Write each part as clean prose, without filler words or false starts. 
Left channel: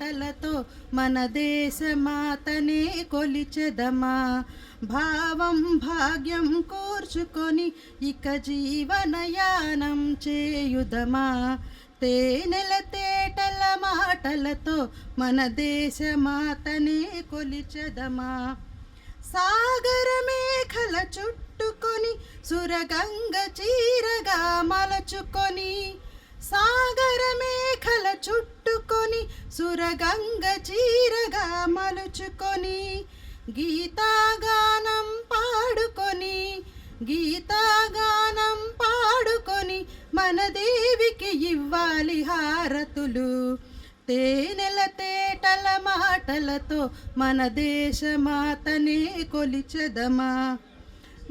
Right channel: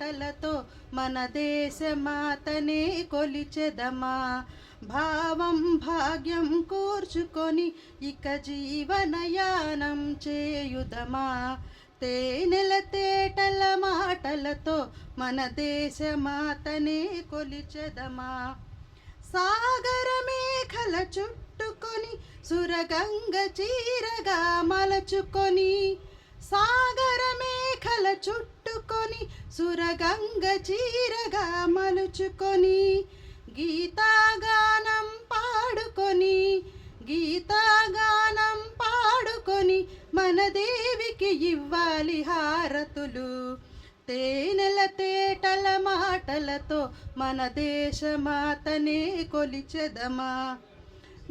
మాటలతో మన దేశమాతనే కొలిచెదమా. భావం భాగ్యం కూర్చుకొని ఇక జీవనయానం చేయుదమా. తేనెల తేటల మాటలతో మన దేశమాతనే కొలిచెదమా. సాగర మేఘల చుట్టుకొని సురగంగ చీరగా మలచుకొని, సాగర మేఘల చుట్టుకొని సురగంగ చీరగా మలుచుకొని, గీతాగానం పాడుకొని, గీతాగానం పాడుకొని మన దేవికి ఇవ్వాలి హారతులు. తేనెల తేటల మాటలతో మన దేశమాతనే కొలిచెదమా.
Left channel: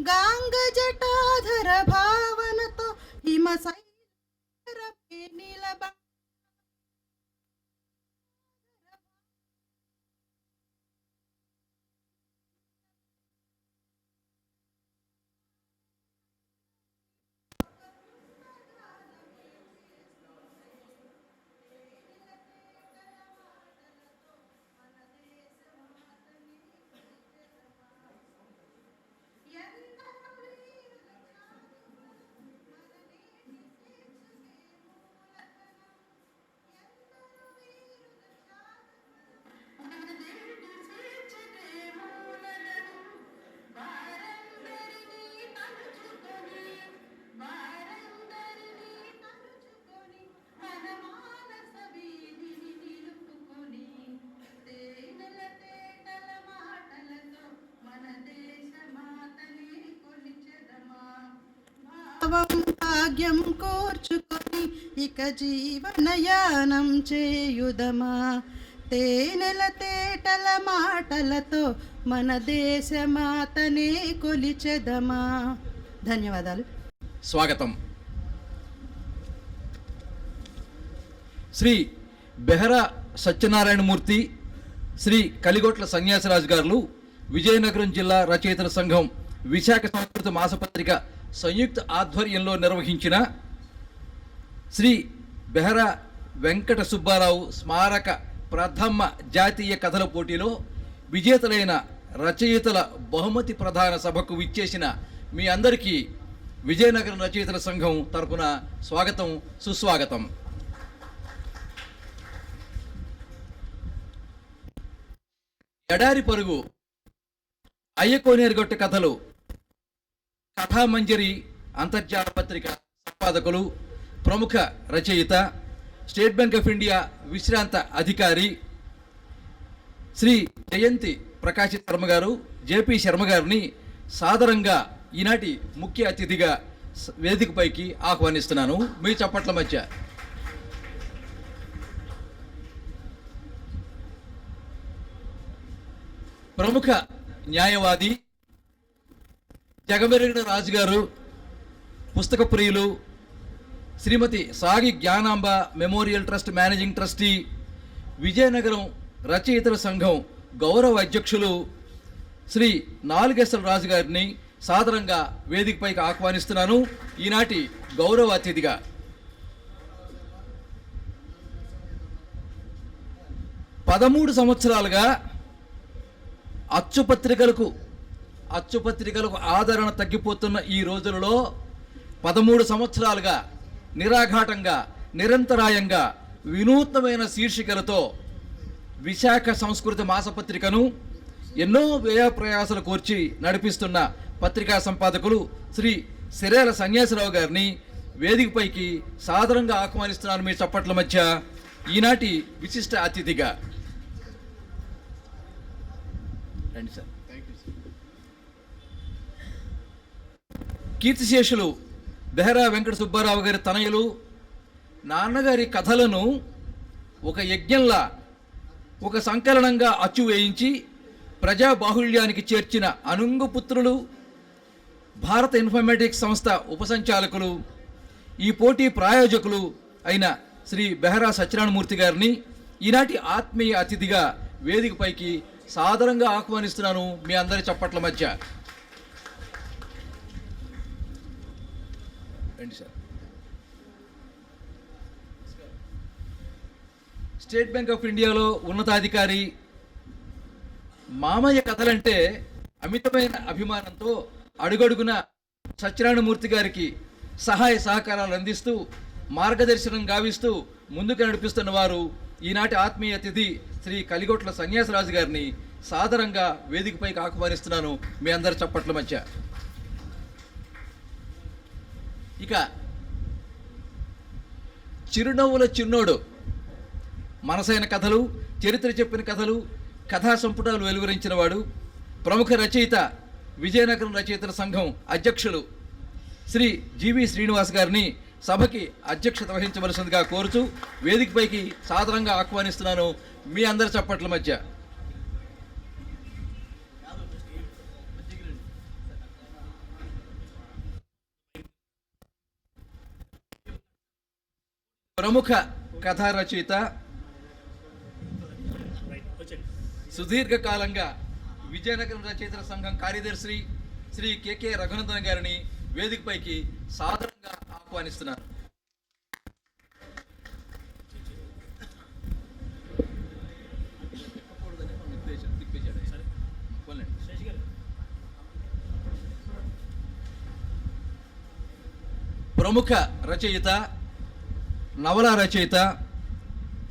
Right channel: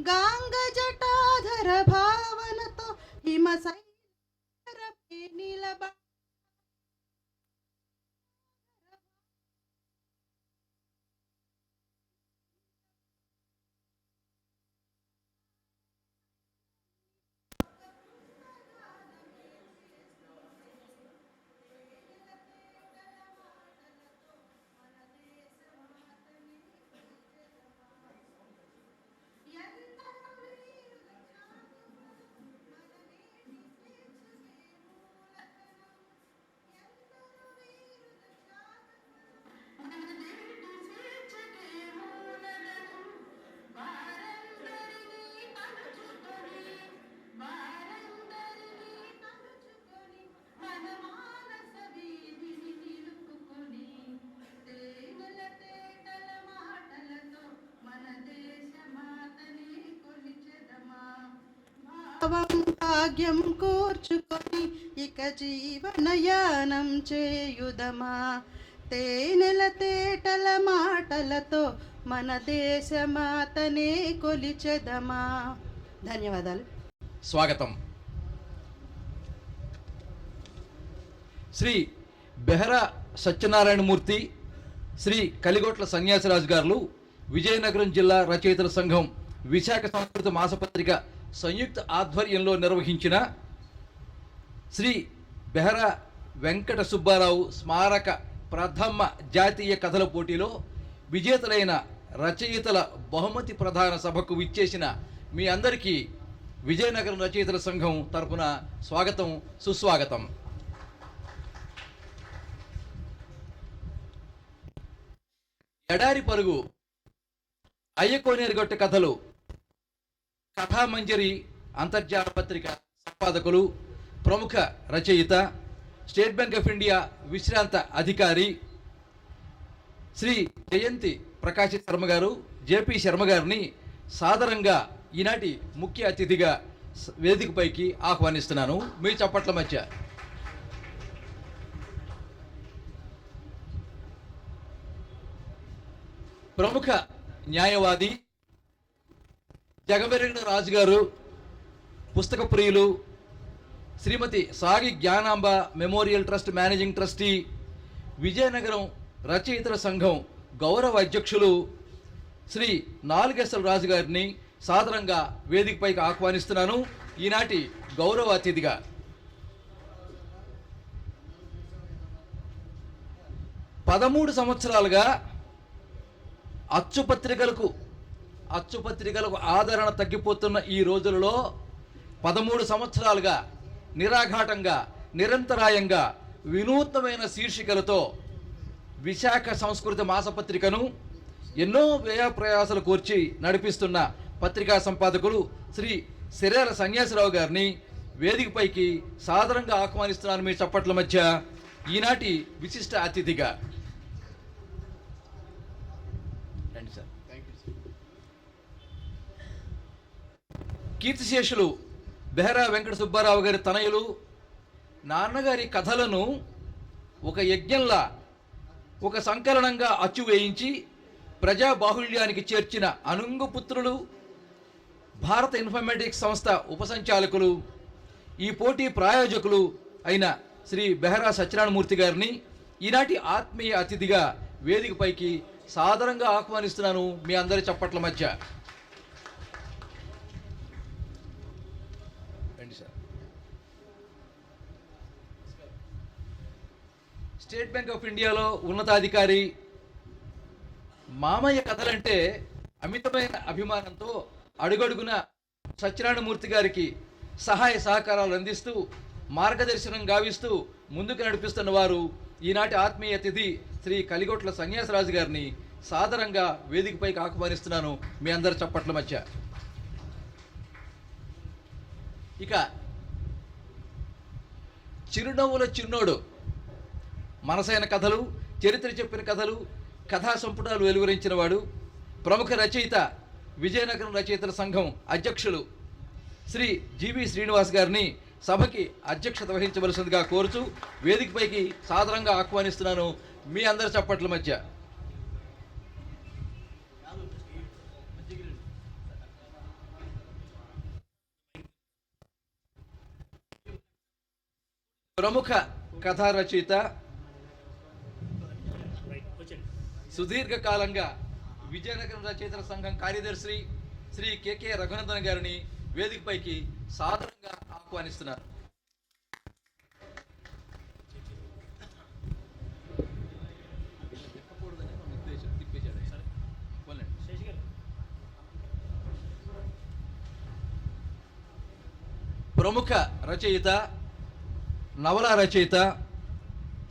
గాంగ జటాధర భావనతో హిమ సైరపై నిలబ భాగ్యం కోర్చుకొని ఇక జీవనయానం చేయుదమా. తేనెల తేటల మాటలతో మన దేశమాతనే కొలిచెదమా. ధన్యవాదాలు. స్వాగతం. శ్రీ బెహరా సత్యనారాయణమూర్తి, శ్రీ కలిగొట్ల సన్యాసిరాజు గారు, విజయనగరం జిల్లా రచయితల సంఘం విశాఖ సంస్కృత మాసపత్రిక సంయుక్త ఆధ్వర్యంలో నిర్వహించిన శ్రీ బెహరా వెంకట సుబ్బారావు స్మారక ప్రథమ జాతీయ కథల పోటీలో విజేతలైన రచయితల బహుమతి ప్రధాన సభకు విచ్చేసిన మీ అందరికీ విజయనగరం రచయితల సంఘం తరపున స్వాగతం, సుస్వాగతం. ఎడారి పరుగు, అయ్యకోనేరుగొట్ట కథలు కథామంజరి అంతర్జాల పత్రిక సంపాదకులు, ప్రముఖ రచయిత, స్టేట్ బ్యాంక్ ఆఫ్ ఇండియా విశ్రాంత అధికారి శ్రీ జయంతి ప్రకాశ్ శర్మ గారు, జేపీ శర్మ గారిని సాదరంగా ఈనాటి ముఖ్య అతిథిగా వేదికపైకి ఆహ్వానిస్తున్నాను. మీ చప్పట్ల మధ్య ప్రముఖ న్యాయవాది, జగమెరిగిన రాజు గారు, పుస్తక ప్రియులు, శ్రీమతి సాగి Gnanamba memorial trust managing trustee, Vizianagaram రచయితల సంఘం గౌరవ అధ్యక్షులు శ్రీ నాలుగేశ్వర రాజు గారిని సాదరంగా వేదికపైకి ఆహ్వానిస్తున్నాను ఈనాటి గౌరవ అతిథిగా. పదమూడు సంవత్సరాలుగా అచ్చుపత్రికలకు ఆదరణ తగ్గిపోతున్న ఈ రోజులలో 13 సంవత్సరాలుగా నిరాఘాటంగా, నిరంతరాయంగా, వినూత్నమైన శీర్షికలతో విశాఖ సంస్కృత మాసపత్రికను ఎన్నో వ్యయ ప్రయాసాలు కోర్చి నడిపిస్తున్న పత్రికా సంపాదకులు శ్రీ సిరేల సన్యాసిరావు గారిని వేదికపైకి సాదరంగా ఆహ్వానిస్తున్నాను మీ చప్పట్ల మధ్య ఈనాటి విశిష్ట అతిథిగా. రండి సార్. కీర్తిశేషులు బెహరా వెంకట సుబ్బారావు గారి తనయులు, నాన్నగారి కథలను ఒక యజ్ఞంలా, ఒక సంకలనంగా అచ్చు వేయించి ప్రజాబాహుళ్యానికి చేర్చిన అనుంగుపుత్రులు, భారత ఇన్ఫర్మేటిక్స్ సంస్థ ఉపసంచాలకులు, ఈ పోటీ ప్రాయోజకులు అయిన శ్రీ బెహరా సత్యనారాయణమూర్తి గారిని ఈనాటి ఆత్మీయ అతిథిగా వేదికపైకి సాదరంగా ఆహ్వానిస్తున్నాను మీ అందరి చప్పట్ల మధ్య. రండి సార్. స్టేట్ బ్యాంక్ ఆఫ్ ఇండియాలో ఉన్నతాధికారి. మామయ్య కథలంటే అమితమైన అభిమానంతో అడుగడుగున సత్యనారాయణమూర్తి గారికి సహాయ సహకారాలు అందిస్తూ మార్గదర్శనం గావిస్తూ ముందుకు నడిపిస్తున్న వారు ఈనాటి ఆత్మీయ అతిథి శ్రీ కలిగొట్ల సన్యాసరాజు గారిని సాదరంగా వేదికపైకి ఆహ్వానిస్తున్నాను మీ అందరి చప్పట్ల మధ్య. ఇక చిరునవ్వుల చిన్నోడు మనసైన కథలు, చరిత్ర చెప్పిన కథలు, కథా సంపుటాలు వెలువరించిన వాడు, ప్రముఖ రచయిత, విజయనగరం రచయితల సంఘం అధ్యక్షులు శ్రీ జీవి శ్రీనివాస్ గారిని సభకి అధ్యక్షత వహించవలసిందిగా కోరుతూ వేదికపైకి సాదరంగా ఆహ్వానిస్తున్నాను మీ అందరి చప్పట్ల మధ్య. ప్రముఖ కథా రచయిత, సుదీర్ఘకాలంగా విజయనగరం రచయితల సంఘం కార్యదర్శి శ్రీ కెకే రఘునందన్ గారిని వేదికపైకి సాదరంగా ఆహ్వానిస్తున్నారు. ప్రముఖ రచయిత, నవల రచయిత,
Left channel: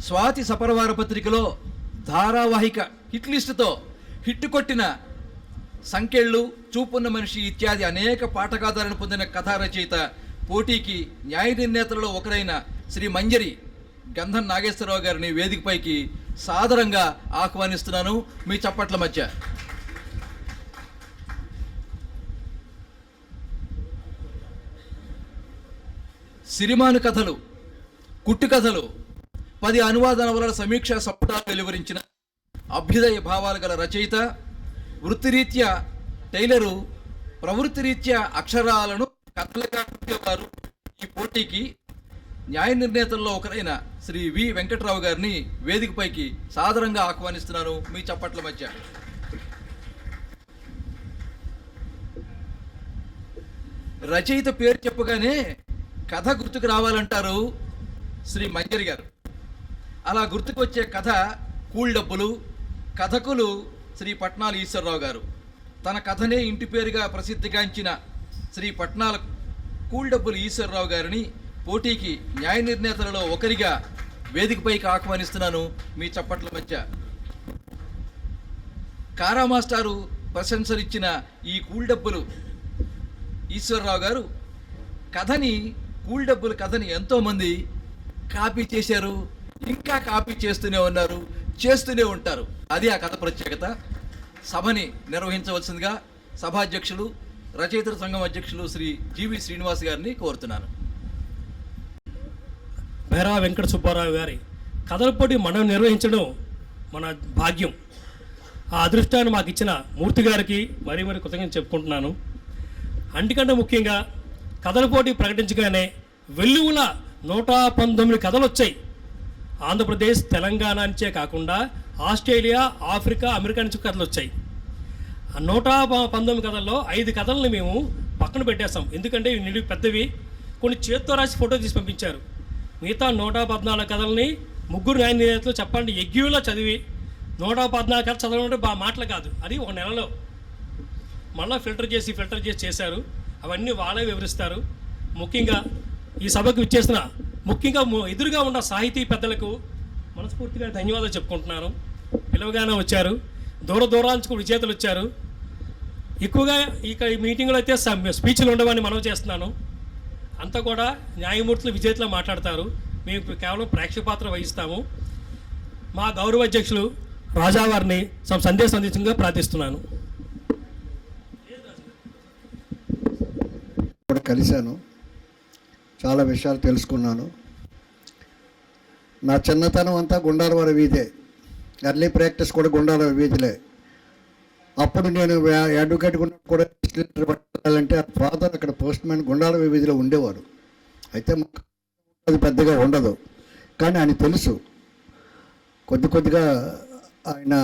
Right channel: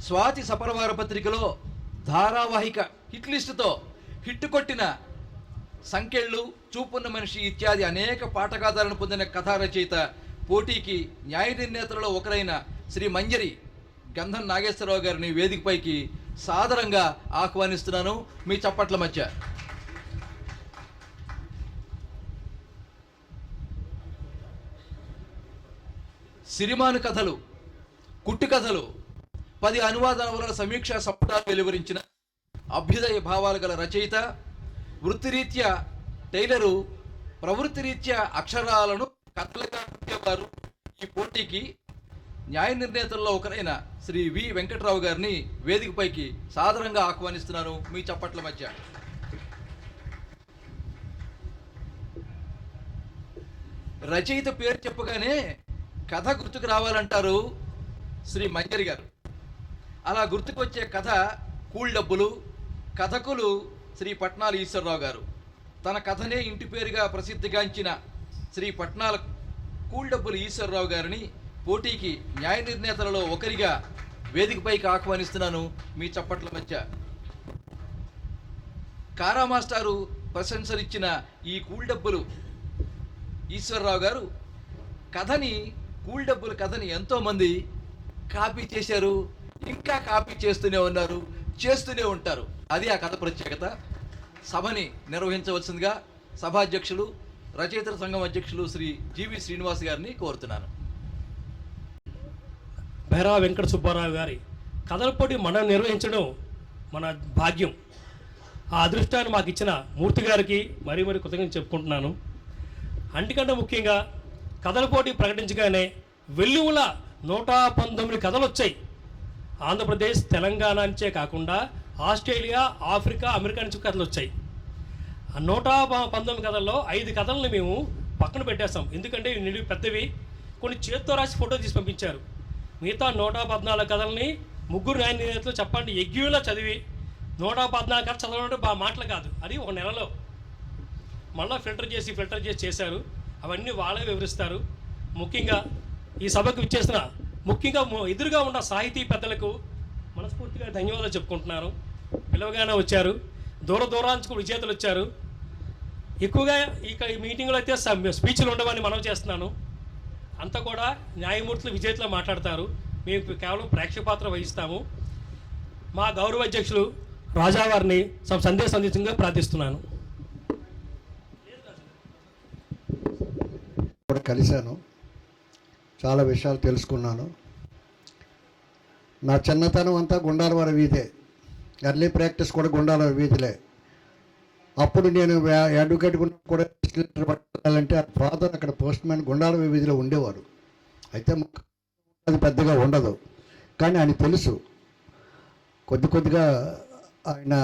స్వాతి సపరవార పత్రికలో ధారావాహిక హిట్ లిస్టుతో హిట్ కొట్టిన సంకెళ్ళు, చూపున్న మనిషి ఇత్యాది అనేక పాఠకాదాలను పొందిన కథా రచయిత, పోటీకి న్యాయ నిర్ణేతలలో ఒకరైన శ్రీ మంజరి గంధం నాగేశ్వరరావు గారిని వేదికపైకి సాదరంగా ఆహ్వానిస్తున్నాను మీ చప్పట్ల మధ్య. సిరిమాను కథలు, కుట్టు కథలు, 10 అనువాద నవలల సమీక్షా సంపుటాలు వెలువరించిన అభ్యుదయ భావాలు గల రచయిత, వృత్తిరీత్యా టైలరు, ప్రవృత్తిరీత్యా అక్షరాలను కథలుగా వారు ఈ పోటీకి న్యాయ నిర్ణేతల్లో ఒకరైన శ్రీ వి వెంకట్రావు గారిని వేదికపైకి సాదరంగా ఆహ్వానిస్తున్నాను మీ చప్పట్ల మధ్య. రచయిత పేరు చెప్పగానే కథ గుర్తుకు రావాలంటారు శ్రీ మంజరి గారు. అలా గుర్తుకు వచ్చే కథ కూల్ డబ్బులు. కథకులు శ్రీ పట్నాల ఈశ్వరరావు గారు. తన కథనే ఇంటి పేరుగా ప్రసిద్ధిగాంచిన శ్రీ పట్నాల కూల్ డబ్బులు ఈశ్వరరావు గారిని పోటీకి న్యాయ నిర్ణేతలలో ఒకరిగా వేదికపైకి ఆహ్వానిస్తున్నాను మీ చప్పట్ల మధ్య. కారా మాస్టారు ప్రశంసలిచ్చిన ఈ కూల్ డబ్బులు ఈశ్వరరావు గారు కథని, కూల్ డబ్బుల కథని ఎంతోమంది కాపీ చేశారు, ఇంకా కాపీ చేస్తూనే ఉన్నారు, చేస్తూనే ఉంటారు. అది ఆ కథ ప్రత్యేకత. సభని నిర్వహించవలసిందిగా సభాధ్యక్షులు, రచయితల సంఘం అధ్యక్షులు శ్రీ జీవి శ్రీనివాస్ గారిని కోరుతున్నాను. భైరవ వెంకట సుబ్బారావు గారి కథల పోటీ మనం నిర్వహించడం మన భాగ్యం. ఆ అదృష్టాన్ని మాకు ఇచ్చిన మూర్తి గారికి మరీ కృతజ్ఞతలు చెప్పుకుంటున్నాను. అంటికంటే ముఖ్యంగా కథల పోటీ ప్రకటించగానే వెల్లువల 119 కథలు వచ్చాయి. ఆంధ్రప్రదేశ్, తెలంగాణ నుంచే కాకుండా ఆస్ట్రేలియా, ఆఫ్రికా, అమెరికా నుంచి కథలు వచ్చాయి. ఆ 119 కథల్లో 5 కథలను మేము పక్కన పెట్టేస్తాం. ఎందుకంటే ఇవి పెద్దవి, కొన్ని చేత్తో రాసి ఫోటో తీసి పంపించారు. మిగతా 114 కథలని ముగ్గురు న్యాయ నిర్ణేతలు చెప్పండి ఎగ్యూలో చదివి 114 కథ చదవడం మాటలు కాదు, అది ఒక నెలలో మళ్ళీ ఫిల్టర్ చేసి చేశారు. అవన్నీ వాళ్ళే వివరిస్తారు. ముఖ్యంగా ఈ సభకు ఇచ్చేసిన ముఖ్యంగా ఎదురుగా ఉన్న సాహితీ పెద్దలకు మనస్ఫూర్తిగా ధన్యవాదాలు చెప్పుకుంటున్నాను. పిలవగానే వచ్చారు, దూరాంచుకు విజేతలు వచ్చారు. ఎక్కువగా ఈ మీటింగ్లో అయితే స్పీచ్లు ఉండవని మనవి చేస్తున్నాను. అంతా కూడా న్యాయమూర్తులు విజేతలు మాట్లాడతారు. మేము కేవలం ప్రేక్షక పాత్ర వహిస్తాము. మా గౌరవ అధ్యక్షులు రాజావారిని సందేశం అందించగా ప్రార్థిస్తున్నాను. కూడా కలిశాను, చాలా విషయాలు తెలుసుకున్నాను. నా చిన్నతనం అంతా గుండాలవారి వీధే, ఎర్లీ ప్రాక్టీస్ కూడా గుండాలవారి వీధిలే. అప్పుడు నేను అడ్వకేట్ కూడా పట్టాలంటే ఫాదర్ అక్కడ పోస్ట్ మ్యాన్ గుండాలవారి వీధిలో ఉండేవారు. అయితే అది పెద్దగా ఉండదు, కానీ ఆయన తెలుసు కొద్దిగా ఆయన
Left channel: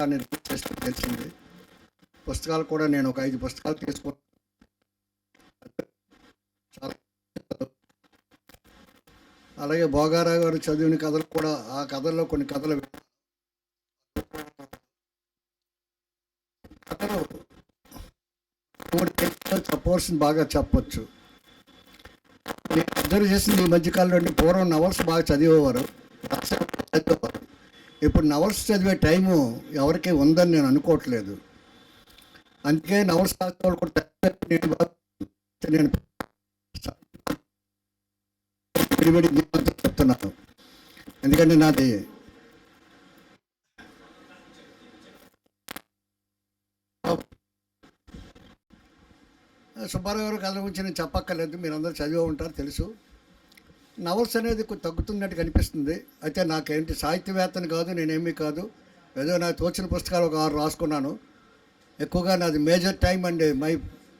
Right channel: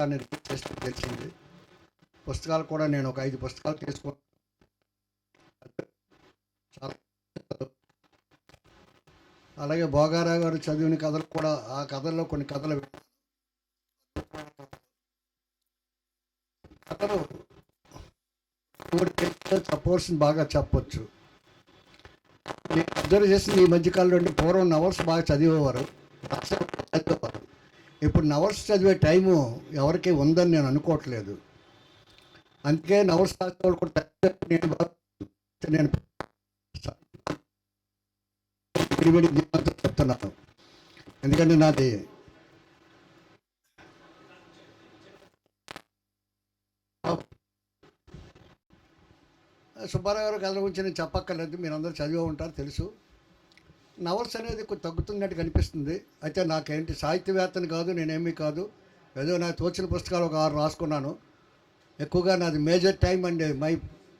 పుస్తకాన్ని రిలీజ్ చేస్తూ తెలిసింది. పుస్తకాలు కూడా నేను ఒక 5 పుస్తకాలు తీసుకున్నాను. చాలా అలాగే భోగారావు గారు చదివిన కథలు కూడా, ఆ కథల్లో కొన్ని కథలు చెప్పవలసింది బాగా చెప్పొచ్చు. నేను అబ్జర్వ్ చేసింది ఈ మధ్యకాలంలో అంటే పూర్వం నవల్స్ బాగా చదివేవారు. ఇప్పుడు నవల్స్ చదివే టైము ఎవరికి ఉందని నేను అనుకోవట్లేదు. అందుకే నవల్స్ రాసేవాళ్ళు కూడా నేను చెప్తున్నాను. ఎందుకంటే నాది సుబ్బారావు గారు కథల గురించి నేను చెప్పక్కర్లేదు, మీరు అందరూ చదివే ఉంటారు, తెలుసు. నవల్స్ అనేది కొంచెం తగ్గుతున్నట్టు కనిపిస్తుంది. అయితే నాకేంటి సాహిత్యవేత్తని కాదు, నేనేమీ కాదు, ఏదో నాకు తోచిన పుస్తకాలు ఒక 6 రాసుకున్నాను. ఎక్కువగా నాది major time and my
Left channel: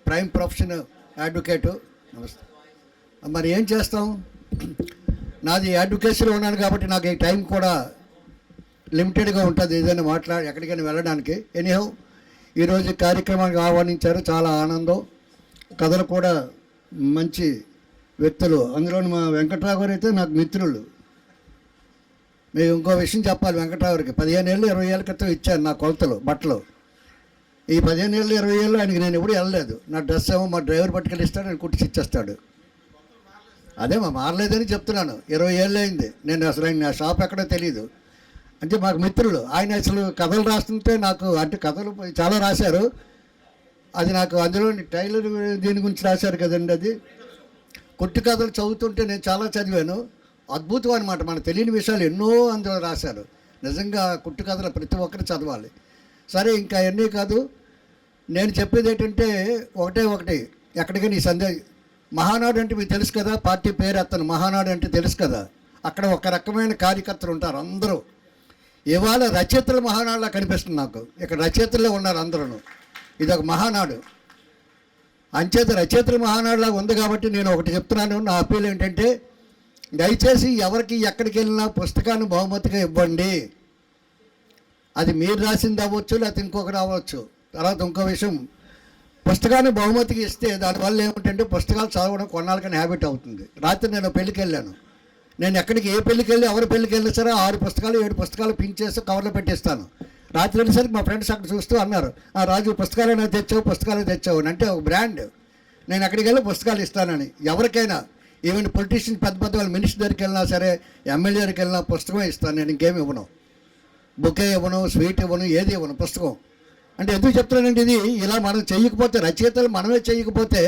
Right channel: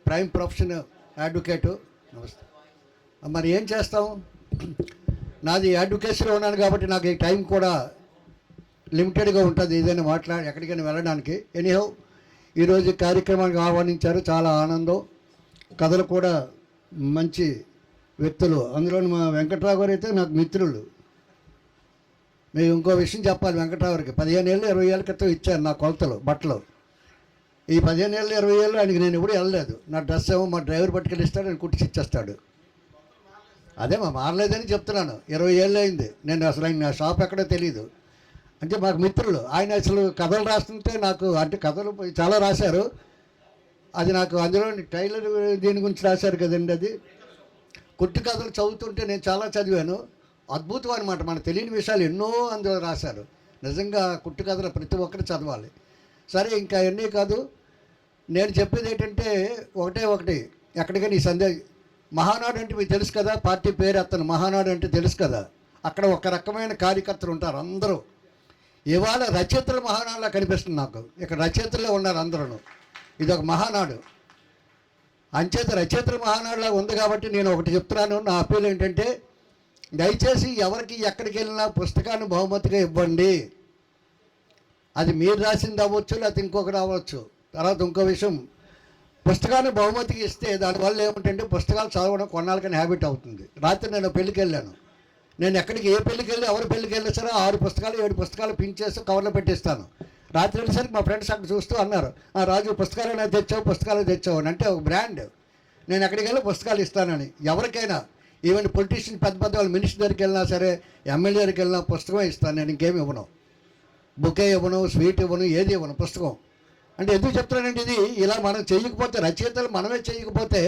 prime profession advocate. నమస్తే. మరి ఏం చేస్తాం, నాది అడ్వకేసీలో ఉన్నాను కాబట్టి నాకు ఈ టైం కూడా లిమిటెడ్గా ఉంటుంది ఏదైనా ఎక్కడికైనా వెళ్ళడానికి. ఎనీహౌ ఈరోజు కార్యక్రమానికి ఆహ్వానించారు, చాలా ఆనందం. కథలు కూడా మంచి వ్యక్తులు, అందులో మా వెంకట్రావు గారు అయితే నాకు మిత్రులు. మేము ఇంకో విషయం చెప్పాలి, వెంకట్రావు గారికి 15 ఏళ్ళు 20 ఏళ్ళ క్రితం ఇచ్చాను నా కొలతలు బట్టలు. ఈ 15 ఏళ్ళు 20 ఏళ్ళు ఆయనకి నేను ఎప్పుడు వెళ్ళలేదు. నా డ్రెస్ ఏమో మా డ్రైవర్ పట్టుకెళ్ళి ఇస్తాడు, నేను కుట్టించి ఇచ్చేస్తాడు. అదే మారలేదని చెప్తున్నాను. 20 ఏళ్ళు అయింది. నేను అసలు ఆయన నా షాప్ ఎక్కడో తెలియదు. అంటే మాకు మిత్రులు. ఆయన అసలు కథలు రాస్తుంటే నాకు, అంటే కథలు చాలా రాశారు. అది నాకు అందులో టైలర్ దీని గురించి రాశారు కదండి, అది కుట్టి కథలు చదువుతుంటే నేను చాలా చదివాను. అద్భుతం అనమాట, మనకు తెలియని విషయాలు ఎన్నో అందులో రాశారు. నిజంగా కుట్టి కథలు ప్రతి ఒక్కరు చదవాలి. సరే, ఇంకా అన్నీ కాదు, నేను చెప్పేది ఏంటంటే ఒకటి ఎక్కడికైనా ఈ సందేహం. మహానాడు అంటే మీకు తెలుసు కదా, పార్టీ పేరు అతను మహానాడు అంటే తెలుసు కదా. అక్కడ ఒక రకమైన కార్యకర్తలు ఉంటారు అందరూ. ఇవాళ రచయితల మహానాడులా కనిపిస్తుంది నాకు. ఇక్కడ రచయితలే ఉన్నారు అందరూ. ఇది ఒక మహానాడు. అంచేత రచయితల మహానాడులాగా ఉంది కాబట్టి నేను ఒకటి చెప్తున్నాను. నా అప్పీల్ ఏంటంటే, దయచేసి ఎవరికి ఎక్కడికి వెళ్ళినా పుస్తకాన్ని బహుమతిగా ఇవ్వండి. అది మీరు రాసింది అవ్వచ్చు, లేకపోతే ఇంకొకటి అవ్వచ్చు. తర్వాత ఇంకో విషయం, పుస్తకాన్ని బహుమతికి ఇస్తే దానివల్ల ఏమిటంటే పుస్తకాలు చదవడం కొన్నాళ్ళకని హ్యాబిట్ అవుతుంది. రాత్రి నేను పెళ్ళికి వెళ్ళాను. నేను ఎక్కడికి ఏ పెళ్ళికి వెళ్ళి ఎవరి పెళ్ళికి వెళ్ళినా సరే 6 పుస్తకాలు 7 పుస్తకాలు పిన్ చేసి కవర్లో పెట్టిస్తాను. రాత్రి వెళ్ళేసరికి మా ఫ్రెండ్స్ అక్కడ చూస్తూ అన్నారు, రాజు పుస్తకాలైనా తెచ్చావు అంటే ఒక బ్రాండ్. నేను ఎక్కడికి వెళ్ళి పుస్తకాలు ఇస్తానని ఎవరికైనా, ఈవెన్ పొలిటీషియన్ పెద్ద వాళ్ళు మినిస్టర్ దగ్గరికి వెళ్ళినా సరే, ఎమ్మెల్యే దగ్గరికి వెళ్ళినా పుస్తకమే ఇస్తాను. నేను ఇంకేమి ఇవ్వను, బుకే ఇవ్వను, స్వీట్ ఇవ్వను, ఏది ఇవ్వను, పుస్తకం. అంటే ఎందుకు చెప్తున్నానంటే, ఇది ఇలా మనం చేయకపోతే, రచయితలు మనమే చేయకపోతే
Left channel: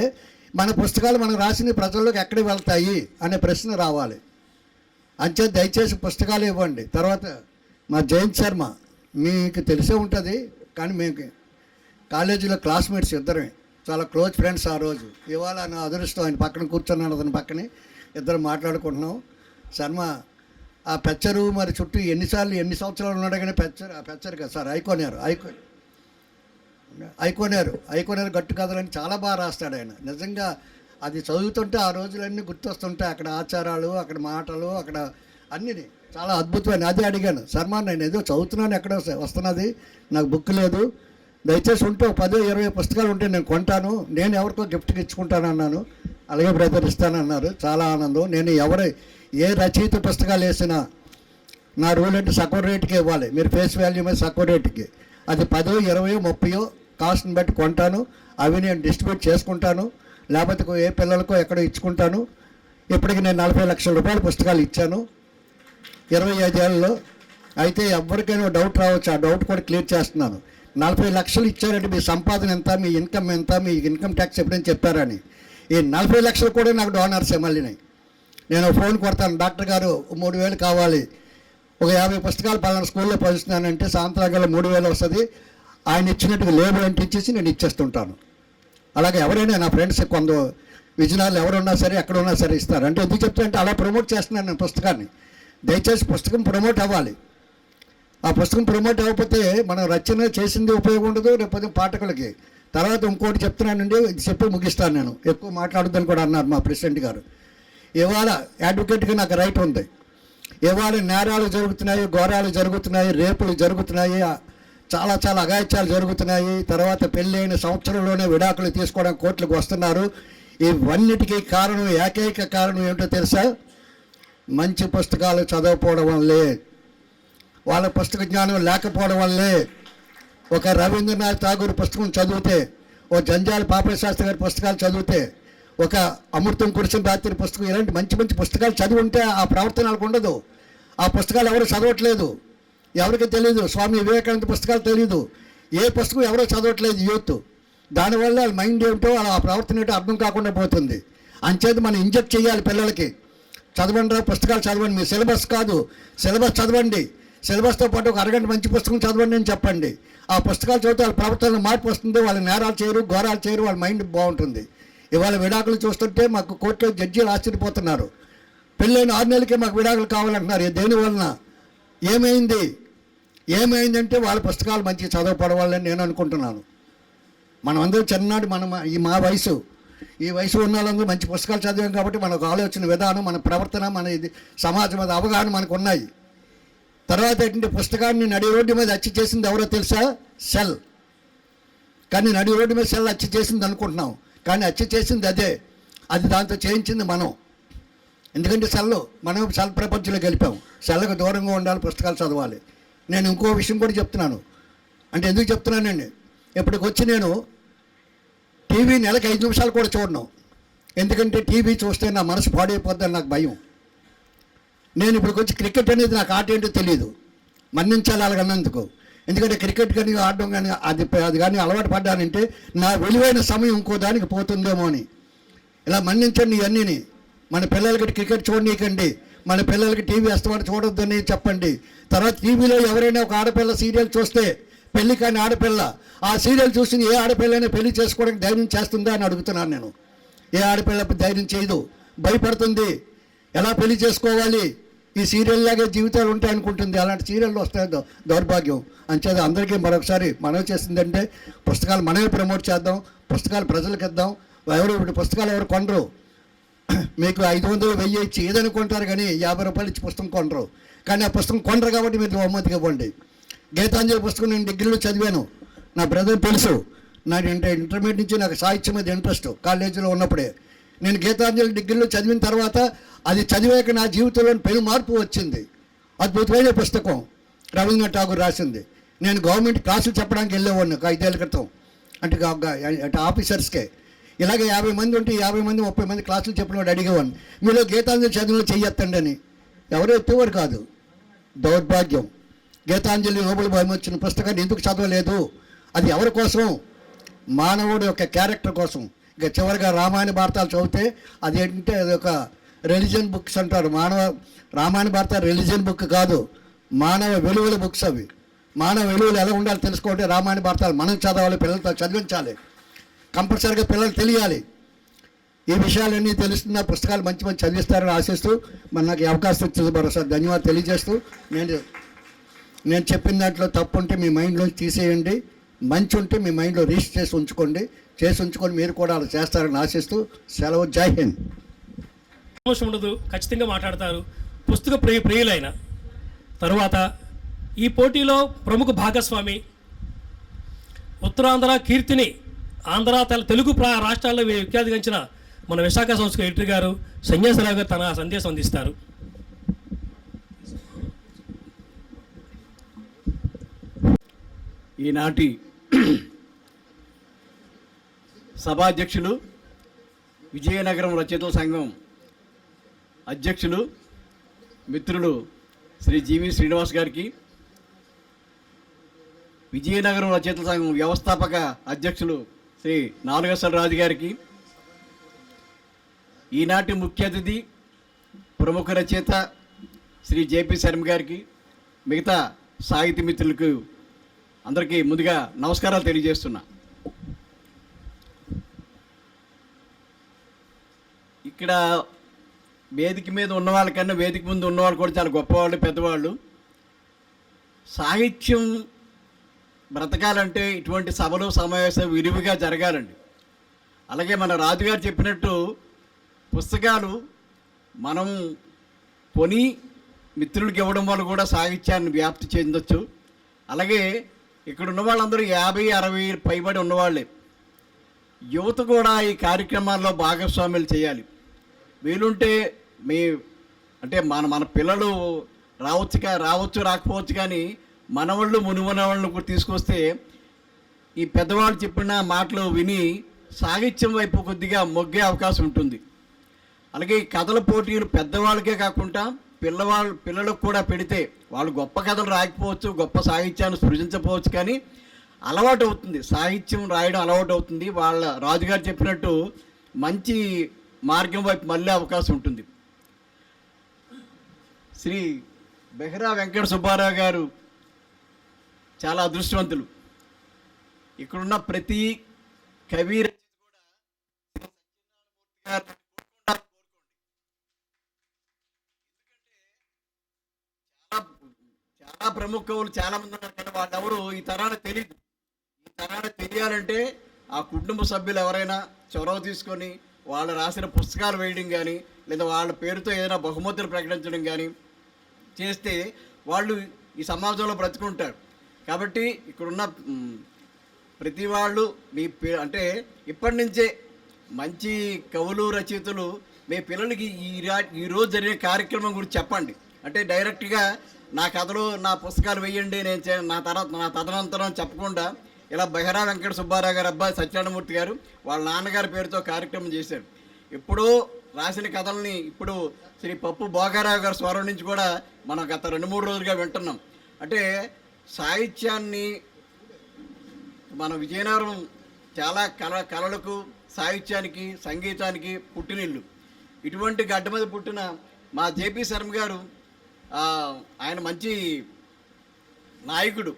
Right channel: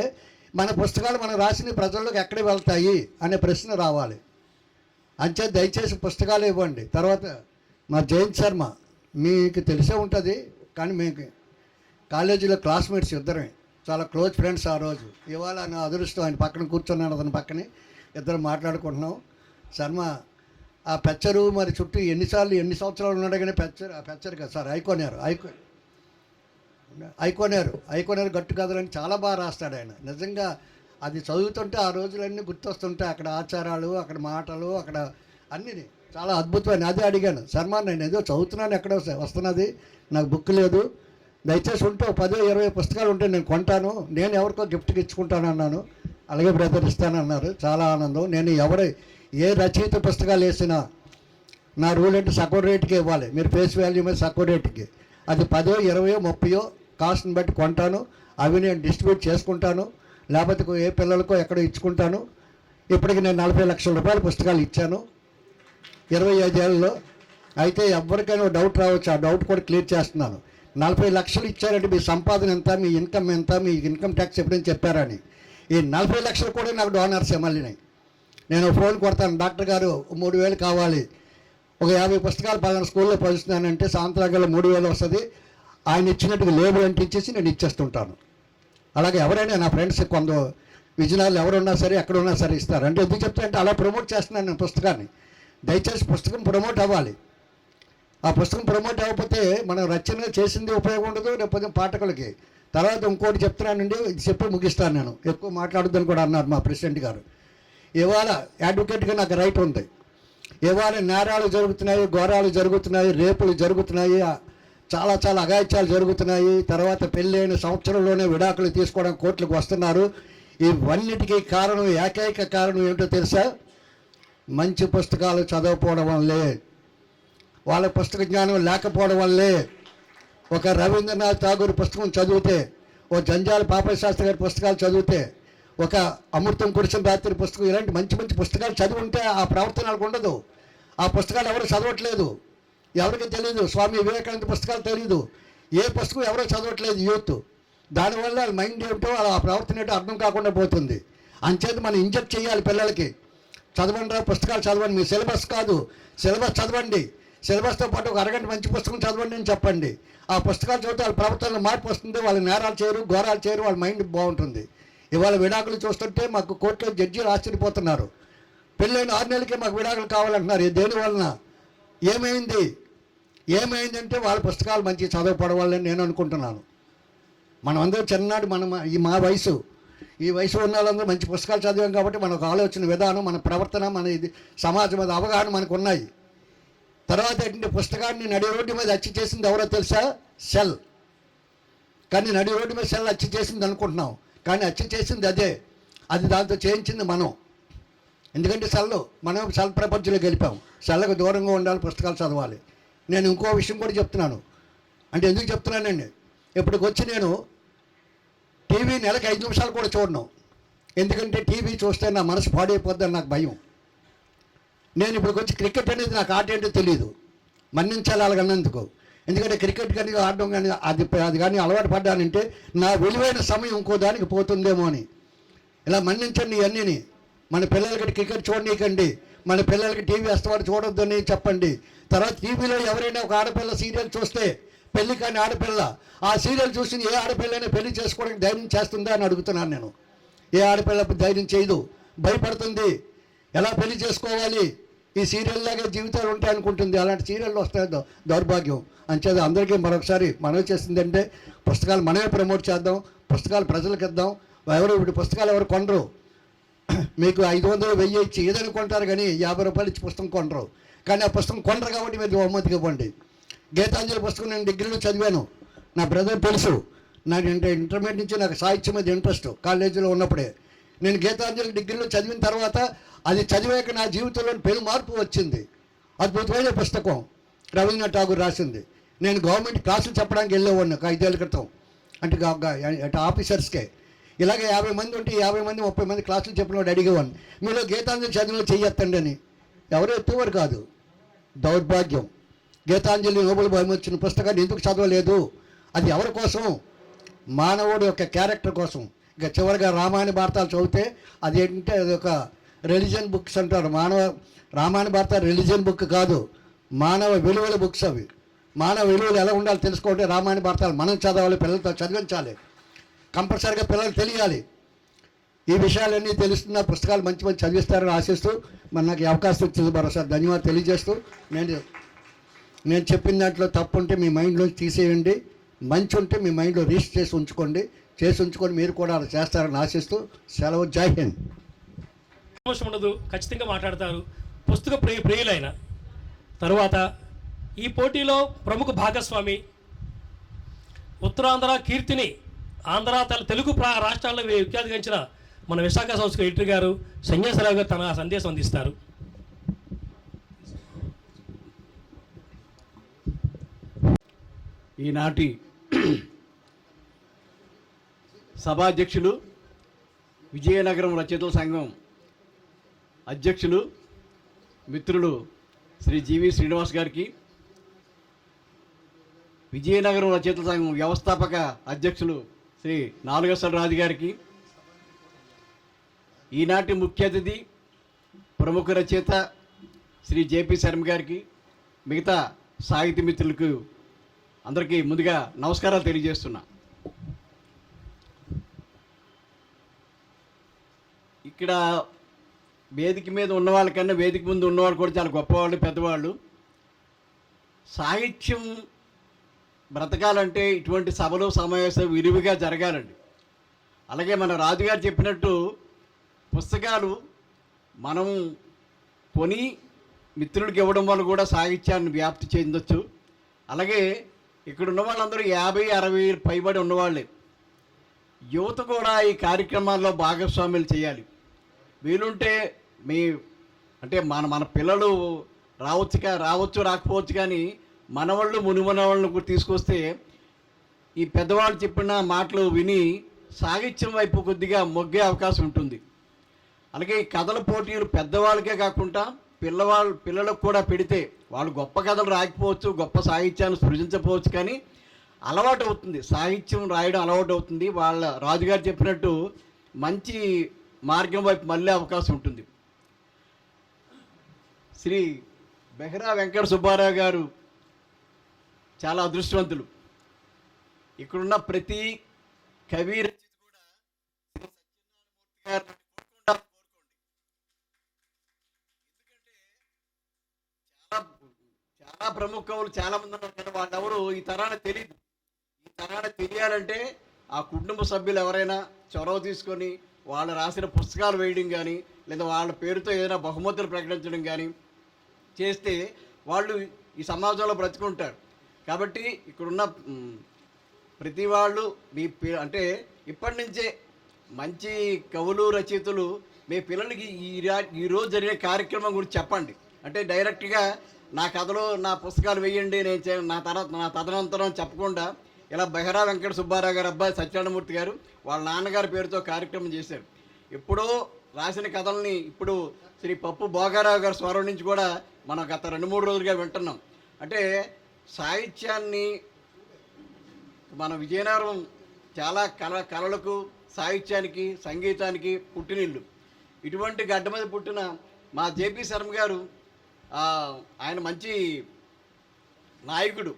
మన పుస్తకాలు మనం రాసిన ప్రజల్లోకి ఎక్కడికి వెళ్తాయి అనే ప్రశ్న రావాలి. అంతే, దయచేసి పుస్తకాలు ఇవ్వండి. తర్వాత మా జయంత్ శర్మ మీకు తెలిసే ఉంటుంది, కానీ మీకు కాలేజీలో క్లాస్మేట్స్ ఇద్దరమే, చాలా క్లోజ్ ఫ్రెండ్స్. ఆ రోజు ఇవాళ నా అదృష్టం, ఆయన పక్కన కూర్చున్నాను, అతని పక్కనే ఇద్దరు మాట్లాడుకుంటున్నాం. శర్మ ఆ పెచ్చరు మరి చుట్టూ ఎన్ని సంవత్సరాలు ఉన్నాడు కానీ పెచ్చరు కదా సార్, ఐకోనేరు గట్టు కథలని చాలా బాగా రాస్తాడు ఆయన. నిజంగా అది చదువుతుంటే ఆ రోజులన్నీ గుర్తొస్తుంటాయి. అక్కడ ఆచారాలు, అక్కడ మాటలు, అక్కడ అన్నీ చాలా అద్భుతమైన. అదే అడిగాను, శర్మ నేను ఏదో చదువుతున్నాను, ఎక్కడ వస్తున్నది, నాకు బుక్ లేదు, దయచేసి ఉంటే 10-20 పుస్తకాలు ఉంటే నేను కొంటాను, నేను ఎవరికో గిఫ్ట్కి ఇచ్చుకుంటాను అన్నాను. అలాగే బ్రదర్ ఇస్తానన్నారు. చాలా ఆనందం. నేను ఏ రచయిత పుస్తకాలు వేసినా నా రూల్ అంటే సగం రేటుకి ఇవ్వాలి. మీరు ఫేస్ వాల్యూ మీద సగం రేటుకి, అది 10, 20, 30 కాస్ట్ని బట్టి కొంటాను. అవి నేను డిస్ట్రిబ్యూట్ చేసుకుంటాను, లేకపోతే ఏ పిల్లలకో ఎక్కడో ఇచ్చుకుంటాను. ఇప్పటికి నేను 40 లక్షల రూపాయల పుస్తకాలు ఇచ్చాను 25 ఏళ్ళలో. అయితే ఎవరికైనా డౌట్ రావచ్చు, ఆ డౌట్ కూడా క్లియర్ చేస్తున్నాను. 40 లక్షలు ఇచ్చారంటే మీ సంపాదన ఎంత, మీ ఇన్కమ్ ఎంత, మీ ఇన్కమ్ ట్యాక్స్ ఎప్పుడైనా చెప్పారని. ఈ 40 లక్షలు కూడా నాకు డోనర్సే. మళ్ళీ నేను ఫోన్ కొడతాను, డాక్టర్ గారు 3000 కావాలి, ఒక 50 పుస్తకాలు పలానా స్కూల్లో పంచుతున్నానంటే సాయంత్రాలు 3000 వస్తుంది. ఆయన ఇచ్చినట్టుగా లేబుల్ అంటించేసి నేను ఇచ్చేస్తుంటాను. అలాగే ఎవరైనా నా ఫ్రెండ్స్ విజయనగరంలో ఎవరున్నా సరే, ఎక్కడ ఉన్నా సరే ఇస్తారు. అంటే ఎందుకు చెప్తానంటే అలా ప్రమోట్ చేస్తున్నాను నేను పుస్తకాన్ని. దయచేసి పుస్తకం ప్రమోట్ అవ్వాలి. ఆ పుస్తకం ప్రమోట్ అవ్వకపోతే మనం రచన చేసింది ఉపయోగం ఉండదు, లేకపోతే పాఠకులకి. తర్వాత ఇంకోటి చెప్తున్నానండి, ఇది చెప్పి ముగిస్తాను. నేను ఎక్కువ మాట్లాడొద్దని కూడా అన్నారు మా ప్రెసిడెంట్ గారు. ఇవాళ అడ్వకేట్గా నాకు రైట్ ఉంది. ఇవాళ నేరాలు జరుగుతున్నాయి, ఘోరాలు జరుగుతున్నాయి, రేపులు జరుగుతున్నాయి, చాలా చాలా అఘాయిత్యాలు జరుగుతున్నాయి. తర్వాత పెళ్ళైన సంవత్సరంలోనే విడాకులు తీసుకోవడం కోర్టులకు వస్తున్నారు. ఇవన్నిటికీ కారణం, ఏకైక కారణం ఏమిటో తెలుసా? మంచి పుస్తకాలు చదవకపోవడం వల్లే, వాళ్ళ పుస్తక జ్ఞానం లేకపోవడం వల్లే. ఒక రవీంద్రనాథ్ ఠాగూర్ పుస్తకం చదివితే, ఓ జంజాల పాపయ్య శాస్త్రి గారి పుస్తకాలు చదివితే, ఒక అమృతం కురిసిన రాత్రి పుస్తకం, ఇలాంటి మంచి మంచి పుస్తకాలు చదివి ఉంటే ఆ ప్రవర్తన వాళ్ళకు ఉండదు. ఆ పుస్తకాలు ఎవరు చదవట్లేదు, ఎవరికి తెలియదు. స్వామి వివేకానంద పుస్తకాలు తెలియదు, ఏ పుస్తకం ఎవరో చదవట్లేదు యూత్. దానివల్ల వాళ్ళ మైండ్ ఏమిటో, ఆ ప్రవర్తన ఏంటో అర్థం కాకుండా పోతుంది. అంచేది మనం ఇంజెక్ట్ చేయాలి పిల్లలకి. చదవండి రా, పుస్తకాలు చదవండి, మీ సిలబస్ కాదు, సిలబస్ చదవండి, సిలబస్తో పాటు ఒక అరగంట మంచి పుస్తకం చదవండి అని చెప్పండి. ఆ పుస్తకాలు చదివితే వాళ్ళ ప్రవర్తనలో మార్పు వస్తుంది, వాళ్ళ నేరాలు చేయరు, ఘోరాలు చేయరు, వాళ్ళ మైండ్ బాగుంటుంది. ఇవాళ విడాకులు చూస్తుంటే మాకు కోర్టులో జడ్జీలు ఆశ్చర్యపోతున్నారు. పెళ్ళైన 6 నెలలకే మాకు విడాకులు కావాలంటున్నారు. దేనివలన? ఏమైందంటే వాళ్ళ పుస్తకాలు మంచి చదవపడం వల్లని నేను అనుకుంటున్నాను. మనం అందరూ చిన్ననాడు మా వయసు, ఈ వయసు ఉన్న వాళ్ళందరూ మంచి పుస్తకాలు చదివాం కాబట్టి మనకు ఆలోచన విధానం, మన ప్రవర్తన, మన ఇది సమాజం మీద అవగాహన మనకు ఉన్నాయి. తర్వాత ఏంటంటే పుస్తకాన్ని నడి రోడ్డు మీద అచ్చి చేసింది ఎవరో తెలుసా? సెల్. కానీ నడి రోడ్డు మీద సెల్ అచ్చి చేసింది అనుకుంటున్నాం, కానీ అచ్చి చేసింది అదే. అది దాంతో చేయించింది మనం. ఎందుకంటే మనం సెల్ ప్రపంచంలో గెలిపాం. సెల్లకు దూరంగా ఉండాలి, పుస్తకాలు చదవాలి. నేను ఇంకో విషయం కూడా చెప్తున్నాను. అంటే ఎందుకు చెప్తున్నానండి, ఇప్పటికొచ్చి నేను టీవీ నెలకు 5 నిమిషాలు కూడా చూడను. ఎందుకంటే టీవీ చూస్తే నా మనసు పాడైపోద్దని నాకు భయం. నేను ఇప్పటికొచ్చి క్రికెట్ అనేది నాకు ఆట ఏంటో తెలియదు, మన్నించాలి అలాగన్నందుకు. ఎందుకంటే క్రికెట్ కానీ ఆడడం కానీ అది కానీ అలవాటు పడ్డానంటే నా విలువైన సమయం ఇంకో దానికి పోతుందేమో అని. ఇలా మన్నించండి ఇవన్నీని. మన పిల్లలకి క్రికెట్ చూడనీకండి, మన పిల్లలకి టీవీ వేస్తామని చూడొద్దని చెప్పండి. తర్వాత టీవీలో ఎవరైనా ఒక ఆడపిల్ల సీరియల్ చూస్తే, పెళ్లి కాని ఆడపిల్ల, ఆ సీరియల్ చూసి ఏ ఆడపిల్లైనా పెళ్లి చేసుకోవడానికి ధైర్యం చేస్తుందా అని అడుగుతున్నాను నేను. ఏ ఆడపిల్ల ధైర్యం చేయదు, భయపడుతుంది. ఎలా పెళ్లి చేసుకోవాలి, ఈ సీరియల్ లాగే జీవితాలు ఉంటాయి అనుకుంటుంది. అలాంటి సీరియల్లో వస్తాయి దౌర్భాగ్యం. అంచేది అందరికీ మరొకసారి మనవి చేసిందంటే పుస్తకాలు మనమే ప్రమోట్ చేద్దాం, పుస్తకాలు ప్రజలకు ఇద్దాం. ఇప్పుడు పుస్తకాలు ఎవరు కొనరు. మీకు 500 1000 ఇచ్చి ఏదైనా కొంటారు, కానీ 50 రూపాయలు ఇచ్చి పుస్తకం కొనరు. కానీ ఆ పుస్తకం కొనరు కాబట్టి మీరు బహుమతిగా ఇవ్వండి. గీతాంజలి పుస్తకం నేను డిగ్రీలో చదివాను, నా బ్రదర్ తెలుసు. నాకు ఇంటర్మీడియట్ నుంచి నాకు సాహిత్యం మీద ఇంట్రెస్ట్ కాలేజీలో ఉన్నప్పుడే. నేను గీతాంజలి డిగ్రీలో చదివిన తర్వాత అది చదివాక నా జీవితంలో పెను మార్పు వచ్చింది. అద్భుతమైన పుస్తకం, రవీంద్రనాథ్ ఠాగూర్ రాసింది. నేను గవర్నమెంట్ క్లాసులు చెప్పడానికి వెళ్ళేవాడిని 5 ఏళ్ళ క్రితం. అంటే ఆఫీసర్స్కే ఇలాగే 50 మంది ఉంటే 50 మంది 30 మంది క్లాసులు చెప్పినవాడు అడిగేవాడిని, మీలో గీతాంజలి చదివిలో చెయ్యొత్తండి అని. ఎవరు ఎత్తేవారు కాదు. దౌర్భాగ్యం. గీతాంజలి నోబెల్ బహుమతి వచ్చిన పుస్తకాన్ని ఎందుకు చదవలేదు? అది ఎవరి కోసం? మానవుడు యొక్క క్యారెక్టర్ కోసం. ఇక చివరిగా రామాయణ భారతాలు చదివితే అది ఏంటంటే అది ఒక రిలీజియన్ బుక్స్ అంటారు. రామాయణ భారతాలు రిలీజియన్ బుక్ కాదు, మానవ విలువల బుక్స్ అవి. మానవ విలువలు ఎలా ఉండాలో తెలుసుకోవాలంటే రామాయణ భారతాలు మనం చదవాలి, పిల్లలతో చదివించాలి, కంపల్సరీగా పిల్లలు తెలియాలి. ఈ విషయాలన్నీ తెలుస్తున్న పుస్తకాలు మంచి మంచి చదివిస్తారని ఆశిస్తూ మరి నాకు ఈ అవకాశం ఇచ్చింది మరోసారి ధన్యవాదాలు తెలియజేస్తూ, నేను చెప్పిన దాంట్లో తప్పు ఉంటే మీ మైండ్లోంచి తీసేయండి, మంచి ఉంటే మీ మైండ్లో రిజిస్టర్ చేసి ఉంచుకొని మీరు కూడా అలా చేస్తారని ఆశిస్తూ సెలవు. జై హింద్. అవసరం ఉండదు, ఖచ్చితంగా మాట్లాడతారు. పుస్తక ప్రియులైన తరువాత ఈ పోటీలో ప్రముఖ భాగస్వామి, ఉత్తరాంధ్ర కీర్తిని ఆంధ్ర తెలుగు రాష్ట్రాల్లో విఖ్యాతించిన మన విశాఖ సంస్థ ఎడిటర్ గారు సన్యాసరావు గారు తన సందేశం అందిస్తారు. ఈనాటి సభాధ్యక్షులు, విజయనగరం రచయితల సంఘం అధ్యక్షులు, మిత్రులు శ్రీ జీవి శ్రీనివాస్ గారికి, విజయనగరం రచయితల సంఘం వ్యవస్థాపక అధ్యక్షులు శ్రీ నాలుగసల రాజు గారికి, ఈనాటి ముఖ్య అతిథి ప్రముఖ రచయిత శ్రీ జేపీ శర్మ గారికి, మిగతా సాహితీ మిత్రులకు అందరికీ ముందుగా నమస్కారాలు తెలియజేస్తున్నా. ఇక్కడ వేదిక మీద ఉన్న వాళ్ళకన్నా వేదిక ముందు ఉన్నవాళ్ళు కూడా చాలా గొప్పవాళ్ళు, పెద్దవాళ్ళు. సాహిత్యం బ్రతకాలంటే ఇటువంటి సభలు సమావేశాలు విరివిగా జరగాలండి. అలాగే మన రాజుగారు చెప్పినట్టు పుస్తకాలు మనం కొని మిత్రులకు ఇవ్వడం వల్ల కూడా సాహిత్యాన్ని వ్యాప్తి చెందొచ్చు. అలాగే ఇక్కడ ఉన్న వాళ్ళందరూ 50-60 పైబడి ఉన్నవాళ్ళే. యువత కూడా ఈ కార్యక్రమాల్లో భాగస్వాములు చేయాలి. వీలుంటే మీ అంటే మన పిల్లలు రావచ్చు రాకపోవచ్చు, కానీ మనవాళ్ళు మునిమనవాళ్ళను కూడా తీసుకొస్తే ఈ పెద్దవాళ్ళు చెప్పిన మాటలు విని సాహిత్యం వైపు కొద్దిగా మొగ్గే అవకాశం ఉంటుంది. అలాగే ఈ కథల పోటీలు పెద్దవాళ్ళకే కాకుండా పిల్లలకు కూడా పెడితే వాళ్ళు గొప్ప కథలు రాయకపోవచ్చు, గొప్ప సాహిత్యాన్ని సృజించకపోవచ్చు, కానీ అలవాటు అవుతుంది, సాహిత్యం రాయడం అలవాటు అవుతుంది. వాళ్ళ రాజుగారు చెప్పినట్టు మంచి మార్గం వైపు మళ్ళీ అవకాశం ఉంటుంది. శ్రీ బెహరా వెంకట సుబ్బారావు గారు చాలా అదృష్టవంతులు. ఇక్కడున్న ప్రతి కవి చాలా ప్రముఖ కవులు చాలా మంది ఉన్నారు, కానీ వాళ్ళెవరు ఈ తరానికి తెలియదు. ఈ తరానికి తెలియాలంటే ఆ కుటుంబ సభ్యులు ఎవరైనా చొరవ తీసుకొని వాళ్ళు రాసిన పుస్తకాలు వేయడం కానీ, లేదా వాళ్ళ పేరుతో ఏదైనా బహుమతులు ప్రకటించడం కానీ చేస్తే వాళ్ళు ఈ సమాజంలో బ్రతుకుంటారు. కాబట్టి ఇక్కడున్న ప్రతి వాళ్ళు అంటే ఇప్పటి నుంచే మంచి కవులు రచయితలు మీ పిల్లలకి ఈరోజు జరిగే కార్యక్రమం గురించి చెప్పండి. అంటే డైరెక్ట్గా నా కథలు నా పుస్తకాలు వేయండి నా తదనంతరం చెప్పకుండా ఇలా బెహరా వెంకట సుబ్బారావు గారు అబ్బాయి సత్యనారాయణమూర్తి గారు వాళ్ళ నాన్నగారి పేరుతో కార్యక్రమం చేశారు. ఎప్పుడో రాసిన కథల్ని ఇప్పుడు శ్రీ పప్పు భోగారావు గారి స్వరం నుంచి కూడా మనం గత 2-3 రోజులుగా వింటున్నాం. అంటే సాహిత్యాన్ని మన విజయనగరం చాలా కళలకు, సాహిత్యానికి, సంగీతానికి పుట్టినిల్లు. ఇటువంటి గడ్డ మీద పుట్టిన మా జేపీ శర్మ గారు ఆయన మంచి నాయకుడు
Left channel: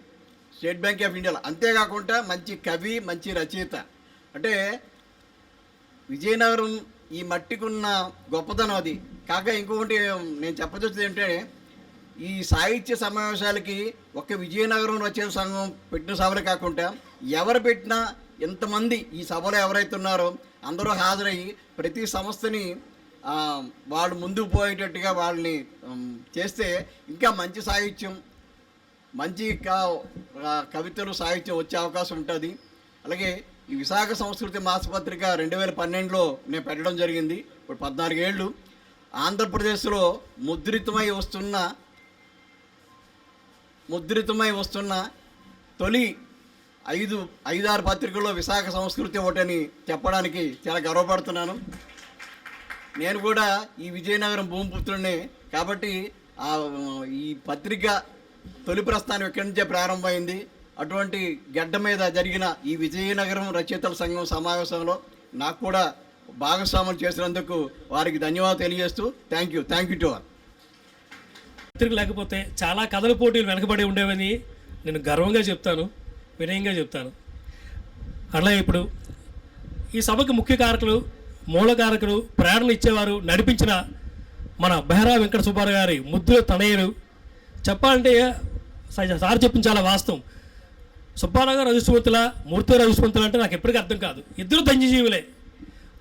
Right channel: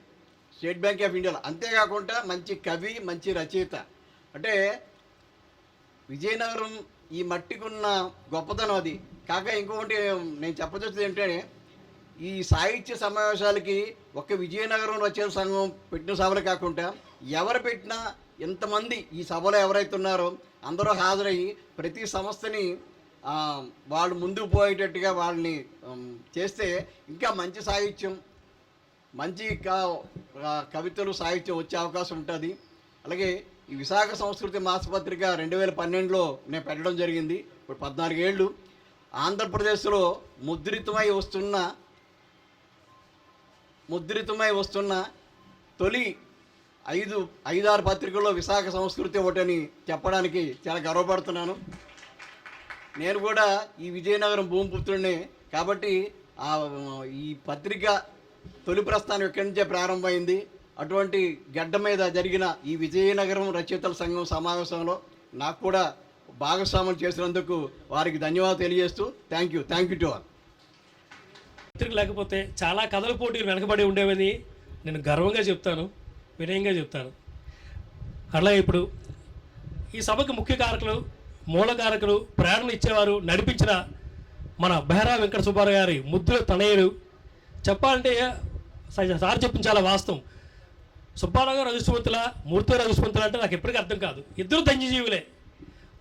స్టేట్ బ్యాంక్ ఆఫ్ ఇండియాలో, అంతేకాకుండా మంచి కవి, మంచి రచయిత. అంటే విజయనగరం ఈ మట్టికున్న గొప్పతనం అది. కాక ఇంకొకటి నేను చెప్పదొచ్చేది ఏంటంటే ఈ సాహిత్య సమావేశాలకి ఒక్క విజయనగరం రచయిత సంఘం పెట్టిన సభలు కాకుండా ఎవరు పెట్టినా ఎంతమంది ఈ సభలో ఎవరైతే ఉన్నారో అందరూ హాజరయ్యి ప్రతి సంస్థని వాళ్ళు ముందుకు పోయేటట్టుగా వాళ్ళని చేస్తే ఇంకా మంచి సాహిత్యం, మంచి కవితలు, సాహిత్యం వచ్చే అవకాశం ఉంటుంది. అలాగే ఈ విశాఖ సంస్కృతి మాసపత్రిక 2012లో నేను పెట్టడం జరిగింది. ఇప్పుడు 14 ఏళ్ళు ఆంధ్రప్రదేశ్లో ముద్రితమై వస్తున్న తొలి 5-6 పత్రికల్లో విశాఖ సంస్కృతి ఒకటని చెప్పడానికి చాలా గర్వపడుతున్నాను. నేను కూడా ఈ విజయనగరం భూమిపుత్రుడినే కాబట్టి ఈ పత్రిక తొలి ప్రస్థానం ఇక్కడి నుంచే ప్రారంభమైంది. అటువంటి గడ్డ మీద జరిగిన ఈ విజయనగరం రచయితల సంఘం సమావేశంలో నాకు కూడా భాగస్వాములు చేసినందుకు వారికి ధన్యవాదాలు తెలియజేస్తూ థ్యాంక్ యూ టు ఆల్. పత్రిక లేకపోతే చాలా కథల పోటీలు వెనకబడి ఉండేవని నేను గర్వంగా చెప్తాను, వినయంగా చెప్తాను. అట్లా ఇప్పుడు ఈ సభకు ముఖ్య కారకులు, మూలకారకులు, ప్రేరణ ఇచ్చేవారు, నడిపించిన మన బెహరా వెంకట సుబ్బారావు గారి ముద్దుల తనయులు. చెప్పాలంటే సార్ చెప్పిన చాలా వాస్తవం. సుబ్బారావు గారు రజస్వంతుల, మూర్తి రజస్వంతులు అంటే నాకు ఎప్పటికీ అర్థం కాదు. ఇద్దరు ధన్యజీవులే.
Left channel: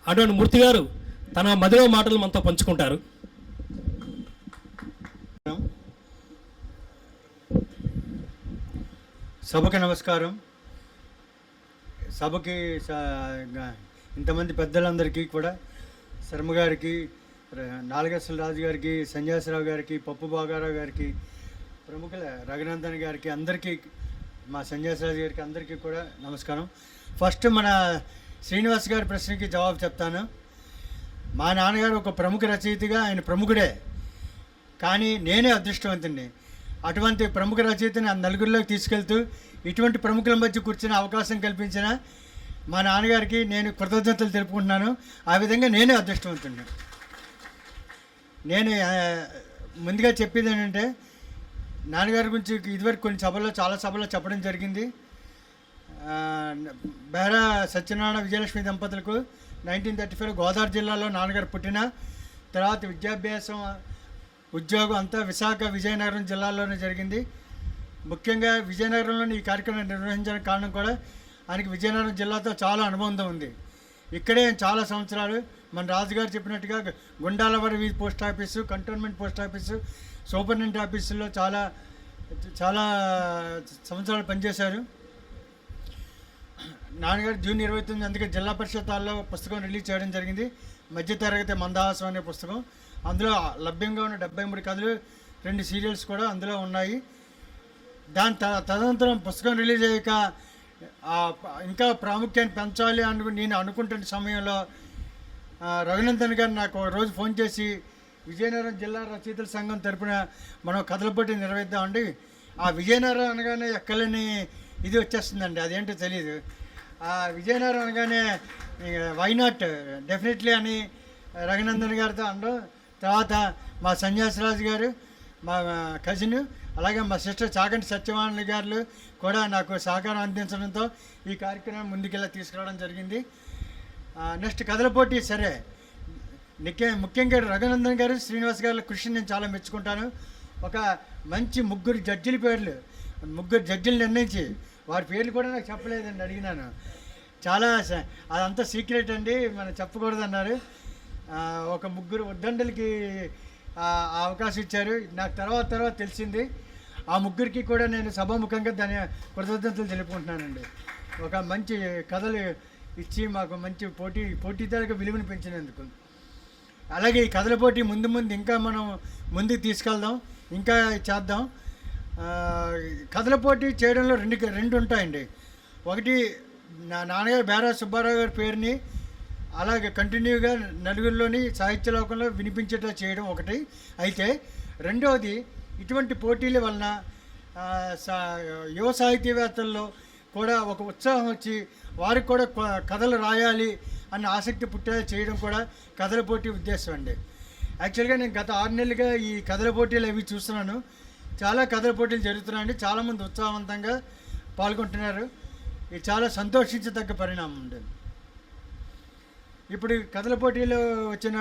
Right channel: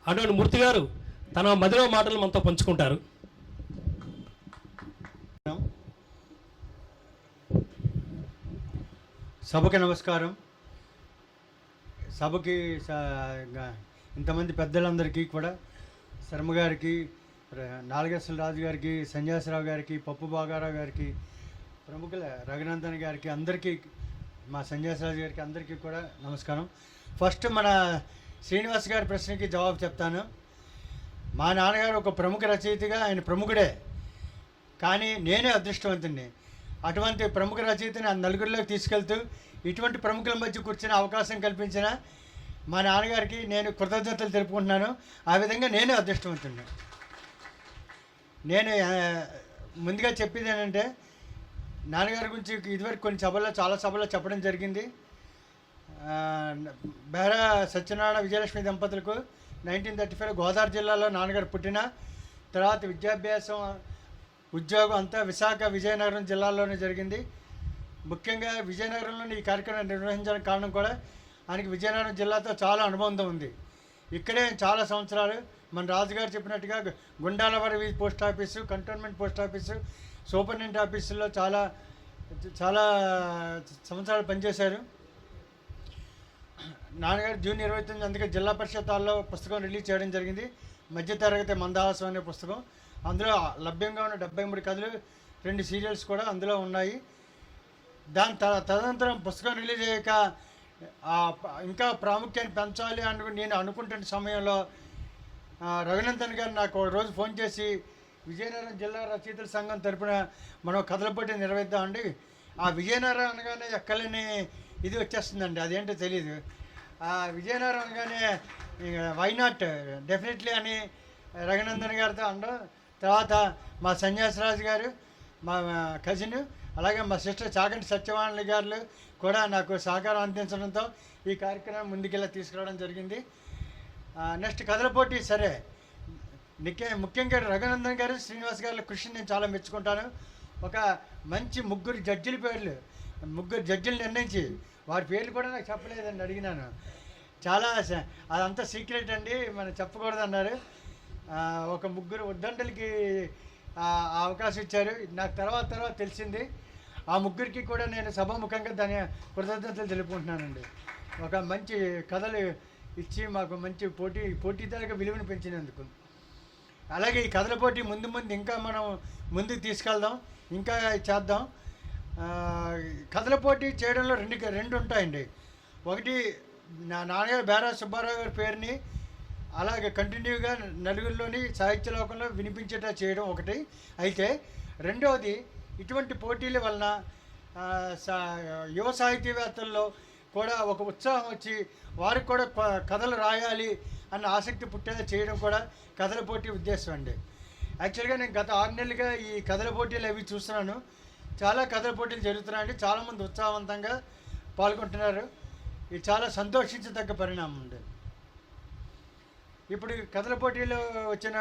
అటువంటి మూర్తి గారు తన మదిలో మాటలు మనతో పంచుకుంటారు. సభకి నమస్కారం. సభకి ఇంతమంది పెద్దలందరికీ కూడా, శర్మ గారికి, నాలుగేశ్వర రాజు గారికి, సంజయరావు గారికి, పప్పు బాగారావు గారికి, ప్రముఖుల రఘునందన్ గారికి, అందరికీ, మా సంజయరాజు గారికి అందరికీ కూడా నమస్కారం. ఫస్ట్ మన శ్రీనివాస్ గారి ప్రశ్నకి జవాబు చెప్తాను. మా నాన్నగారు ఒక ప్రముఖ రచయితగా ఆయన ప్రముఖుడే, కానీ నేనే అదృష్టవంతుడిని. అటువంటి ప్రముఖ రచయితని ఆ నలుగురిలోకి తీసుకెళ్తూ ఇటువంటి ప్రముఖుల మధ్య కూర్చునే అవకాశం కల్పించిన మా నాన్నగారికి నేను కృతజ్ఞతలు తెలుపుకుంటున్నాను. ఆ విధంగా నేనే అదృష్టవంతుడిని. నేను ముందుగా చెప్పేది ఏంటంటే, నాన్నగారి గురించి ఇదివరకు చాలా సభల్లో చెప్పడం జరిగింది. బెహరా సత్యనారాయణ విజయలక్ష్మి దంపతులకు 1935లో గోదావరి జిల్లాలో నాన్నగారు పుట్టిన తర్వాత విద్యాభ్యాసం, ఉద్యోగం అంతా విజయనగరం జిల్లాలోనే జరిగింది. ముఖ్యంగా విజయనగరంలోని ఈ కార్యక్రమం నిర్వహించడానికి కారణం కూడా ఆయనకి విజయనగరం జిల్లాతో చాలా అనుబంధం ఉంది. ఇక్కడే చాలా సంవత్సరాలు మన రాజుగారు చెప్పినట్టుగా Gundalavaram post office, cantonment post office, superintendent ఆఫీసుల్లో చాలా చాలా సంవత్సరాలు పనిచేశారు. నాన్నగారు జూన్ 29 అందుకే జిల్లా పరిషత్ హాల్లో పుస్తకం రిలీజ్ చేయడం జరిగింది. మధ్యతరగతి మందహాసం అనే పుస్తకం. అందులో లభ్యంగా ఉన్న 73 కథలు, 2 సీరియల్స్ కూడా అందులో ఉన్నాయి. దాని తదనంతరం పుస్తకం రిలీజ్ అయ్యాక ఇంకా ప్రాముఖ్యాన్ని పెంచాలి అని నేను అనుకుంటున్న సమయంలో రఘునందన్ గారు నాకు ఒక రోజు ఫోన్ చేసి, విజయనగరం జిల్లా రచయితల సంఘం తరపున మనం కథల పోటీ నిర్వహిద్దామండి. ఆ విజయనగరం అనగానే ఎక్కలేని ఇది వచ్చేస్తుందండి, అదేంటో తెలియదు. ఆ విజయనగరం అనగానే వై నాట్ డెఫినెట్లీ అని రఘునందన్ గారితో అనడం. తర్వాత మా సన్యాసరాజు గారు, మా కజిన్, అలాగే మా సిస్టర్ చాగంటి సత్యవాణి గారు కూడా నాకు సహకారం అందించడంతో ఈ కార్యక్రమం ముందుకెళ్ళి తీసుకురావడం జరిగింది. నెక్స్ట్ కథల పోటీ సరే, ముఖ్యంగా రఘునందన్ గారు, శ్రీనివాస్ గారి కృషిని నేను చాలా మెచ్చుకుంటాను. ఒక మంచి 3 జడ్జిల పేర్లు, 3 జడ్జిలు నిర్ణయించి వారి పేర్లు కూడా నాకు చెప్పలేదండి, అడిగినాను. చాలా అదంతా సీక్రెట్ అండి, మనం చెప్పకూడదు అన్నారు. ఒక 3 ఉద్దండలకి అవకాశం ఇచ్చారు. నాకు తర్వాత తెలిసింది. ఆ 3కి కూడా నేను సభాముఖంగా దాని కృతజ్ఞతలు తెలుపుకుంటున్నానండి. ఒక మంచి కథలు ఇచ్చి మాకు మంచి పోటీదారుగా విలువను పెంచినందుకు. అలాగే ఈ కథల పోటీ ముందు ఇంకా మనం ముందుకు తీసుకెళ్దాం, ఇంకా చేద్దాం. కథల పోటీ చేయడంలో రెండు ఉంటాయండి. ఒకటి నా నాన్నగారు బేరా సుబ్బారావు గారి పేరుని అలాగే కంటిన్యూగా నలుగురిలోని సాహిత్య లోకంలో వినిపించేట చేయడం ఒకటి అయితే, రెండవది ఇటువంటి పోటీల వలన యువ సాహితీవేత్తల్లో కూడా ఒక ఉత్సాహం వచ్చి వారికి కూడా కథలు రాయాలి అన్న ఆసక్తి పుట్టేలా చేయడం కూడా కథల పోటీ ఉద్దేశం అండి. యాక్చువల్గా నేను గత 6 నెలలుగా ఈ కథల పోటీలు అవి చూస్తున్నాను. చాలా కథల పోటీలు జరుగుతున్నాయండి, చాలామంది ఉత్సాహవంతంగా పాల్గొంటున్నారు. ఇది చాలా సంతోషించదగ్గ పరిణామం అండి. ఇప్పుడు కథల పోటీలో వచ్చిన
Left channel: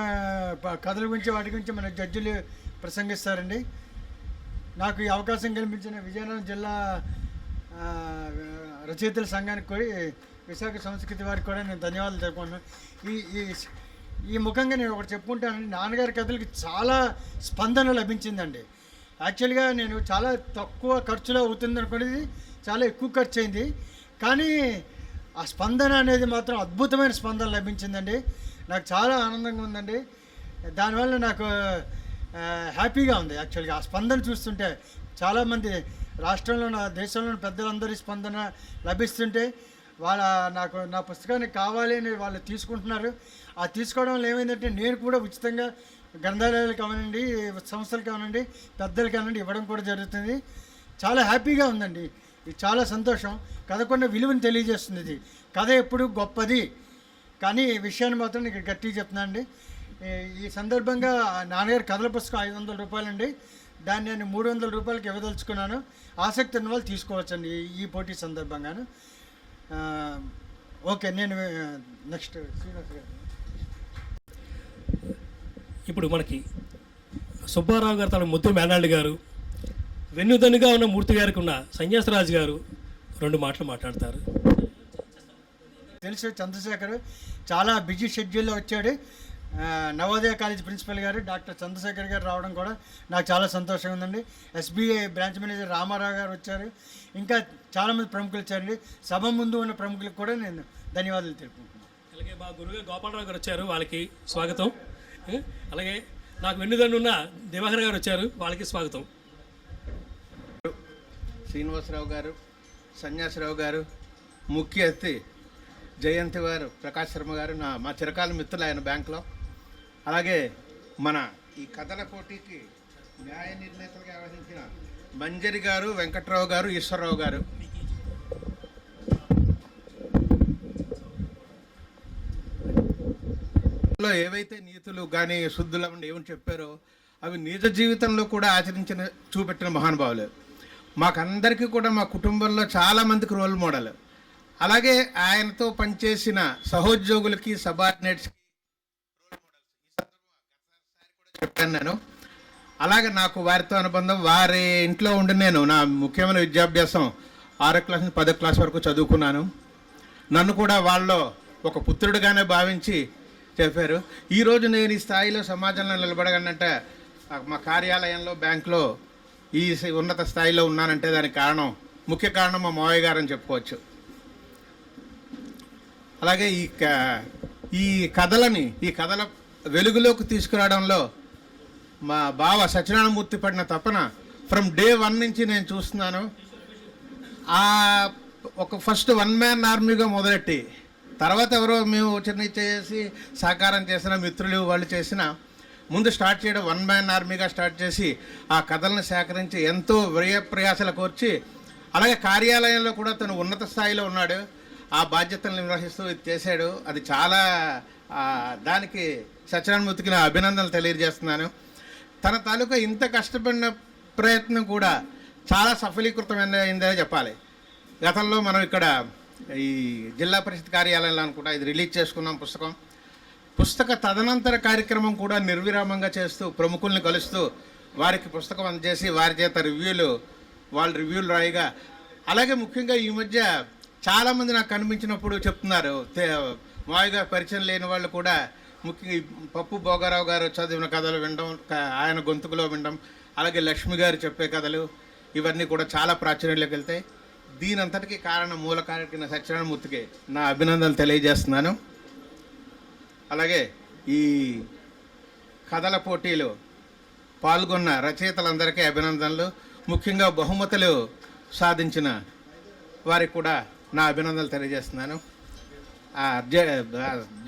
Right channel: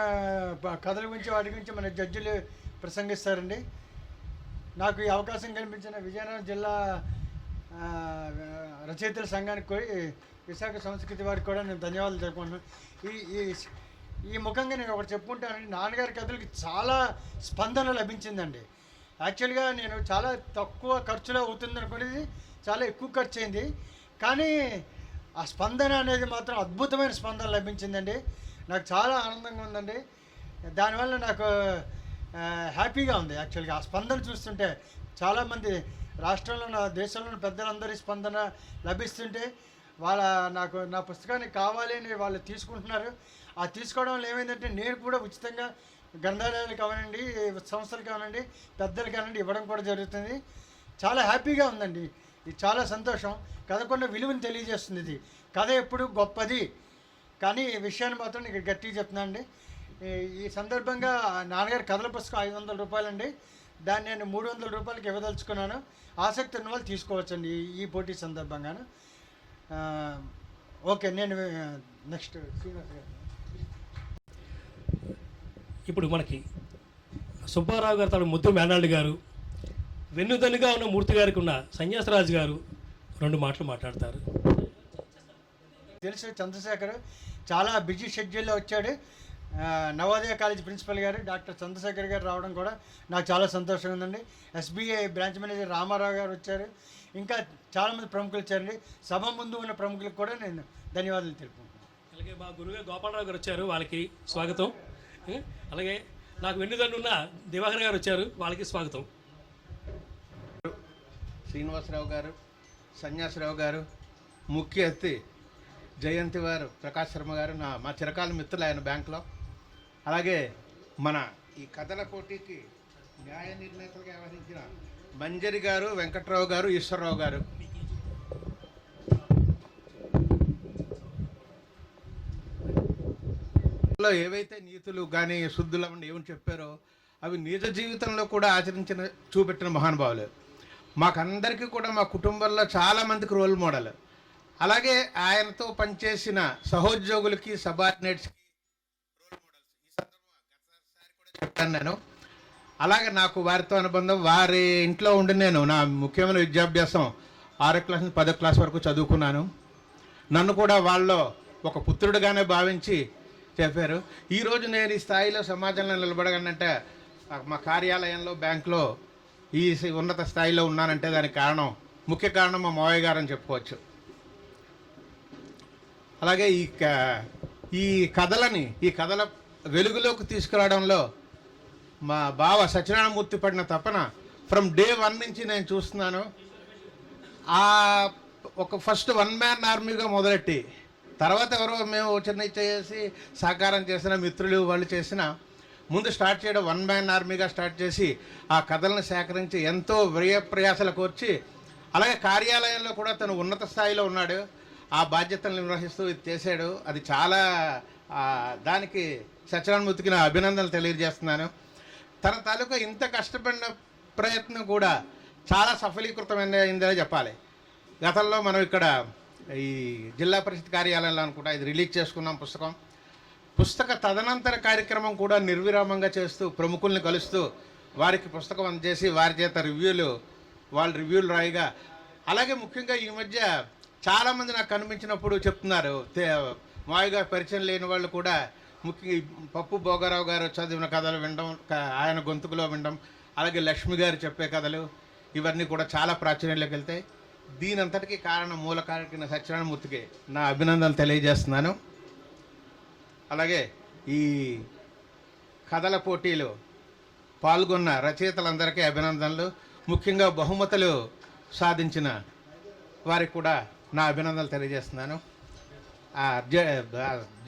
కథల గురించి వాటి గురించి మన జడ్జిలు ప్రసంగిస్తారండి. నాకు ఈ అవకాశం కల్పించిన విజయనగరం జిల్లా రచయితల సంఘానికి విశాఖ సంస్కృతి వారికి కూడా నేను ధన్యవాదాలు తెలుపుకుంటున్నాను. ఈ ముఖంగా నేను ఒకటి చెప్పుకుంటానండి. నాన్నగారి కథలకి చాలా స్పందన లభించిందండి. యాక్చువల్గా నేను చాలా తక్కువ ఖర్చులో అవుతుంది అనుకునేది చాలా ఎక్కువ ఖర్చు అయింది, కానీ ఆ స్పందన అనేది మాత్రం అద్భుతమైన స్పందన లభించిందండి. నాకు చాలా ఆనందంగా ఉందండి. దానివల్ల నాకు హ్యాపీగా ఉంది. యాక్చువల్గా ఆ స్పందన చూస్తుంటే చాలామంది రాష్ట్రంలో దేశంలోని పెద్దలందరి స్పందన లభిస్తుంటే నాకు నా పుస్తకానికి కావాలి అని వాళ్ళు తీసుకుంటున్నారు. ఆ తీసుకోవడం వల్ల ఏమైందంటే నేను కూడా ఉచితంగా గ్రంథాలయాలు కావనండి, సంస్థలు కావనండి, పెద్దలు కావనండి ఇవ్వడం కూడా జరుగుతుంది. చాలా హ్యాపీగా ఉందండి. ఇది చాలా సంతోషం. కథకున్న విలువని తెలియజేస్తుంది. ఇది కథ ఎప్పుడు గొప్పది, కానీ ఈ విషయాన్ని మాత్రం నేను గట్టిగా చెప్తున్నాను అండి. ఈ సందర్భంగా నాన్నగారి కథల పుస్తకం 500 రూపాయలండి. దాన్ని నేను 300 రూపాయలకి ఇవ్వదలుచుకున్నాను. ఆసక్తి ఉన్న వాళ్ళు తీసుకోవచ్చండి ఈ పోటీ సందర్భంగాను. ఓకే, నేను నెక్స్ట్ శ్రీనివాస్ గారు. ఇప్పుడు మనకి సుబ్బారావు గారు తన ముద్దు మేనాళ్ళు గారు, వెన్నుదన్నుగా ఉన్న మూర్తి గారికి ఉన్న సన్యాసరాజు గారు 2 మాటలు మాట్లాడతారు. తెలుసు, చంద్రశేఖర్ చాలా బిజీ షెడ్యూల్లో వచ్చాడు. నవోదయ కాలేజ్ ప్రిన్సిపల్ గారు డాక్టర్ చంద్రశేఖర్ గారు రావడం కూడా నాకు చాలా సంతోషంగా ఉందండి. ఎస్బీఐ బ్రాంచ్ మేనేజర్ రామారావు గారు వచ్చారు. ఇంకా చాలామంది ప్రముఖులు వచ్చారండి. సభ ముందు ఉన్న ప్రముఖులకు కూడా నేను ధన్యవాదాలు తెలుపుకుంటున్నాను. అలాగే మా గురుగారు గోపాలరావు గారు వచ్చారు, వాళ్ళకి స్వాగతం. అలాగే నాకు వెన్నుదన్నున్న దివాకర్ గారు వచ్చారు, వాళ్ళకి స్వాగతం. శ్రీనివాసరావు గారు, సన్యాసరావు గారు, ముఖ్య అతిథి జయంతి వారు, ప్రకాష్ శర్మ గారు మా చిరకాల మిత్రులు ఆయన బ్యాంకులో. అలాగే మన ఈ కథల పోటీకి న్యాయ నిర్ణేతలుగా వ్యవహరించిన మంజరి గారు, వెంకట్రావు గారు, ఈశ్వరరావు గారు. ఏవైతే నీతులు కానీ శుద్ధులు ఏమని చెప్పారో అవి నిజ జీవితంలో కూడా ఆచరించిన చూపెట్టిన మహానుభావులు. మాకందరికీ కూడా మా కుటుంబంలో చాలామందికి రోల్ మోడల్. అలాగే ఆయనతో పనిచేసిన సహోద్యోగులకి, సబార్డినేట్స్కి రోల్ మోడల్స్. ఈ సందర్భంగా కూడా చెప్పాను నేను. అలాగే నాకు వారితో అనుబంధం. వారి ఇంట్లో ఉండి నేను నా ముఖ్యమైన విద్యాభ్యాసం 6వ క్లాస్ నుంచి 10వ క్లాస్ వరకు చదువుకున్నాను. నన్ను కూడా వాళ్ళలో ఒక పుత్రుడిగానే భావించి చెప్పారు. ఈరోజు నేను ఈ స్థాయిలో సమాజంలో నిలబడగానంటే మా కార్యాలయంలో, బ్యాంకులో ఈ ఉన్నత స్థాయిలో ఉన్నానంటే దానికి కారణం, ముఖ్య కారణం మా మావయ్య గారు అని చెప్పుకోవచ్చు. అలాగే ఈ కథల వెలుగులోకి తీసుకురావడంలో మా బావ సత్యనారాయణమూర్తి పడిన తపన ఫ్రమ్ డే 1 నుంచి నేను చూస్తున్నాను. ఒక ఫస్ట్ 1 మ్యాన్ ఆర్మీగా మొదలెట్టి తర్వాత ఎవరో మేము చిన్న చేసి సహకారం చేసిన మిత్రులు వాళ్ళు చేసిన ముందు స్టార్ట్ చేయడం 1 మ్యాన్ ఆర్మీగా స్టార్ట్ చేసి ఆ కథలను సేకరించి ఎంతో ప్రయాసలు కోర్చి, అలాగే కార్యాలయంలో కూడా తను ఉన్నత స్థాయిలో ఉన్నాడు. ఆ బాధ్యతలు నిర్వహిస్తూ ఇది చేశాడు. అది చాలా దానికి సత్యనారాయణమూర్తికి నా అభినందనలు తెలియజేస్తున్నాను. తన తాలూకా ఇంత కష్టపడిన ప్రయత్నం కూడా చాలా సఫలీకృతమైందని చెప్పాలి. గతంలో మనం ఇక్కడ ఈ జిల్లా పరిషత్ కార్యాలయంలో అనుకుంటా ఇది రిలీజ్ చేసుకున్నాం పుస్తక తదనంతర కార్యక్రమం కూడా నిర్విరామంగా చేస్తూ ప్రముఖుల్ని కలుస్తూ వారికి పుస్తకం అందజేసి వారి చేత వాళ్ళు రివ్యూలు రాయిగా, అలాగే ముఖ్యంగా ఈ మధ్య చాలామంది నాకు కనిపించినప్పుడు చెప్తున్నారు, మావిగా పరిచయం లేని వాళ్ళు కూడా ముఖ్యంగా పప్పు భోగారావు గారు చదివిన కథలు వినడం, ఆయన గొంతుకులో వినడం, అలాగే లక్ష్మి గారు చెప్పే కథలు ఇవన్నీ కూడా చాలా ప్రాచుర్యంలోకి వెళ్తాయి. దీనంతటికీ కారణం మూల కారకుడైన సత్యనారాయణమూర్తికి నా అభినందనలు తెలియజేస్తున్నాను. అలాగే ఈ కథల పోటీలు పాల్గొన్న రచయితలందరికీ అభినందనలు. ముఖ్యంగా బహుమతులు సాధించిన వారికి కూడా నా అభినందనలు తెలియజేస్తున్నాను.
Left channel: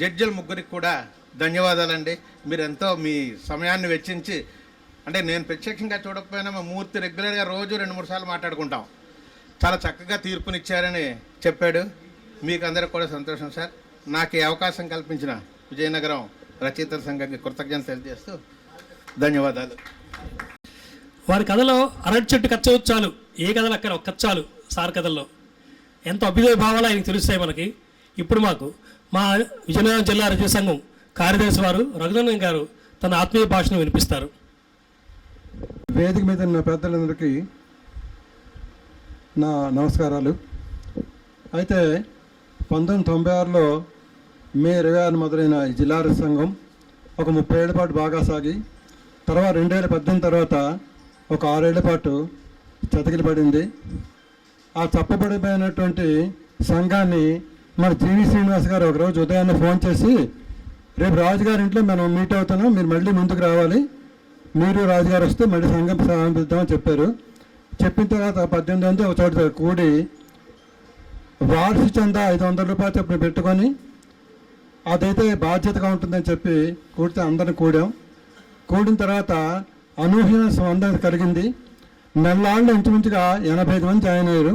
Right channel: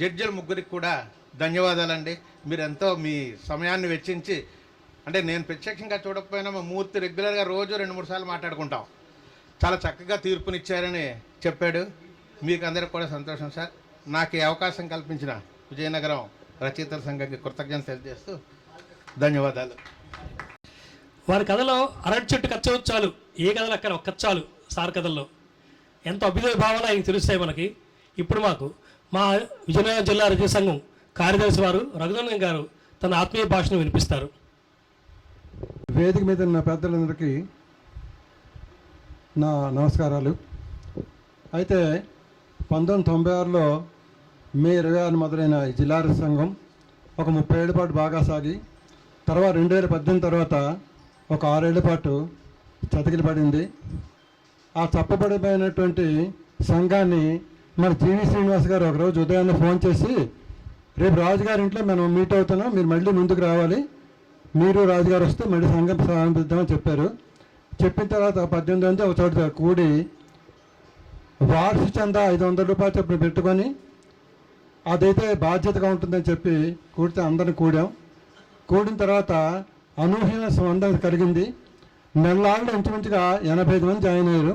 జడ్జిల ముగ్గురికి కూడా ధన్యవాదాలండి. మీరెంతో మీ సమయాన్ని వెచ్చించి, అంటే నేను ప్రత్యక్షంగా చూడకపోయినా మా మూర్తి రెగ్యులర్గా రోజు 2-3 సార్లు మాట్లాడుకుంటాం. చాలా చక్కగా తీర్పునిచ్చారని చెప్పాడు. మీకు అందరికి కూడా సంతోషం సార్. నాకు ఈ అవకాశం కల్పించిన విజయనగరం రచయితల సంఘానికి కృతజ్ఞతలు తెలియజేస్తూ ధన్యవాదాలు. వారి కథలో అరటి చెట్టు కచ్చవచ్చు చాలు, ఏ కథలు అక్కడ ఒక కచ్చాలు సార్ కథల్లో ఎంతో అభ్యుదయ భావాలు ఆయనకు తెలుస్తాయి మనకి. ఇప్పుడు మాకు మా విజయనగరం జిల్లా రచయిత సంఘం కార్యదర్శి వారు రఘునందన్ గారు తన ఆత్మీయ భాషను వినిపిస్తారు. వేదిక మీద ఉన్న పెద్దలందరికీ నా నమస్కారాలు. అయితే 1996లో మే 26 మొదలైన ఈ జిల్లా రచయిత సంఘం ఒక 30 ఏళ్ల పాటు బాగా సాగి, తర్వాత 2018 తర్వాత ఒక 6 ఏళ్ల పాటు చతికిల పడింది. ఆ తప్పబడిపోయినటువంటి సంఘాన్ని మన జీవి శ్రీనివాస్ గారు ఒకరోజు ఉదయాన్నే ఫోన్ చేసి, రేపు రాజుగారి ఇంట్లో మనం మీట్ అవుతున్నాం, మీరు మళ్ళీ ముందుకు రావాలి, మీరు రాజుగారు వస్తే మళ్ళీ సంఘం ప్రారంభిద్దామని చెప్పారు. చెప్పిన తర్వాత 18 మంది ఒక చోట కూడి వార్షిక చందా 500 రూపాయలు చెప్పి పెట్టుకొని అదైతే బాధ్యతగా ఉంటుందని చెప్పి కూడితే అందరిని కూడిన తర్వాత అనూహ్యమైన స్పందన కలిగింది. నెలలాళ్ళు ఇంచుమించుగా 85 మంది జాయిన్ అయ్యారు.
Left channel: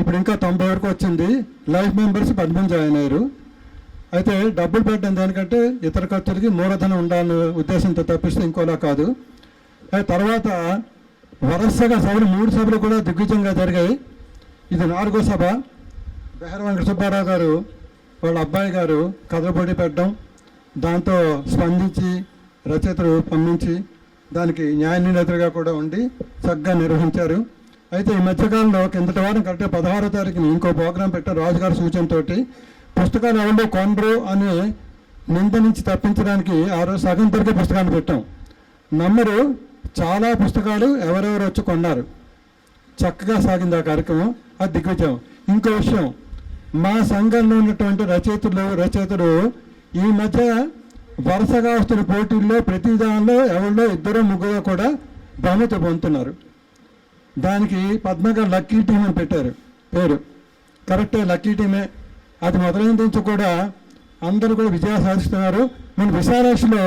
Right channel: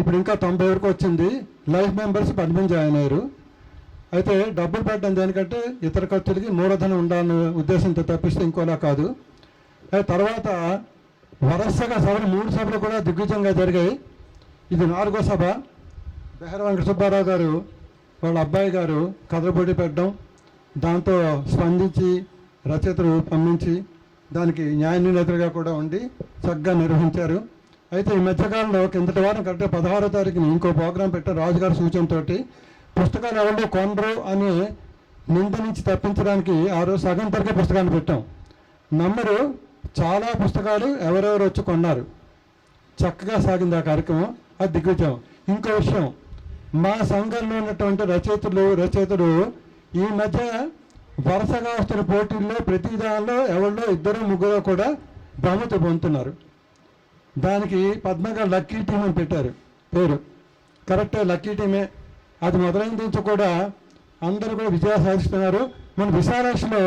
ఇప్పుడు ఇంకా 90 వరకు వచ్చింది. లైఫ్ మెంబర్స్ 10 మంది జాయిన్ అయ్యారు. అయితే డబ్బులు పెట్టడం దేనికంటే ఇతర ఖర్చులకి మూలధనం ఉండాలనే ఉద్దేశంతో తప్పిస్తే ఇంకోలా కాదు. తర్వాత వరుసగా సభలు 3 సభలు కూడా దిగ్విజయంగా జరిగాయి. ఇది 4వ సభ. బెహర వెంకట సుబ్బారావు గారు వాళ్ళ అబ్బాయి గారు కథల పోటీ పెట్టడం, దాంతో స్పందించి రచయితలు పంపించి దానికి న్యాయ నిర్ణేతలుగా కూడా ఉండి చక్కగా నిర్వహించారు. అయితే ఈ మధ్యకాలంలో కిందటి వారం కరెక్ట్గా 16వ తారీఖుని ఇంకో ప్రోగ్రాం పెట్టారు రాజుగారి సూచనతోటి. పుస్తకాలు ఎవరో కొనరు అని నింద నుంచి తప్పించడానికి ఆ రోజు సగం తరగే పుస్తకాన్ని పెట్టాం. నమ్మరు, చాలా పుస్తకాలు ఎవరెవరు వచ్చి కొన్నారు. చక్కగా సాగింది ఆ కార్యక్రమం. అది దిగ్విజయం. ఇంకో విషయం, మా సంఘంలో ఉన్నటువంటి రచయితలు ఈ మధ్య వరుసగా వస్తున్న పోటీల్లో ప్రతి దానిలో ఎవరిలో 2-3 కూడా బహుమతి పొందుతున్నారు. దానికి పద్మగారు లక్కీ టీం అని పెట్టారు పేరు. కరెక్టే, లక్కీ టీమే. అది మొదలైన నుంచి కూడా అందరూ కూడా విజయాలు సాధిస్తున్నారు. మన విశాలాక్షిలో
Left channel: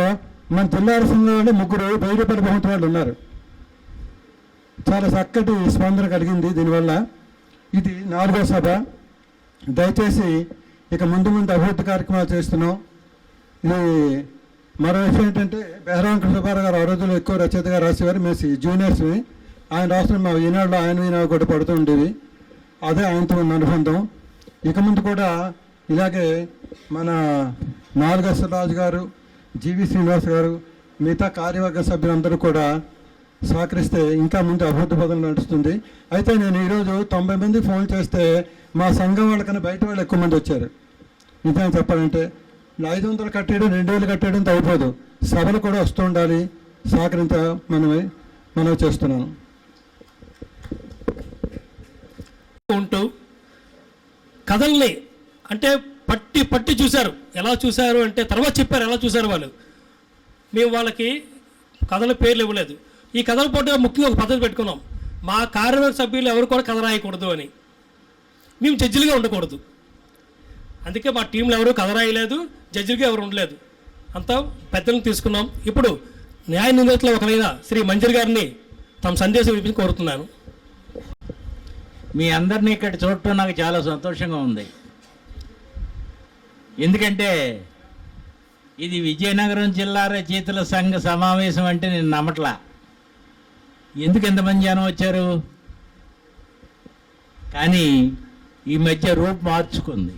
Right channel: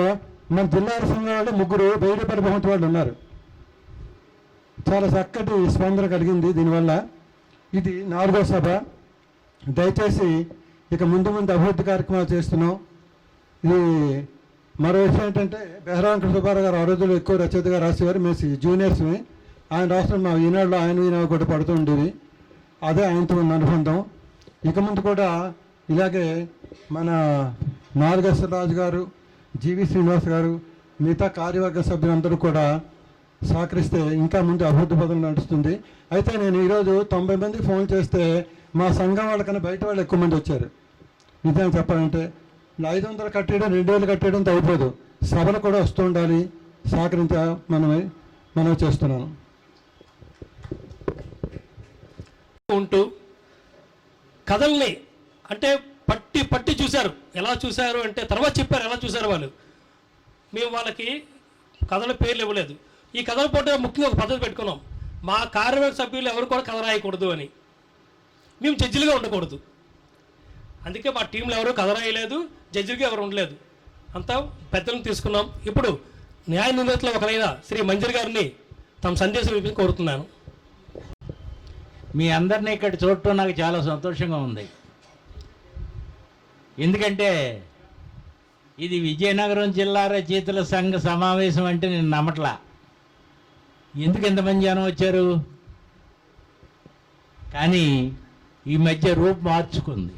మన జిల్లా సంఘం వాళ్ళు 3 1000 రూపాయల బహుమతి వాళ్ళు ఉన్నారు. చాలా చక్కటి స్పందన కలిగింది దీనివల్ల. ఇది 4వ సభ. దయచేసి ఇక ముందు అభివృద్ధి కార్యక్రమాలు చేస్తున్నాం. ఇది మరో విషయం ఏంటంటే, బెహర వెంకట సుబ్బారావు గారు ఆ రోజుల్లో ఎక్కువ రచయితగా రాసేవారు. మేము జూనియర్స్ని. ఆయన రాసిన మా ఈనాడులో ఆయన ఈనాడు కూడా పడుతూ ఉండేవి. అదే ఆయనతో ఉన్న అనుబంధం. ఇక ముందు కూడా ఇలాగే మన నాలుగేశ్వరరాజు గారు, జీవి శ్రీనివాస్ గారు, మిగతా కార్యవర్గ సభ్యులందరూ కూడా సహకరిస్తే ఇంకా ముందు అభివృద్ధి పదంలో నడుస్తుంది. అయితే నేను ఈరోజు 90 మంది ఫోన్ చేస్తే మా సంఘం వాళ్ళకన్నా బయట వాళ్ళు ఎక్కువ మంది వచ్చారు. నిజంగా చెప్పాలంటే 500 కట్టేయడం 2000 కట్టేయడం అయిపోదు. సభలు కూడా వస్తూ ఉండాలి. సహకరించ మనం చేస్తున్నాను. ఉంటూ కథల్ని అంటే పట్టి పట్టి చూశారు. ఎలా చూశారు అంటే తర్వాత చెప్పారు ఎలా చూశారు వాళ్ళు. మేము వాళ్ళకి కథల పేర్లు ఇవ్వలేదు. ఈ కథల పోటీ ముఖ్యంగా ఒక పద్ధతి పెట్టుకున్నాం, మా కార్యవర్గ సభ్యులు ఎవరు కూడా కథ రాయకూడదు అని. మేము జడ్జిలుగా ఉండకూడదు, అందుకే మా టీంలో ఎవరు కథ రాయలేదు, జడ్జిలుగా ఎవరు ఉండలేదు, అంతా పెద్దలను తీసుకున్నాం. ఇప్పుడు న్యాయ నిందితులు ఒకరైన శ్రీ మంజరి గారిని తమ సందేశం వినిపించి కోరుతున్నాను. మీ అందరినీ ఇక్కడ చూడటం నాకు చాలా సంతోషంగా ఉంది. ఎందుకంటే ఇది విజయనగరం జిల్లా రచయితల సంఘ సమావేశం అంటే నేను నమ్మట్లా. ఎందుకు ఎంతమంది జనం వచ్చారు? కానీ ఈ మధ్య రూపు మార్చుకుంది,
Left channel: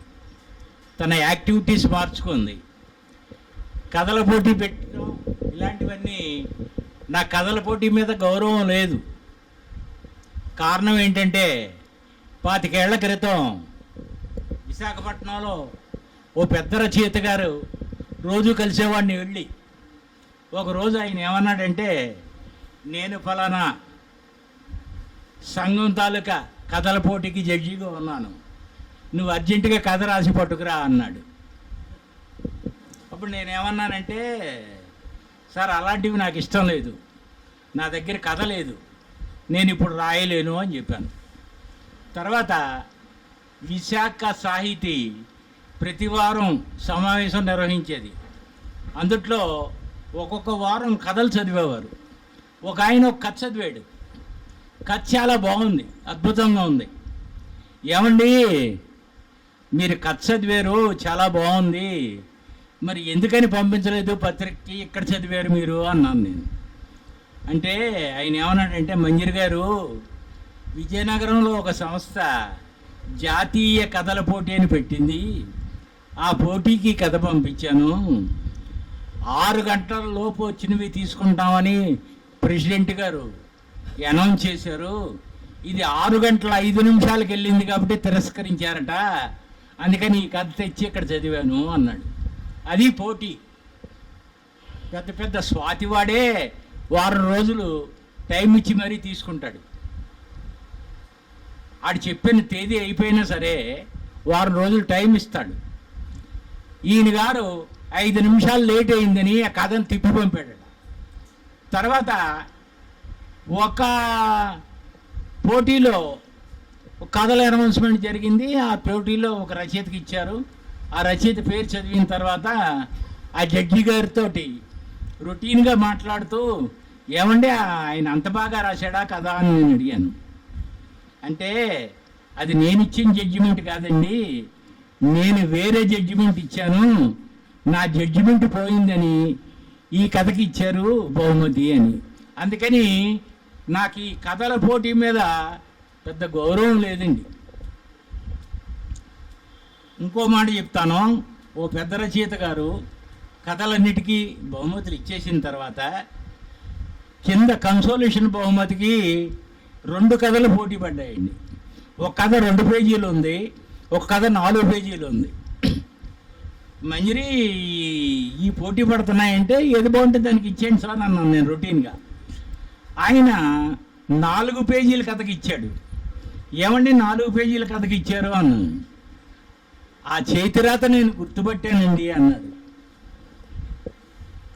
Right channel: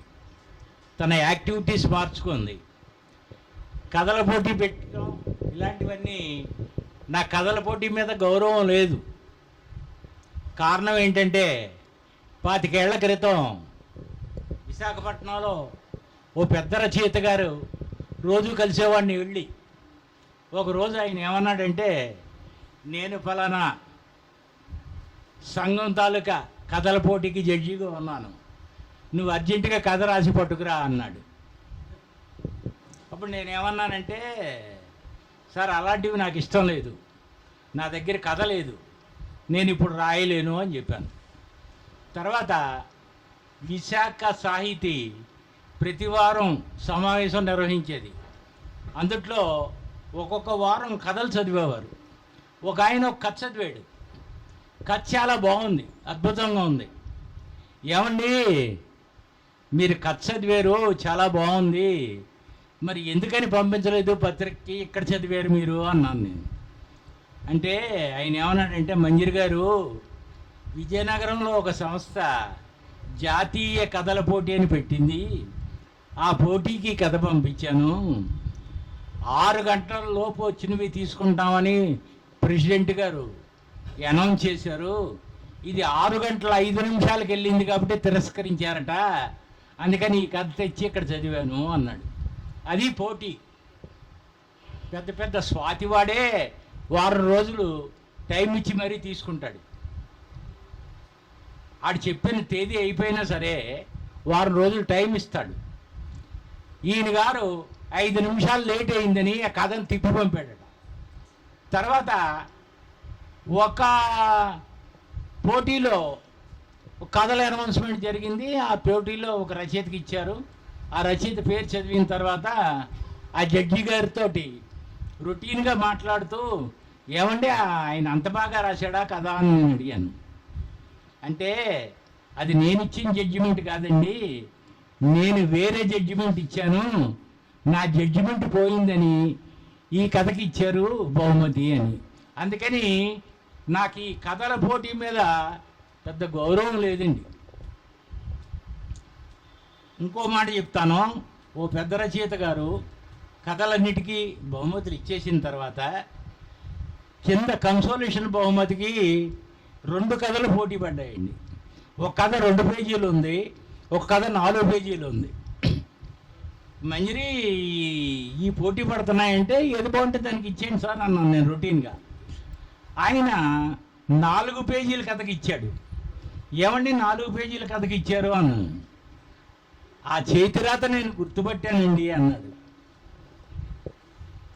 తన యాక్టివిటీస్ మార్చుకుంది. కథల పోటీ పెట్టడం ఇలాంటివన్నీ, నా కథల పోటీ మీద గౌరవం లేదు. కారణం ఏంటంటే 25 ఏళ్ల క్రితం విశాఖపట్నంలో ఓ పెద్ద రచయిత గారు రోజు కలిసేవాడిని వెళ్ళి, ఒకరోజు ఆయన ఏమన్నాడంటే, నేను ఫలానా సంఘం తాలూకా కథల పోటీకి జడ్జిగా ఉన్నాను, నువ్వు అర్జెంటుగా కథ రాసి పట్టుకురా అన్నాడు. అప్పుడు నేనేమన్నానంటే, సార్ అలాంటివి నాకు ఇష్టం లేదు, నా దగ్గర కథ లేదు, నేను ఇప్పుడు రాయలేను అని చెప్పాను. తర్వాత విశాఖ సాహితీ ప్రతి వారం సమావేశం నిర్వహించేది. అందుట్లో ఒక్కొక్క వారం కథలు చదివేవారు. ఒక ఆయన ఒక కథ చదివాడు. కథ చాలా బాగుంది, అద్భుతంగా ఉంది. ఏమండి మీరు కథ చదివారు, చాలా బాగుంది, మరి ఎందుకని పంపించలేదు పత్రికకి, ఇక్కడ చదివారు మీరు అన్నాను నేను. అంటే ఆయన ఏమన్నాడంటే, మంజరి గారు విజయనగరంలో ఒక సంస్థ జాతీయ కథల పోటీ అని పెట్టింది, ఆ పోటీకి కథ పంపించాను, 6 గంటల లోపు వచ్చినవి తీసుకుంటామని ప్రెసిడెంట్ గారు అనౌన్స్ చేశారు, ఇది 6 గంటల 5 నిమిషాలకు వెళ్ళింది కాబట్టి తిరస్కరించారట, అందుకని ఈ కథ తెచ్చి ఇక్కడ చదివాను అన్నాడు. అది పోటీ. పెద్ద పెద్ద స్వాతివాడే వారం రోజులు టైం ఇచ్చి మరీ తీసుకుంటాడు. ఆడు చెప్పిన తేదీ అయిపోయినా సరే వారం రోజులు టైం ఇస్తాడు. ఈయన గారు 5 నిమిషాలు లేట్ అయిందని ఆ కథను తిప్పి పంపాడు. తర్వాత ఒక పోటీలో కథల అనౌన్స్మెంట్ జరిగింది. ఆ పోటీలో ఒక రచయితకి ఇచ్చారు. ఆ రచయిత పేరు చదివిన తర్వాత ఆ జడ్జి గారితో రొటీన్గా మాట్లాడుతూ, ఏమంటే ఆయన అంత బాగా రాశాడా కదా అని నేను అడిగాను. అంటే అది నేను ఇచ్చిన జడ్జిమెంట్ కాదండి, నేను వేరే జడ్జిమెంట్ ఇచ్చాను, నా జడ్జిమెంట్ పోయిందని ఈ కథకి ఇచ్చారు బహుమతి అని. అందుకని నాకు ఈ కథల పోటీ మీద పెద్ద గౌరవం లేదండి. ఇంకో మాట చెప్తాను, ఓ పెద్ద రచయిత గారు కథలన్నిటికీ బహుమతులు ఇచ్చేసిన తర్వాత కింద కన్సోలేషన్ బహుమతికి 2 కథలు పోటీ పడ్డాయండి. ఒక కథ 2 పేజీలు ఉంది, ఒక కథ 4 పేజీలు ఉంది. మంజరి ఈ పోటీ పడుతున్నాయంటే ఏది బాగుంటుంది దానికి ఇచ్చేయండి సార్ అన్నాను నేను రొటీన్గా. ఆయన 4 పేజీల కథకి ఇచ్చాడు. ఏమండి 4 పేజీల కథకి ఇచ్చారు అన్నాను. ఆ చేతిరాత నేను గుర్తుపట్టానండి అన్నాడు.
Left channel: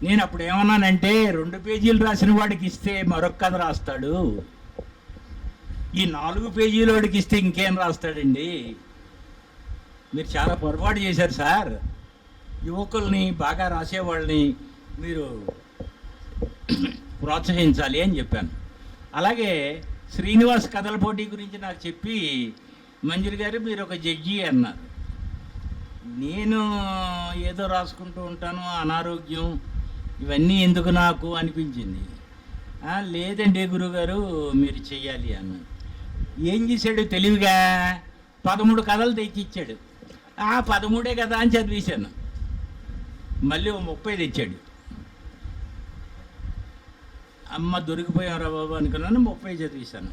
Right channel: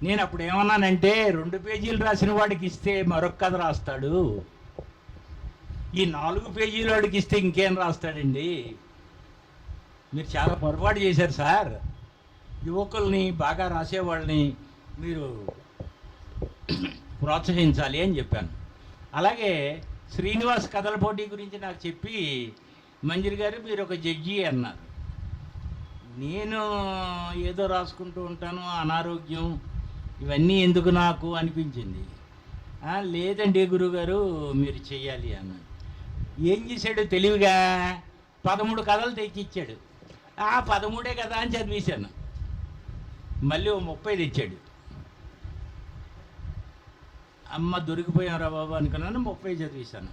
నేను అప్పుడు ఏమన్నానంటే, 2 పేజీలు రాసిన వాడికి ఇస్తే మరొక కథ రాస్తాడు, ఈ 4 పేజీల వాడికి ఇస్తే ఇంకేం రాస్తాడండి, మీరు చాలా పొరపాటు చేశారు సార్, యువకుల్ని బాగా రాసేవాళ్ళని మీరు ప్రోత్సహించాలి అని చెప్పాను. అలాగే శ్రీనివాస్ కథల పోటీ గురించి నాకు చెప్పి, మంజరి గారు మీరు ఒక జడ్జి అన్నారు. నేను ఏదో రాసుకుంటూ ఉంటాను, అనారోగ్యం ఇవన్నీ ఎందుకు నాకు అనిపించింది. లేదండి గురుగారు మీరు చెయ్యాలి అన్నాడు. ఏం చేశాడు తెలివిగా 13 కథలు తెచ్చిచ్చాడు. 13 కదా అని చదివేశాను. మళ్ళీ 30 తెచ్చాడు. అమ్మ దొరికిపోయారా బాబు అనుకున్నాను, 30 చదివేశాను.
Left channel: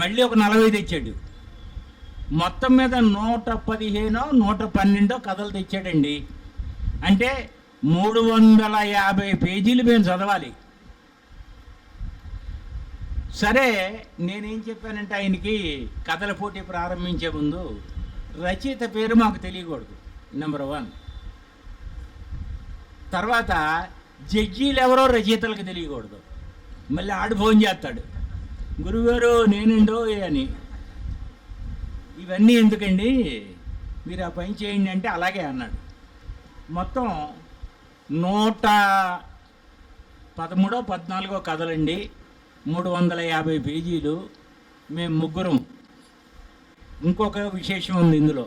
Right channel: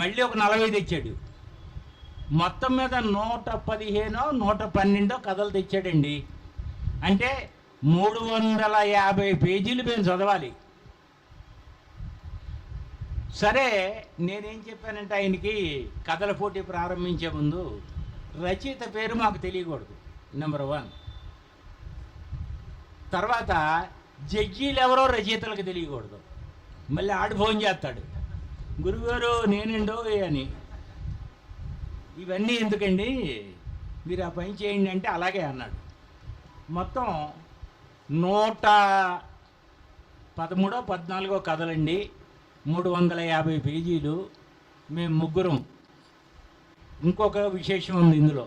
మళ్ళీ ఒక 40 తెచ్చాడు. మొత్తం మీద 115 112 కథలు తెచ్చాడండి. అంటే 350 పేజీలు మేము చదవాలి. సరే నేనేం చెప్పానంటే ఆయనకి కథల పోటీ ప్రారంభించే ముందు రచయిత పేరు మాకు తెలియకూడదు, నెంబర్ 1. తర్వాత జడ్జీలు ఎవరో రచయితలకు తెలియకూడదు. మళ్ళీ ఆడు ఫోన్ చేస్తాడు, గురుగారు నేనుండో అని. ఇవన్నీ ఎందుకండి, మీరు ఆ పని చేయండి అంటే అలాగే అన్నాడు. మొత్తం 113-14 కథలండి, 350 పేజీలు. మేము ముగ్గురం. ఇంకొక విశేషం ఉంది ఇందులో.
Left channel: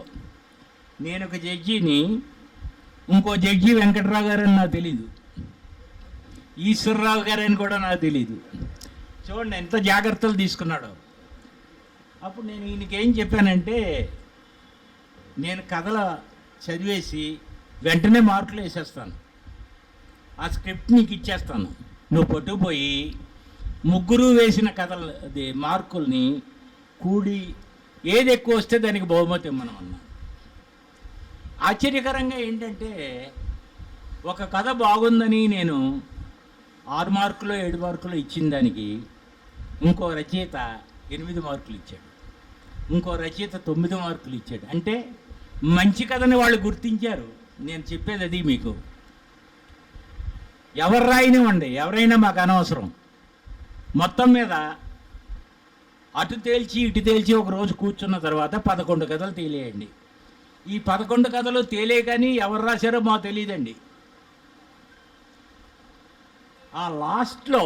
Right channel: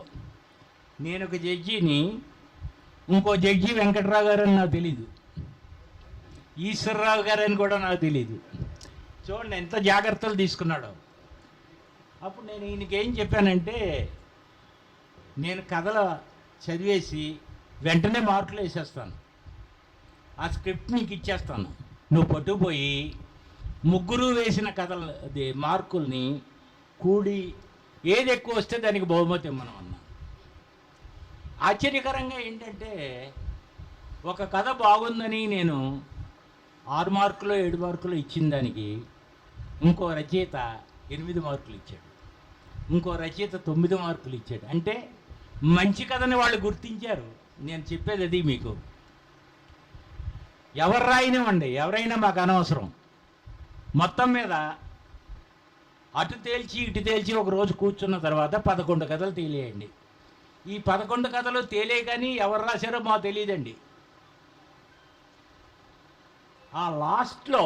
నేను ఒక జడ్జిని, ఇంకో జడ్జి వెంకట్రావు గారు అని నాకు తెలీదు, ఈశ్వరరావు గారు అని కూడా నాకు తెలీదు. చూడండి ఎంత జాగ్రత్తలు తీసుకున్నాడో. అప్పుడు నేను ఈయనకేం చెప్పానంటే, నేను కథలు చదివేసి వెంటనే మార్కులు వేసేస్తాను, ఆ స్క్రిప్ట్ నీకు ఇచ్చేస్తాను, నువ్వు పట్టుకుపోయి ముగ్గురు వేసిన కథలు అది మార్కుల్ని కూడి ఏది ఎక్కువ వస్తే దానికి బహుమతి ఇవ్వమనం అన్నా. ఆశ్చర్యకరంగా ఏంటంటే, ఒక కథ బాగుందని నేను 6 మార్కులు 7 మార్కులు ఇచ్చిన దానికి ఇంకో రచయిత 8 మార్కులు ఇచ్చాడు, ఇంకో రచయిత 9 మార్కులు ఇచ్చాడు. అంటే మంచి కథని వాళ్ళు గుర్తించారు. నేను చెప్పేది అది మీకు. ఎవరు రాయినివ్వండి, ఎవరైనా మాకు అనవసరం. మొత్తం మీద అటు తేల్చి ఇటు తేల్చి ఒక రోజు కూర్చున్న తర్వాత 11 కథలు తేలేయండి. ఈ 11 కథలు తేలే కానీ ఎవరు రాశారో మాకు తెలియదండి. ఆ లాస్ట్లో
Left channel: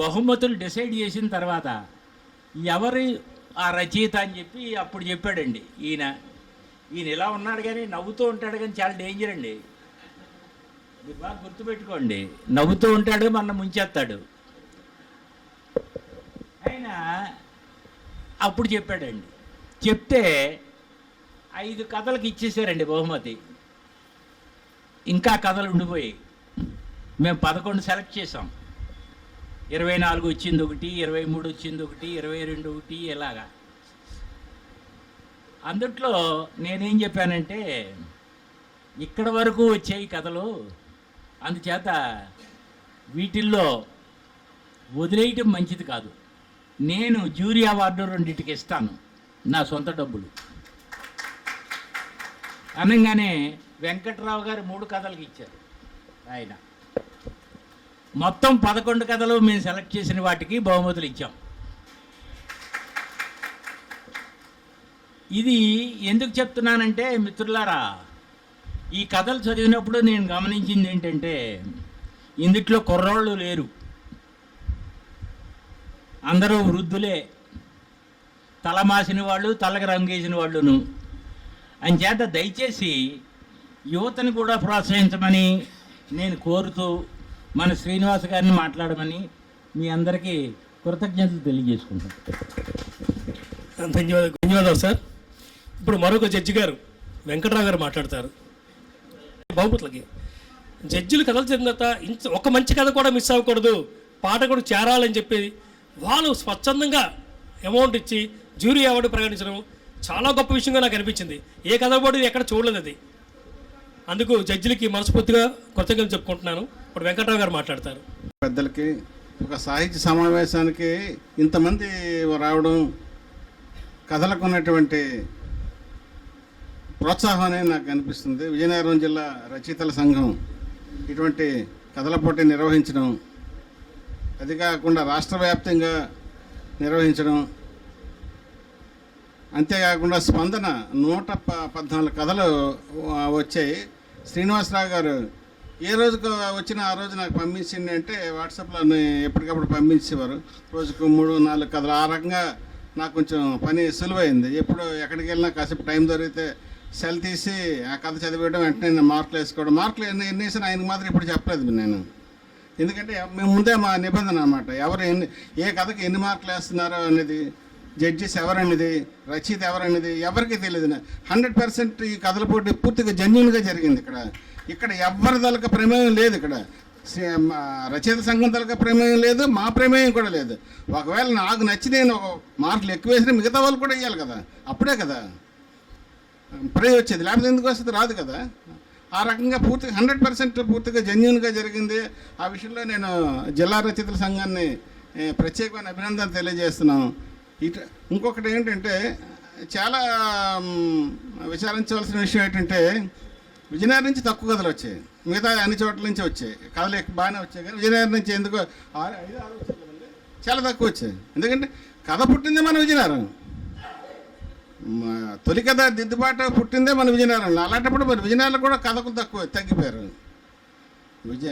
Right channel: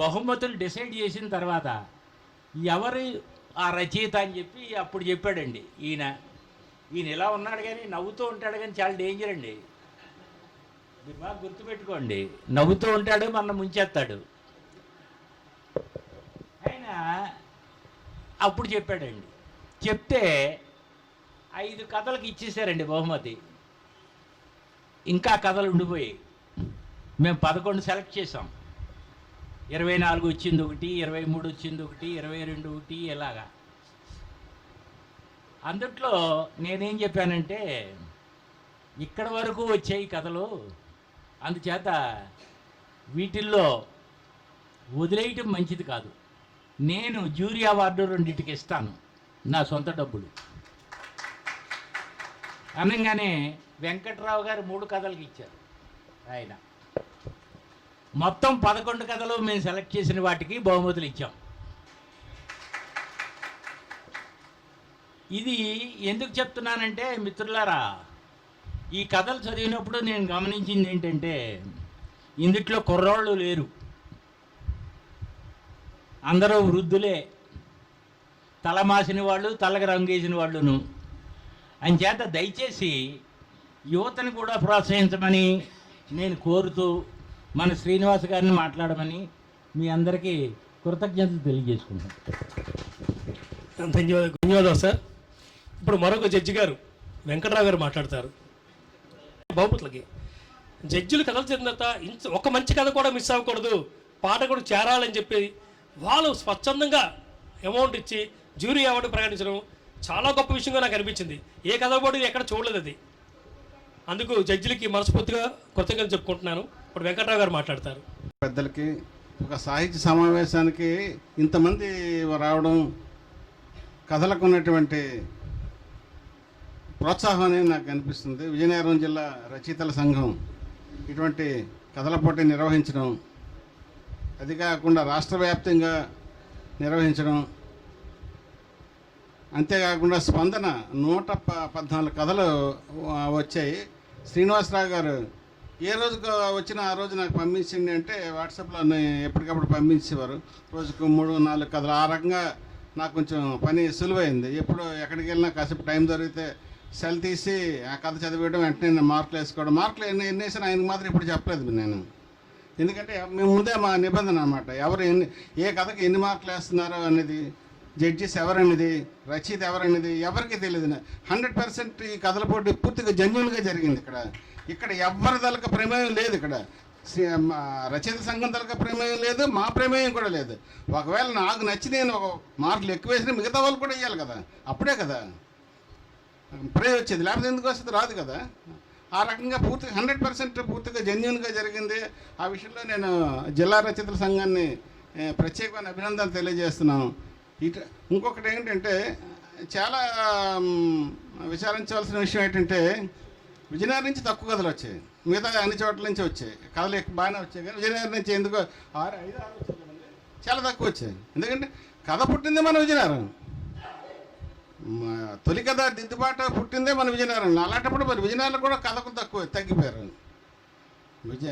బహుమతులు డిసైడ్ చేసిన తర్వాత ఎవరు ఆ రచయిత అని చెప్పి అప్పుడు చెప్పాడండి ఈయన. ఇలా ఉన్నాడు కానీ నవ్వుతూ ఉంటాడు కానీ చాలా డేంజర్ అండి. మీరు బాగా గుర్తుపెట్టుకోండి, నవ్వుతూ ఉంటాడు, మన ముంచేస్తాడు. ఆయన అప్పుడు చెప్పాడండి. చెప్తే 5 కథలకు ఇచ్చేసారండి బహుమతి. ఇంకా కథలు ఉండిపోయి మేము 11 సెలెక్ట్ చేసాం. 24 వచ్చింది ఒకటి, 23 వచ్చింది ఒకటి, 22 ఒకటి, ఇలాగా. అందుట్లో నేనేం చెప్పానంటే, ఇక్కడ వరకు వచ్చాయి కథలు, అందుచేత వీటిల్లో వదిలేయటం మంచిది కాదు. నేను జ్యూరీ అవార్డు 2టికి ఇస్తాను, నా సొంత డబ్బులు అనగానే వెంకట్రావు గారు 3 కథలకు ఇచ్చారు. ఆయన మొత్తం 11 కథలు మేము సెలెక్ట్ చేసిన వాటికి బహుమతులు ఇచ్చాం. ఇది ఎందుకు చెప్తున్నానంటే మిత్రులారా, ఈ కథలు చదివినప్పుడు నేను గమనించింది ఏంటంటే, ఇందుట్లో కుర్రోళ్ళు లేరు, అందరూ వృద్ధులే, తలమాసిన వాళ్ళు, తలకు రంగేసిన వాళ్ళును. అంచేత దయచేసి యువతను కూడా ప్రోత్సహించమని నేను కోరుతూ మన శ్రీనివాస్ గారిని మాట్లాడమని మీ అందరికీ కృతజ్ఞతలు తెలియజేసుకుంటాను. ధన్యవాదాలు సార్. ఇప్పుడు మరొక జడ్జి గారు వెంకట్రావు గారు మాట్లాడతారు. బహుమతులకి జడ్జిలు కథలు చదివిన తర్వాత ఒక మంచి కథ కూడా మిస్ అవ్వకూడదు, పాట కూడా చేరాలని చెప్పేది వాళ్ళు స్వచ్ఛందంగా అమౌంట్ ఇచ్చి జ్యూరీ అవార్డు ప్రకటించడం చాలా గొప్ప విషయంగా నాకు అనిపించింది. ఏ కథ కూడా ఎక్కడ చూడలేదు అది. అందుకు జడ్జిలకి మనస్ఫూర్తిగా కృతజ్ఞతలు చెప్పుకుంటున్నాను. ఇప్పుడు వెంకట్రావు గారు మాట్లాడతారు. పెద్దలకి ఒక సాహిత్య సమావేశానికి ఇంతమంది రావడం, కథలకు ఉన్నటువంటి ప్రోత్సాహం అనేది నాకు అనిపిస్తుంది. విజయనగరం జిల్లా రచయితల సంఘం ఇటువంటి కథల పోటీ నిర్వహించడం, అది కాకుండా రాష్ట్ర వ్యాప్తంగా నిర్వహించడం, అంతేకాకుండా స్పందన 114 కథలు వచ్చాయి. శ్రీనివాసరావు గారు ఏ రోజుకు వచ్చినా ఆ రోజు నాకు పంపించింది అంటే వాట్సాప్లో ఎప్పటికప్పుడు పంపించేవారు. రోజుకు 3-4 కథలు. ఆ రకంగా నాకు కొంచెం పని సులువైంది. ఎప్పుడు ఎక్కడికి వెళ్ళినా కాసేపు టైం దొరికితే సెల్ తీసి ఆ కథ చదివేయడం, వెంటనే నేను మార్కులు వేసుకోవడం. మార్కులు ఎన్ని వేసినా ఆయనకు మాత్రం ఇప్పుడు చెప్పలేదు నేను, ఎందుకంటే మేము ముందే మా నిబంధన అన్నమాట. ఎవరు ఏ కథకి ఎన్ని మార్కులు వేస్తున్నారో అనేది, జడ్జిస్ ఎవరనేది, రచయిత ఎవరనేది ఎవరికి తెలియదు. 100% ఈ కథల పోటీ పూర్తిగా జెన్యూన్గా జరిగింది. ఇక్కడ ఎవరి దళక ప్రమేయం లేదు. ఇక్కడ రచయిత సంఘం దళక ప్రమేయం లేదు, మా ప్రమేయం కూడా లేదు. ఒకవేళ నాకు నచ్చి నేను ఒక మార్కులు ఎక్కువ వేసినా మిగతా వాళ్ళు కూడా వేయాలి కదా, అప్పుడే కదా ప్రైజ్ వచ్చేది, లేకపోతే ఎందుకు వస్తుంది, రాదు కదా. ఆ రకంగా పూర్తిగా 100% పూర్తిగా జెన్యూన్గా జరిగింది. ఆ విషయంలో నేను జిల్లా రచయితల సంఘాన్ని ప్రత్యేకమైన అభినందనలు తెలియజేస్తున్నాను. ఇంకొకటి ఏంటంటే చాలా విచారించవలసిన విషయం ఏంటంటే విజయనగరం నుంచి తక్కువ కథలు వచ్చాయి, మిగతా అన్ని చోట్ల నుంచి వచ్చాయి కథలు ఎక్కువ బాగానే వచ్చాయి, కానీ విజయనగరం నుంచి ఎందుకో 5-6 వచ్చాయి కదండి, చాలా తక్కువ వచ్చాయి. ఎందుకంటే కథ పుట్టిందే మన విజయనగరం, తొలి కథ దిద్దుబాటు పుట్టిందే మన విజయనగరంలో. అలాంటప్పుడు మరి విజయనగరంలో కూడా కథకు తగ్గిపోయారు.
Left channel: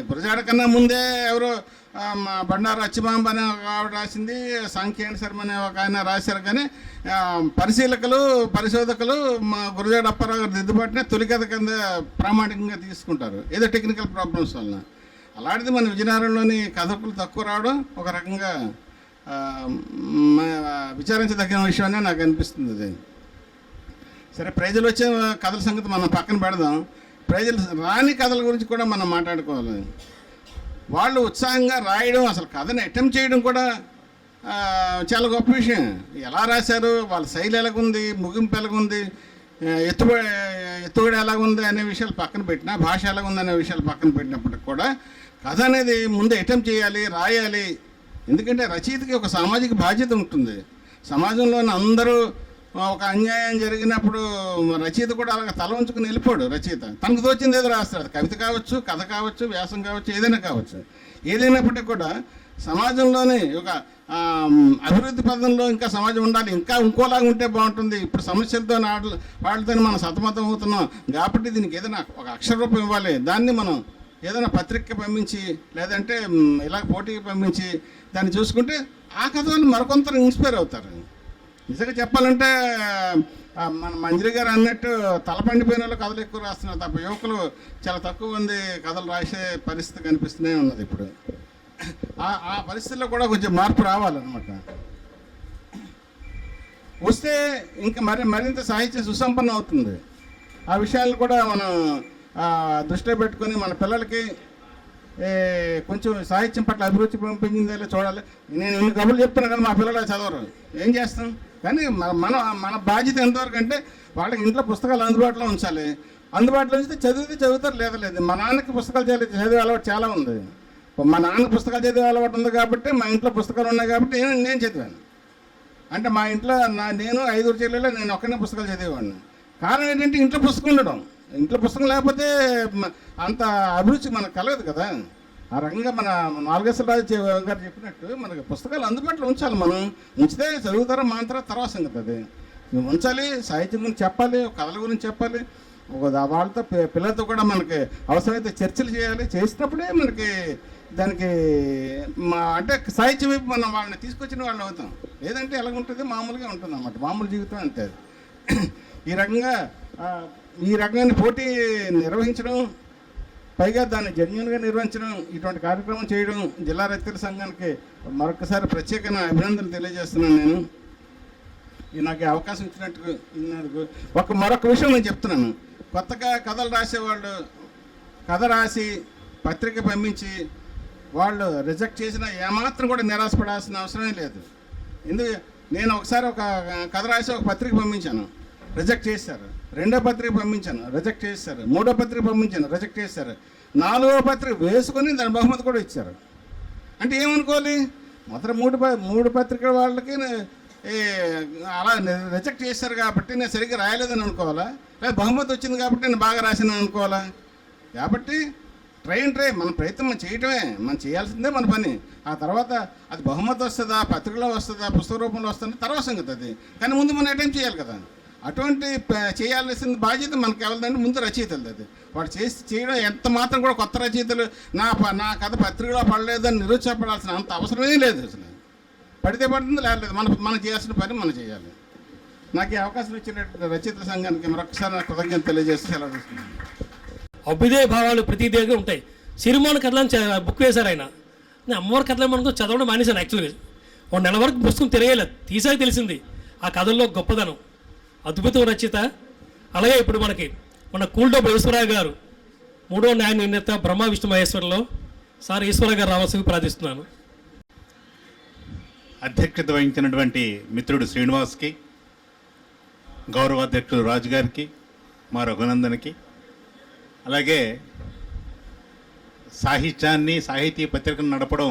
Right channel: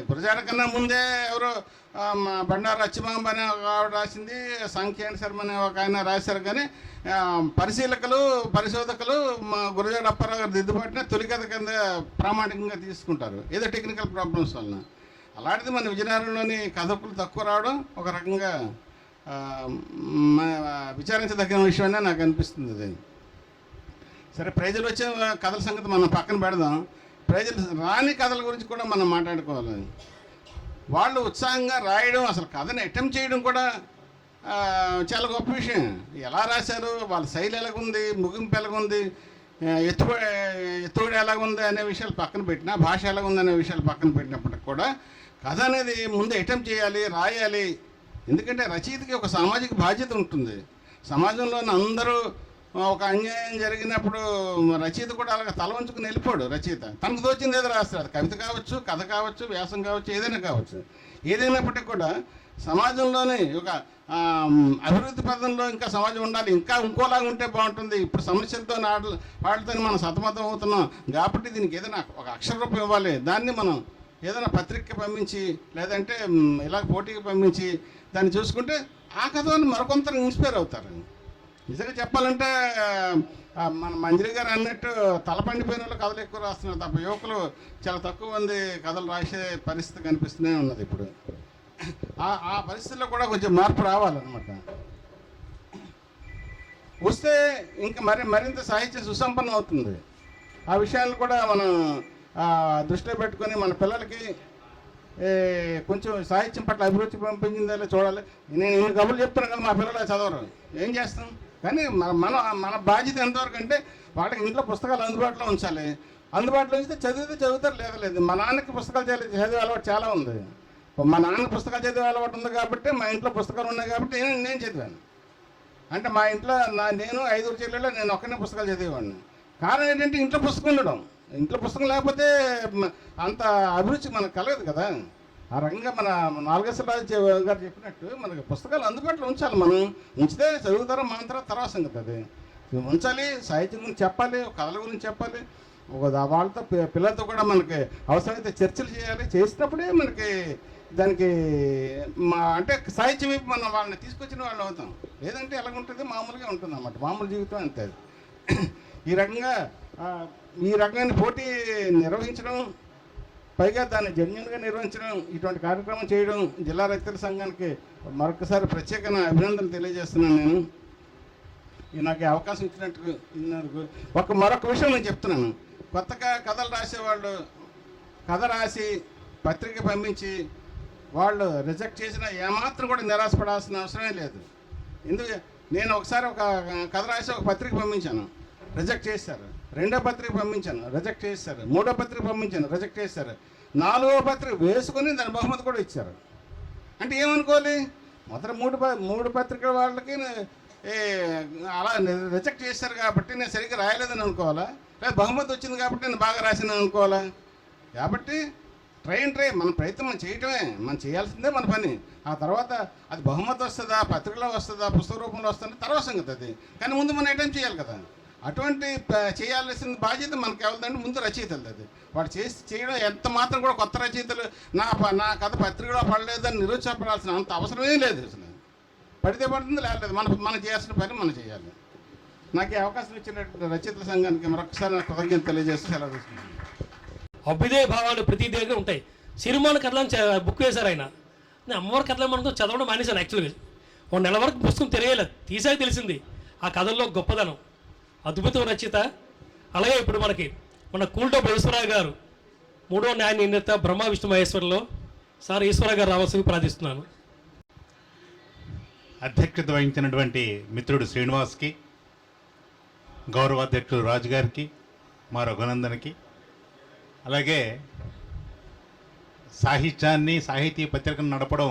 గురజాడ కన్నా ముందే ఎవరో బండారు అచ్చిమాంబ అనే ఒక ఆవిడ రాసింది, సంఖ్యాని శర్మ అనే ఒక ఆయన రాశారు. కానీ పరిశోధకులు మా గురజాడ అప్పారావు గారు దిద్దుబాటునే తొలి కథ కింద ప్రామాణికంగా తీసుకుంటారు, ఏదో టెక్నికల్ ప్రాబ్లమ్స్ వలన. అలాంటిది మన విజయనగరంలోని కథకులు తక్కువ రావడం ఒక రకంగా విచారించదగిన విషయమే నాకు అనిపిస్తుంది. అది సరే, ప్రజలు వచ్చే కథల సంగతి మనం పక్కన పెడదాం. ప్రజలు రాని కథల గురించి కూడా మనం మాట్లాడుకోవాలి. వాళ్ళు ఉత్సాహంగా రాయడం, అసలు కథని అటెంప్ట్ చేయడం కూడా చాలా గొప్ప విషయం. ఎలా రాశారు, వాళ్ళ శైలి ఎలాగుంది, ముగింపు ఎలాగుంది, ఎత్తుగడ ఎలాగుంది అనే విషయాలు పక్కన పెట్టినా, భాష ఎలాగుంది అనే విషయాలు పక్కన పెట్టినప్పటికి కూడా కథ అనేది ముందు అటెంప్ట్ చేయాలి, రాయాలి. ఎందుకంటే రచయితకి ఒక సామాజిక బాధ్యత ఉంటుంది. సమాజంలోని అందరూ ఒక అన్యాయం జరిగినప్పుడు రచయిత కూడా అలాగ తల ఉంచుకుని వెళ్ళిపోడు. రచయిత తనకు తోచింది ఏదో రాస్తాడు, కవిత కావచ్చు, కథ కావచ్చు, వ్యాసం కావచ్చు, ఏదైనా కావచ్చు. ఏదైనప్పటికీ కూడా సమాజంలోని ఒక అభివృద్ధి పదంలో ఇంకా సమాజం ఉండాలి, ఇంకా ఇంకోలాగా ఉంటే బాగుంటుంది. ఇప్పుడు సమస్యలతో వాటితో మనం సతమతం అవుతున్నాం కాబట్టి దీనికి ఏదైనా ఒక అక్షర రూపం ఇవ్వాలి. దాన్ని మనం ఏదైనా పత్రిక పంపించి, లేదంటే ఇలా పోటీకి పంపించి దాన్ని చూసుకుంటే ఆ కథ వాళ్ళు మరికొంతరు ఇన్స్పైర్ అవుతారు. నిజంగా చెప్పాలంటే మన మంజరి గారు అన్నట్టు తలపండిపోయిన వాళ్ళు కథలు ఎక్కువ రాస్తున్నారు తప్ప యువకులు చాలా తక్కువ మంది కథలు రాసే పరిస్థితి కనిపిస్తూనే ఉన్నది. ఇప్పుడు ఆ పరిస్థితుల్లో కూడా కొంచెం మార్పు రావాలన్నమాట. వస్తే ఇంకా మరింత సాహిత్యం సుసంపన్నం అవుతుంది. ఆ విషయాలను కూడా మనం దృష్టిలో పెట్టుకొని మన పిల్లలకి కొంచెం సాహిత్యం పట్ల అభిరుచి పెంచిందో చూడాలి. నేను ఇన్ని కబుర్లు చెప్తున్నాను కదా, మా పిల్లలు చదవరు, ఏం చేస్తాం? కానీ మన బాధ్యత ఎంతవరకు అంటే వాళ్ళకి ఇంట్లో పుస్తకాలు అందుబాటులో ఉంచాలి. అందుబాటులో ఉంచితే చదువుతారు, లేదు. మా నాన్నకి పుస్తకాలు చదివే అలవాటు చాలా ఉంది. మా నాన్నకి పుస్తకాలు చదివే అలవాటు ఉంది కాబట్టి మా ఇంట్లో పుస్తకాలు ఉన్నాయి కాబట్టి నేను చదివాను. అంటే మా ఇంట్లో నేను 5 చెల్లెలు, నేను ఒక్కనే పుస్తకాలు చదివేవాడిని. కారణం ఏంటంటే ఇంట్లో పుస్తకం ఉండడం. ఇంట్లో పుస్తకం లేకపోతే అంత అభిరుచి మనకు కలగదు కదా. ఆ రకంగా మన నాలుగేశ్వరరాజు గారు చెప్పినట్టు మనకి పుస్తకాలు అందుబాటులో ఉంచాలి. మనం ఉంచితే చదువుతారా మాంతారా తర్వాత సంగతి. అది ఉంచాలి, సాహిత్యం గురించి చెప్పాలి, కథల గురించి చెప్పాలి, వాళ్ళతో పిల్లలతో కూడా మనకి అవసరమైతే చర్చలు చేయాలి. చేసినప్పుడే మనకి దానికి అంటే సాహిత్యం వైపు మనం వాళ్ళని తీసుకొచ్చిన వాళ్ళు అవుతాం. లేదంటే ఎలాగుంటుంది, మామూలుగా ఉంటుంది అన్నమాట, మామూలు జీవితం అంతే. ఈ రకమైన పోటీ నిర్వహించడం, పైగా దాన్ని జెన్యూన్గా నిర్వహించడం, ఇటువంటి కార్యక్రమం చేయడం జిల్లా రచయితల సంఘానికి మరొకసారి ప్రత్యేకమైన అభినందనలు తెలియజేస్తున్నాను. నేను నాకు అవకాశం ఇచ్చినందుకు మరొక విషయం నేను చెప్తున్నాను. కొత్తగా కథలు రాసేవాళ్ళు కథ రాసి పత్రిక పంపించి వాళ్ళు రిజెక్ట్ చేసినా ఏమాత్రం కూడా నిరాశపడాల్సిన అవసరమే లేదు. నేను ఒకసారి ఒక కథ రాసి ఒక పత్రిక పంపించాను, రిజెక్ట్ చేశారు. 2వ పత్రిక పంపించాను, రిజెక్ట్ చేశారు. 3వ పత్రిక పంపించాను, రిజెక్ట్ చేశారు. 4వ పత్రిక వేసుకొని దాని బహుమతి కూడా ఇచ్చారు. అంటే ఏమనుకోవాలి, మొదట 3 పత్రికల వాళ్ళకి అలా రిజెక్ట్ చేశారు కాబట్టి నేను సరిగ్గా రాయలేదని అనుకోవాలా, లేదా బహుమతి వచ్చింది కాబట్టి నేను బాగా రాసినాను అనుకోవాలా? కాబట్టి ట్రై మన ప్రయత్నం మనం చేయటమే, మనం చేయాల్సిందే మన పని. ఆ తర్వాత అది బహుమతి వస్తుందా, పత్రికలో వస్తుందా, పుస్తక రూపంలో వస్తుందా తర్వాత సంగతి అది. కానీ ముందు మనం అటెంప్ట్ చేయాలి కదా. అటువంటి చేయాల్సిన బాధ్యత మనకు ఎవరిదంటే ముందు రచయితలది. అది వాడు చేయడం ఎంత మాత్రం కూడా కొత్త రచయితలు నా కథ పత్రికలో పడలేదని నిరుత్సాహపడాల్సిన అంత అవసరమే లేదు. అసలు పడితే పడుతుంది, లేదు మనం చేయాల్సిన పని మనం చేయాలి. నాకు ఈ అవకాశం ఇచ్చినటువంటి రచయితల సంఘానికి మరొకసారి నాకు కృతజ్ఞత తెలియజేస్తూ సెలవు తీసుకున్నాను. అభ్యుదయ భావాలు ప్రతి దగ్గర ఉంటాయి. సిరిమాన కథలను బుక్ వేశారు ఆయన. నేను అమ్మవారి కథలు మనకు చదవడం మానేశాను. యాక్చువల్గా 1 నెల వరకు పుస్తకం తెలియలేదు, తీసాక తెలిసింది ఆ కథల్లో గొప్పదనం. అద్భుతం రచయిత. అలాగే ఇప్పుడు మన కూల్డోబు ఈశ్వరరావు గారు 3వ న్యాయ నిర్ణేత బ్రహ్మ విష్ణు మహేశ్వరంలో సార్ ఈశ్వరరావు గారు రావాల్సింది ప్రార్థిస్తున్నాను. అధ్యక్షత వహించినటువంటి మిత్రుడు శ్రీనివాస్కి, గౌరవాధ్యక్షుడు రాజు గారికి, మా రఘునందన్కి, అలాగే సాహిత్యాన్ని సాహితీ పత్రికను నడపడం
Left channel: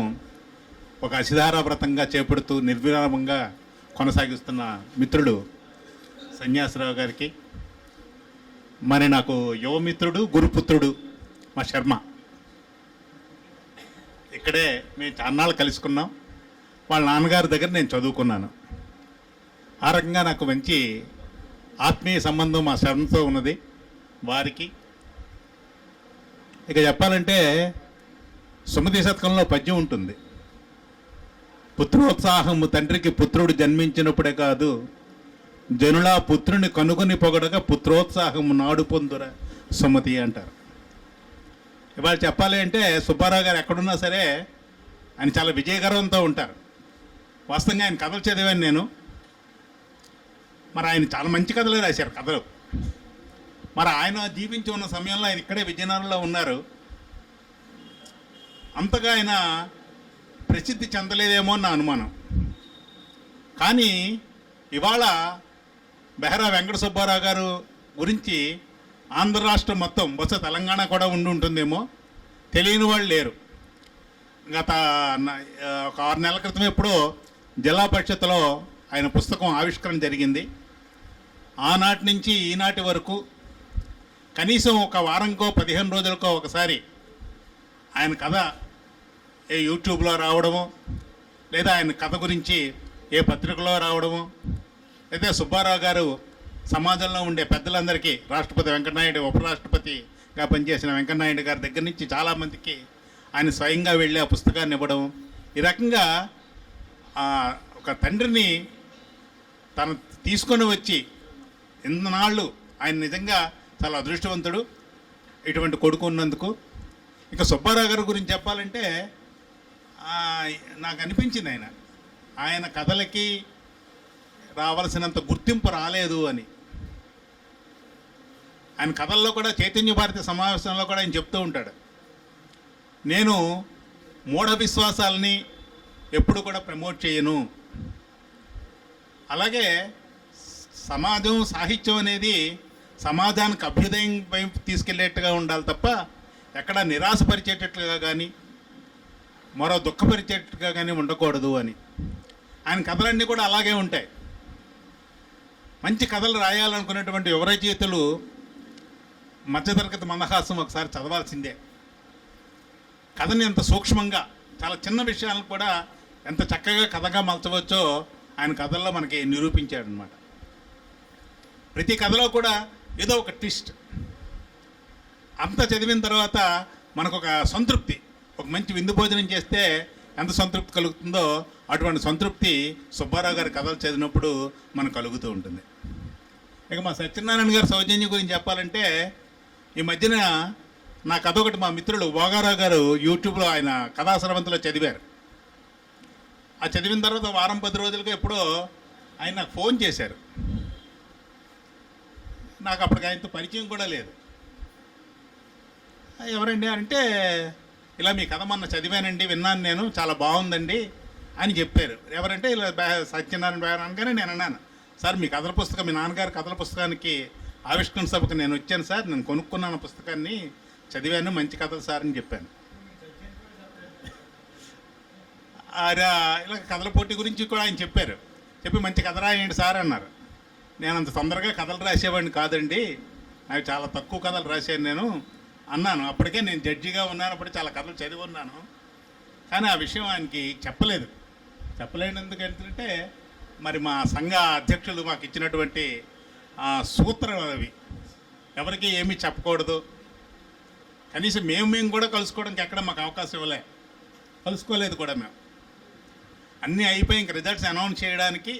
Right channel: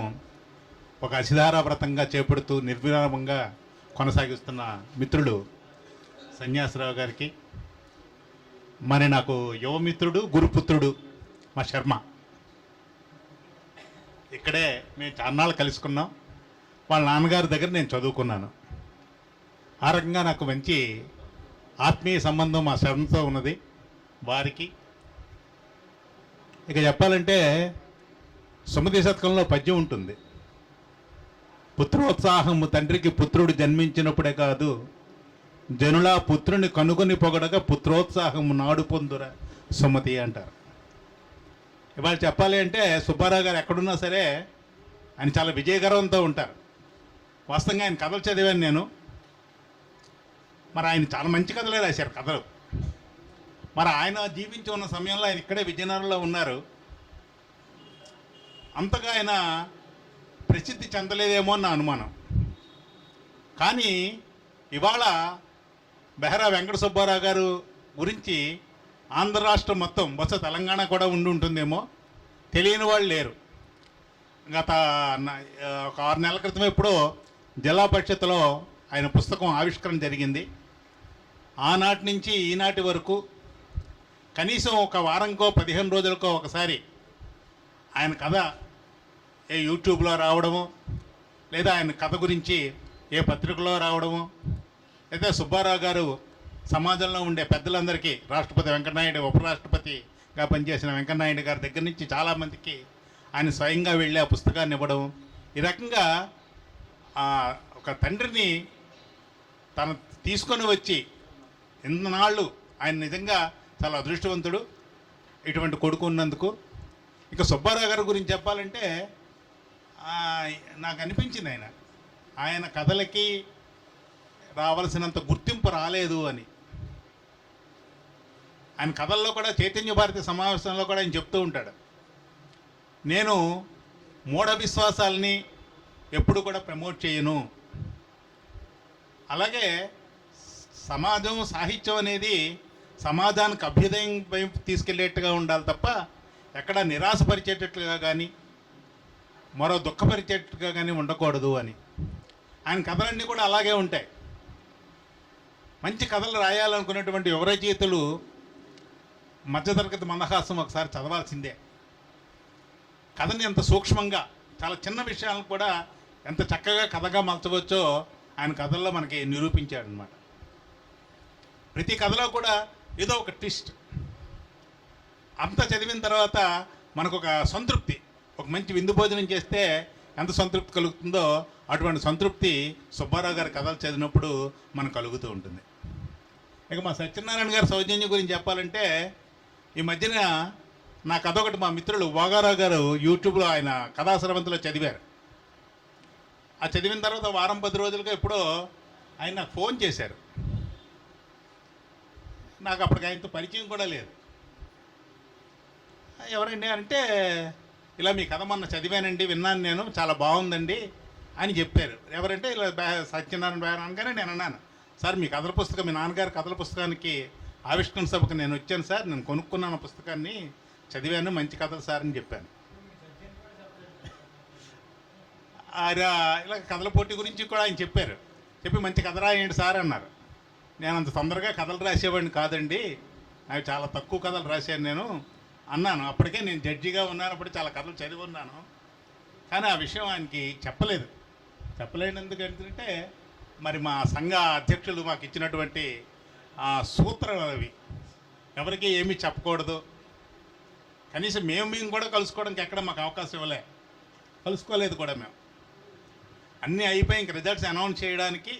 ఒక అసిధారావ్రతంగా చేపడుతూ నిర్విరామంగా కొనసాగిస్తున్న మిత్రుడు సన్యాసరావు గారికి, మరి నాకు యువమిత్రుడు గురుపుత్రుడు మా శర్మ, ఇక్కడే మేము చాన్నాళ్ళు కలుసుకున్నాం. వాళ్ళ నాన్నగారి దగ్గర నేను చదువుకున్నాను. ఆ రకంగా నాకు మంచి ఆత్మీయ సంబంధం మా శర్మతో ఉన్నది. వారికి ఇక చెప్పాలంటే సుమతి శతకంలో పద్యం ఉంటుంది, పుత్రోత్సాహము తండ్రికి పుత్రుడు జన్మించినప్పుడే కాదు, జనులా పుత్రుని కనుగొని పొగడగా పుత్రోత్సాహము నాడు పొందురా సుమతి అంటారు. ఇవాళ చెప్పాలి అంటే సుబ్బారావు గారు ఎక్కడున్నా సరే ఆయన చాలా విజయగర్వంతో ఉంటారు. వాస్తవంగా ఆయన కథలు చదివాను నేను. మరి ఆయన చాలా మంచి కథలే రాశారు కథలు. మరి ఆయన జీవించి ఉన్న సమయంలో ఆయన ఇక్కడే విజయనగరంలో ఉన్నారు. అంతగా ఆయన ప్రసిద్ధి చెందలేదేమో నా అనుమానం. కానీ ఇవాళ బెహరా వెంకట సుబ్బారావు గారు గురించి ఆంధ్ర రాష్ట్రం మొత్తం, బహుశా తెలంగాణ కూడా ఉండి ఉంటుందేమో, తెలియని వాళ్ళు లేరు. గత ఒక 6 నెలల క్రితం ఎప్పుడో జిల్లా పరిషత్తులో ఆయన పుస్తకం ఆవిష్కరణ జరిగింది. ఆనాటి నుంచి ఈనాటి వరకు కనీసం ఒక వారంకో 15 రోజులకో ఒకసారి ఆయన కథ ఏ యూట్యూబ్లో రావడము, లేదా ఆయన కథ గురించి ఏ పత్రికలో రావడము, లేదా సుబ్బారావు గారు సమాజంలో ఉండే పెద్దలందరికీ, రాష్ట్రపతి వెంకటనాయుడు, ఉపరాష్ట్రపతిగా పనిచేసిన వెంకటనాయుడు గారి దగ్గర నుంచి చాలామందికి ఆయన స్వయంగా వెళ్ళి ఆ పుస్తకాన్ని ఇవ్వడం, ఈ రకంగా ఒక తండ్రిని తను తీసుకొని వచ్చి ఎన్నాళ్ళు ఆయన నిజంగా చాలా అదృష్టవంతుడు ఇటువంటి కొడుకు ఉన్నందుకు. ఇక సుబ్బారావు గారి గురించి చెప్పాలంటే నాకు అనిపించింది ఆయన కథలకి రావాల్సినంత గుర్తింపు రాలేదు అని. ఆయన కథల్లో కూడా చైతన్య భారతి సమావేశంలో కూడా ఆయన చెప్తూ ఉంటాడు, నేను మూఢ విశ్వాసాలని ఎప్పుడు కూడా ప్రమోట్ చేయను, అలాగే సమాజం సాహిత్యం అనేది సమాజానికి అభ్యుదయం వైపు తీసుకెళ్లేట్టుగా ఉండాలి తప్ప ఎక్కడ నిరాశపరిచేటట్లుగా కానీ మరో దుఃఖపరిచేట్టుగా కానీ ఉండకూడదు అని. ఆయన కథలన్నీ కూడా అలాగే ఉంటాయి. మంచి కథలు రాయాలనుకునేటువంటి యువ రచయితలు మధ్యతరగతి మందహాసం ఒకసారి చదవాల్సిందే. కథని ఎంత సూక్ష్మంగా, చాలా చిన్న విషయాలను కూడా ఎంత చక్కగా కథగా మలచవచ్చో ఆయన కథల్లో మనకి నిరూపించాడనమాట. ప్రతి కథలో కూడా ఏదో ఒక ట్విస్ట్. అంతా చదివిన తర్వాత మనకు ఒక సంతృప్తి, ఒక మంచి విందు భోజనం చేస్తే ఎంత సంతృప్తి కలుగుతుందో అటువంటి సంతృప్తి సుబ్బారావు గారి కథలు చదివినప్పుడు మనకు కలుగుతూ ఉంటుంది. ఇక మా సత్యనారాయణ గారి సౌజన్యం గురించి చెప్పాలంటే, ఈ మధ్యన నా కథ ఒకటి మా మిత్రులు భోగారావు గారు యూట్యూబ్లో ఆయన కథాశ్రవంతిలో చదివారు. ఆ చదివిన తర్వాత వారం 10 రోజులుగా ఎప్పుడో ఆయన నాకు ఫోన్ చేశారు. నాకు అప్పటికి ఆయనతో పరిచయం కూడా లేదు. ఎవరండి అంటే, ఇలా మీ కథ మొన్న చదివానండి, విన్నాను నేను, చాలా బాగుందండి అని చెప్పారు. ఎవరంటే ఇలా సత్యనారాయణ బేర అనగానే నేను అన్నాను, సార్ మీ కథల పుస్తకం, మీ నాన్నగారి కథల పుస్తకానికి ఆవిష్కరణ సభకు నేను వచ్చాను సార్, నేను కొనుక్కున్నాను పుస్తకాన్ని, చదివాను, మంచి కథలు సార్ అని చెప్పాను. ఇలా కథల పోటీ గురించి కూడా ఆయన చెప్పారు. చెప్పి మంచి కథ రాయండి సార్ అన్నారు. నేను అంత తొందరగా కథలు రాసేవాడిని కాదండి, నాకు చాలా తక్కువ కథలు రాశాను నేను అన్నాను. అప్పటికే నేను జడ్జిగా ఉన్నాను, అప్పుడు చాలా కథలు చదివి ఉన్నాను. కానీ ఆ విషయం ఆయనకి చెప్పలేదు. చెప్పలేనందుకు ఏంటంటే, మరి మా సంఘ అధ్యక్షులు మాకు ఇచ్చినటువంటి సూత్రాలు అవి, ఎవరికి ఏమీ చెప్పకూడదు, కనీసం మేము కూడా కలుసుకోవడానికి ఎక్కడ మాకు అవకాశం ఇవ్వలే, కలుసుకోలేదు కూడా మేము. అన్నీ అయిపోయి ఇంక రిజల్ట్స్ అనౌన్స్ చేయడానికి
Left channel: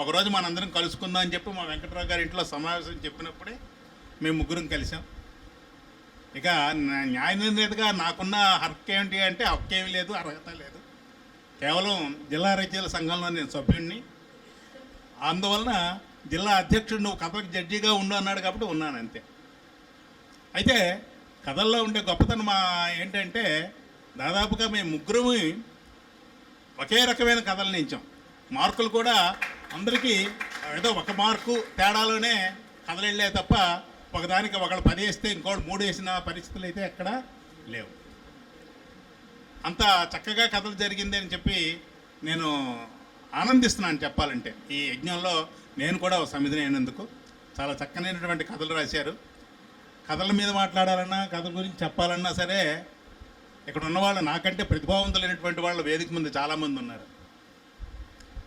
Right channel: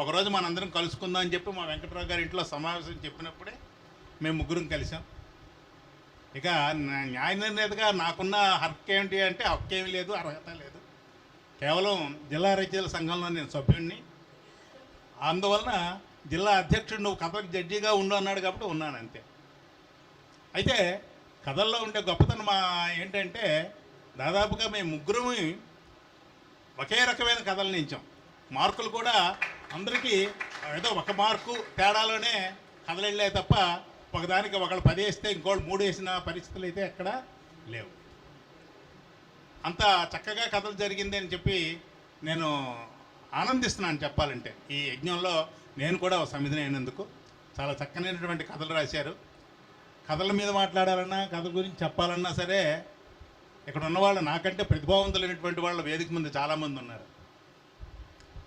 ఒకరోజు మనందరం కలుసుకుందాం అని చెప్పి మా వెంకటరావు గారి ఇంట్లో సమావేశం చెప్పినప్పుడే మేము ముగ్గురం కలిసాం. ఇక న్యాయ నిర్ణేతగా నాకున్న హక్కు ఏంటి అంటే, హక్కు ఏమీ లేదు, అర్హత లేదు, కేవలం జిల్లా రచయితల సంఘంలో నేను సభ్యుడిని, అందువలన జిల్లా అధ్యక్షుడు నువ్వు కథలకు జడ్జిగా ఉండు అన్నాడు కాబట్టి ఉన్నాను అంతే. అయితే కథల్లో ఉండే గొప్పతనం ఏంటంటే, దాదాపుగా మేము ముగ్గురు ఒకే రకమైన కథలు నించాం. మార్కులు కూడా అందరికీ ఏదో 1 మార్కు తేడాలోనే కథలు వెళ్ళే తప్ప, ఒకదానికి ఒకళ్ళు 10 వేస్తే ఇంకోళ్ళు 3 వేసిన పరిస్థితులు అయితే ఎక్కడా లేవు. అంత చక్కగా కథలు జరిగింది అని చెప్పి నేను ఆనందిస్తున్నాను చెప్పాలంటే. ఈ యజ్ఞంలో నేను కూడా ఒక సమిధిని అయినందుకు చాలా చక్కనైనటువంటి కథలు రాశారు. కథల మీద మాట్లాడాలన్నా, కథల గురించి చెప్పాలన్నా సరే ఇక్కడ ఉన్నవాళ్ళు నాకంటే ప్రతిభావంతులైనటువంటి వాళ్ళ వేదిక ముందు చాలామంది ఉన్నారు.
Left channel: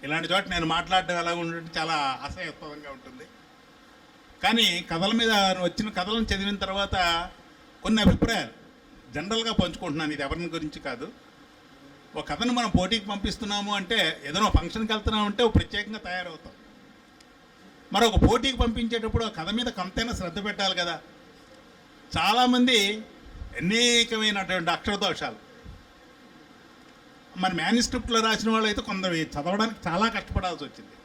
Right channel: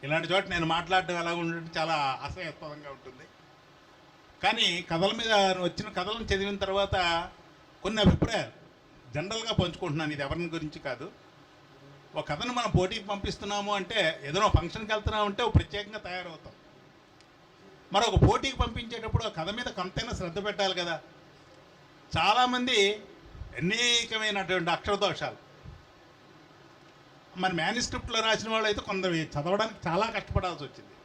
ఇలాంటి చోట నేను మాట్లాడడం ఎలా ఉంటుంటే చాలా అసహ్యాస్పదంగా ఉంటుంది. కానీ కథల మీద వచ్చిన కథలను చదివిన తర్వాత కొన్ని అభిప్రాయాలు జనరల్గా పంచుకుంటున్నాను. ఇది ఎవరిని గురించి కాదు. ఒక కథను మనం పోటీకి పంపిస్తున్నాము అంటే, ఏదైనా ఫంక్షన్కి వెళ్తున్నాము అంటే ఒక ప్రత్యేకంగా తయారవుతాం. మరొక పోటీకి పంపించేటప్పుడు ఆ కథ మీద కొంతైనా శ్రద్ధ పెట్టాలి కదా. చాలామంది అనేకమైనటువంటి అక్షర దోషాలు. మన మేనుస్క్రిప్ట్లో రాసిన వాళ్ళు అయితే కొందరు చదవడానికి చాలా కష్టపడాల్సి వచ్చింది.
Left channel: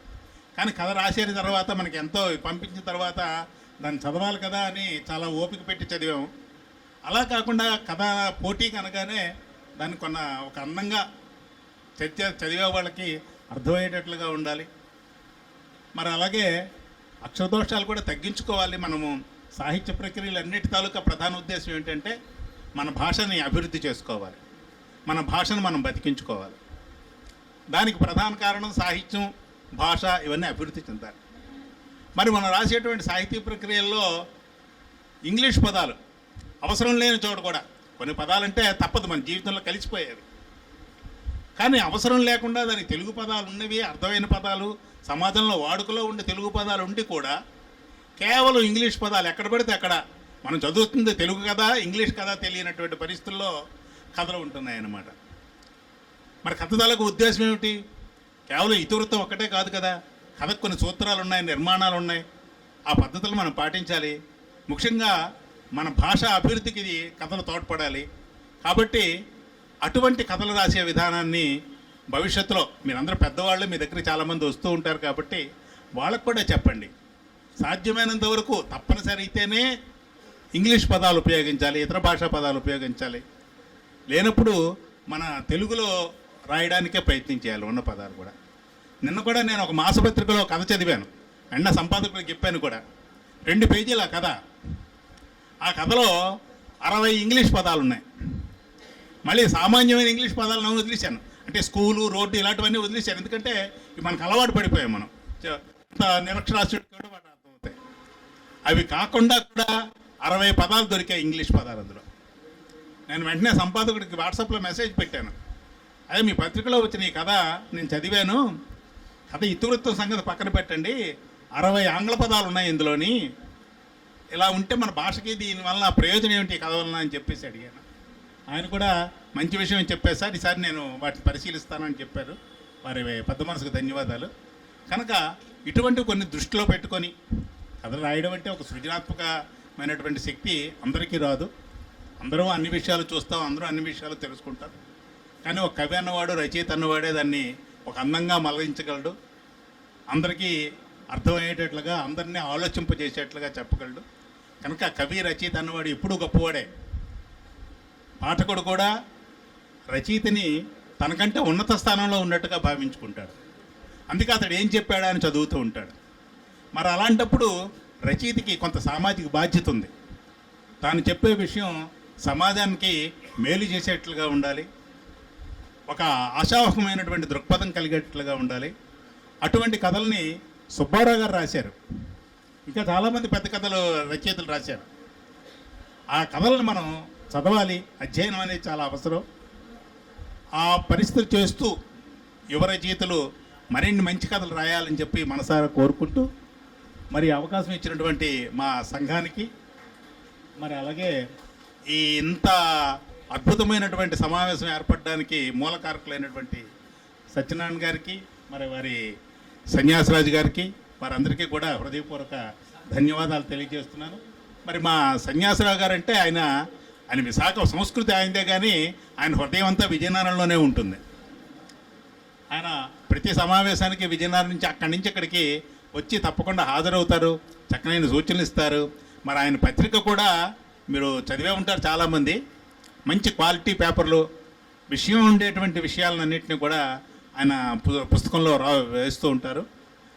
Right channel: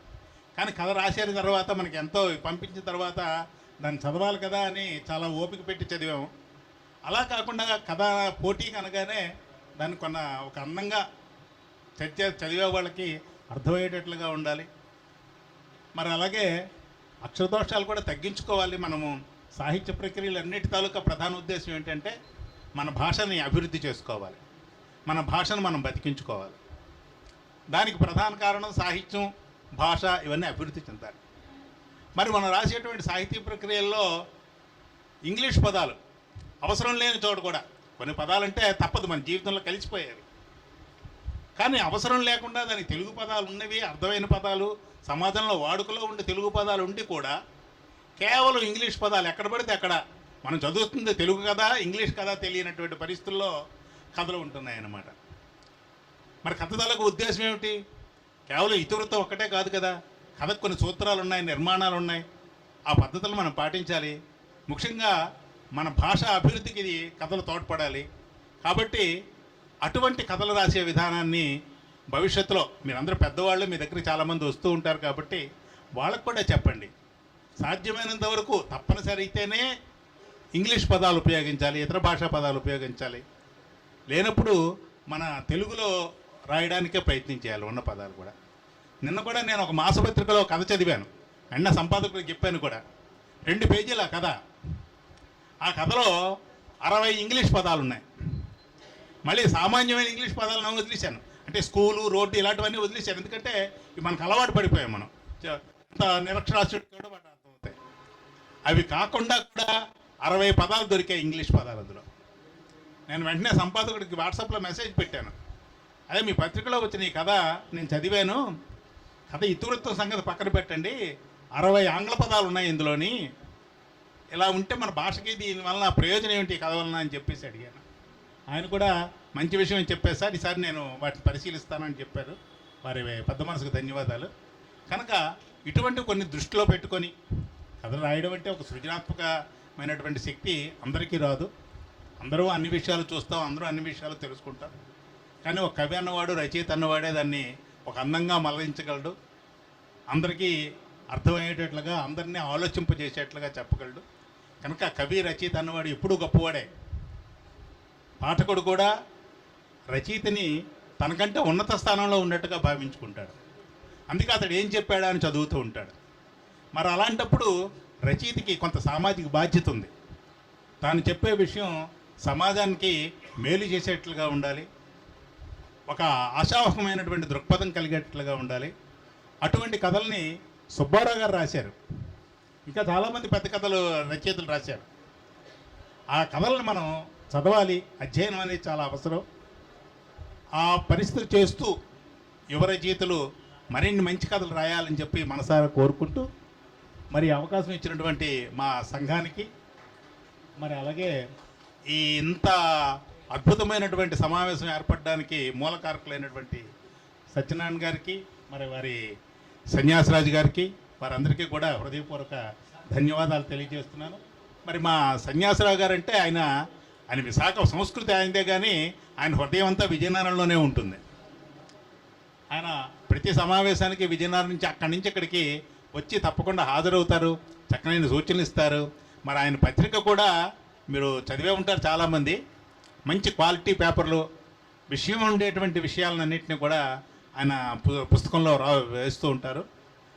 కానీ కథ రాసేది తర్వాత మనకి ఎంతో పంపించిన తర్వాత దాన్ని చదవాలి కదా అని చాలా ఓపిక పెట్టి చదివాము. అలా కాకుండా కథ పోటీకి అనగానే దాన్ని ఒక అందంగా చదివే వాళ్ళకి అర్థమయ్యేటట్లుగా ఉండాలి. మరి అలాగే అక్షరదోషాలు కూడా తగ్గించుకోవాలి. మనము సాహిత్య ప్రక్రియలు అన్నిటి తాలూకా ప్రధాన ఉద్దేశం ఏంటంటే మన భాషని అభివృద్ధి చేసుకోవాలి, మన భాషను మనం బతికించుకోవాలి. దానికి ప్రధాన కారణం సాహిత్యం, భాష ఇవన్నీ అభివృద్ధి చెందాలి. మరి మనం రాసేటువంటి సాహితీ ప్రక్రియల్లో ఇంగ్లీష్ పదాలు అవసరం లేని చోట కూడా కొన్ని పదాలంటే తప్పదు, మన జీవితంలో కలిసిపోయేవి. కానీ అవసరం లేకుండా దానికి తెలుగు పదాలు ఉన్నవి, అర్థమైన పదాలు, సమాజంలో వాడుకలో ఉండే తెలుగు పదాలు ఉండి కూడా కేవలం ఇంగ్లీష్ పదాలు ఎక్కడ పడితే అక్కడ మనం చదువుతుంది తెలుగు కదా, ఇంగ్లీష్ కదా తెలియనటువంటి పరిస్థితుల్లో కథలు ఉంటున్నాయన్నమాట. మరి కథలకు ఉద్దేశం ఏమిటి? కేవలం ఇతివృత్తం ఒక్కటే కాదు కదా. కథకు కొన్ని సూత్రాలు ఉన్నాయి, నిర్మాణాలు ఉన్నాయి. ఆ పద్ధతులు మనం పాటించాలి. ముఖ్యంగా మన భాష అభివృద్ధికి ఇది కథలు తోడ్పడాలి. కాబట్టి అటువంటి కథలు రాసే విధానాన్ని భవిష్యత్తులో మీరందరూ పెద్దవాళ్ళు, మీ దగ్గర చాలామంది వస్తూ ఉంటారు కాబట్టి వాళ్ళకు కూడా చెప్పండి. సాధ్యమైనంత వరకు తప్పనిసరి అయితేనే ఇంగ్లీష్ పదాలు ఉపయోగించాలి, ఇతర భాషా పదాలు ఉపయోగించాలి. లేనప్పుడు మన తెలుగులో రాయడానికే ప్రయత్నం చేయాలి ఉన్న పదాలు కూడా. నిన్న కూడా నేను ఒక మాసపత్రికలో కథ చదివాను, వెంటనే సంపాదకులకు చెప్పాను కూడా. 2 పేజీల కథ. ఆ కథలో 60 ఇంగ్లీష్ పదాలు ఉన్నాయి. మళ్ళీ సామాన్యమైన ఇంగ్లీష్ పదాలను వదిలేశాను, అంటే స్కూలు, రోడ్డు ఇలాంటివన్నీ వదిలేశాను. ఎందుకంటే మనకు అలవాటు పడిపోయాం మనం, నిరక్షరాస్యుడికి కూడా వాటి అర్థమవుతాయి. అవి కాకుండా కూడా 60 పదాలు దొరికాయి ఇంగ్లీష్ పదాలు అందులో. నేను వెంటనే సంపాదకుడికి వాట్సాప్లో మెసేజ్ పెట్టాను, అదే మీ పత్రికలో వచ్చిన ఈ కథ నేను చదివాను, కథ ఇతివృత్తం సంగతి పక్కన పెట్టండి, 60 ఆంగ్ల పదాలు ఉన్నాయి ఇందులోని, ఇలా ఉంటే మన భాషకి దీనివల్ల ప్రయోజనం ఏమిటి ఈ కథ వలన అని చెప్పేసి అడిగాను. ఆయన కూడా మంచి విషయం చెప్పారు సార్, ఈసారి నేను వాటిని పరిశీలిస్తానని చెప్పారు. వారి పెద్ద మనసుకు ధన్యవాదాలు. కనుక ఇటువంటి కొన్ని దృష్టిలో పెట్టుకొని కథలు రాయడం అంటే ఒక సృజనాత్మకమైనటువంటి శక్తి అందరికీ రాదు. అందరూ అన్ని విషయాలు చూస్తాం, అందరూ అన్ని విషయాలు తెలుసుకుంటారు. కానీ ఒక కవి అన్నవాడు, రచయిత అన్నవాడే దాన్ని ఒక అందంగా మలగించగలడు, అందరికీ అర్థమయ్యేటట్లుగా, అందరినీ ఆలోచింపజేసేట్లుగా చెప్పగలడు. కనుక కవి, రచయిత అన్నవాడు ఎప్పుడూ గొప్పవాడే. పాఠకుడు కూడా రచయితని తనకంటే ఉన్నత స్థానంలో ఉన్నట్టుగా భావించుకుంటాడు. అందుకే అతడు ఏం చెప్పాడా అని చదువుతూ ఉంటాడు. మరి అలాంటప్పుడు రచయితకి కొంత సామాజిక బాధ్యత ఉంది. తాను చెప్పే విషయం సమాజానికి మేలు చేసేట్లుగా ఉండాలి, ఒక ఆశావహమైనటువంటి దృక్పథం కలిగేట్లుగా ఉండాలి. అటువంటి కథల్ని సుబ్బారావు గారు రాశారు, ఇంకా చాలామంది పెద్ద కథలు రచయితలు రాశారు. ఆ కథలను మనం చదవాలి, అధ్యయనం అనేది చాలా అవసరం. ఆ పరిస్థితి చేస్తూ యువ రచయితలు మరిన్ని మంచి కథలు రాయాలని చెప్పి మనసారా కోరుకుంటూ, మరి అవకాశం ఇచ్చినటువంటి మా సంఘానికి, మరి అలాగే ఈ ఇంత అద్భుతమైనటువంటి సమావేశం ఏర్పడడానికి మూలకారకులైనటువంటి సత్యనారాయణ గారికి, మరి వారి సన్యాసరాజు గారికి, వారందరికీ కూడా హృదయపూర్వక ధన్యవాదాలు తెలియజేస్తున్నాను. మరి మా సన్యాసరావు గారు అంటే ఆయన విశాఖ సంస్కృతి ఆయనదే, కానీ ఆయన హృదయం అంతా విజయనగరంలోనే ఉంటుంది. ఆయన ప్రతి సమావేశానికి విజయనగరం నుంచి అక్కడి నుంచి ఇక్కడికి వచ్చి తప్పకుండా హాజరవుతారు, చక్కనైన సూచనలు ఇస్తారు. మరి ఆయన పత్రిక కూడా మీరు చదివే ఉంటారు చాలామంది. మంచి క్వాలిటీ పేపర్లు, విషయం ఉండేటువంటి విషయాలన్నింటినీ కూడా ఆయన పుస్తకంలో వేస్తూ ఉంటారు.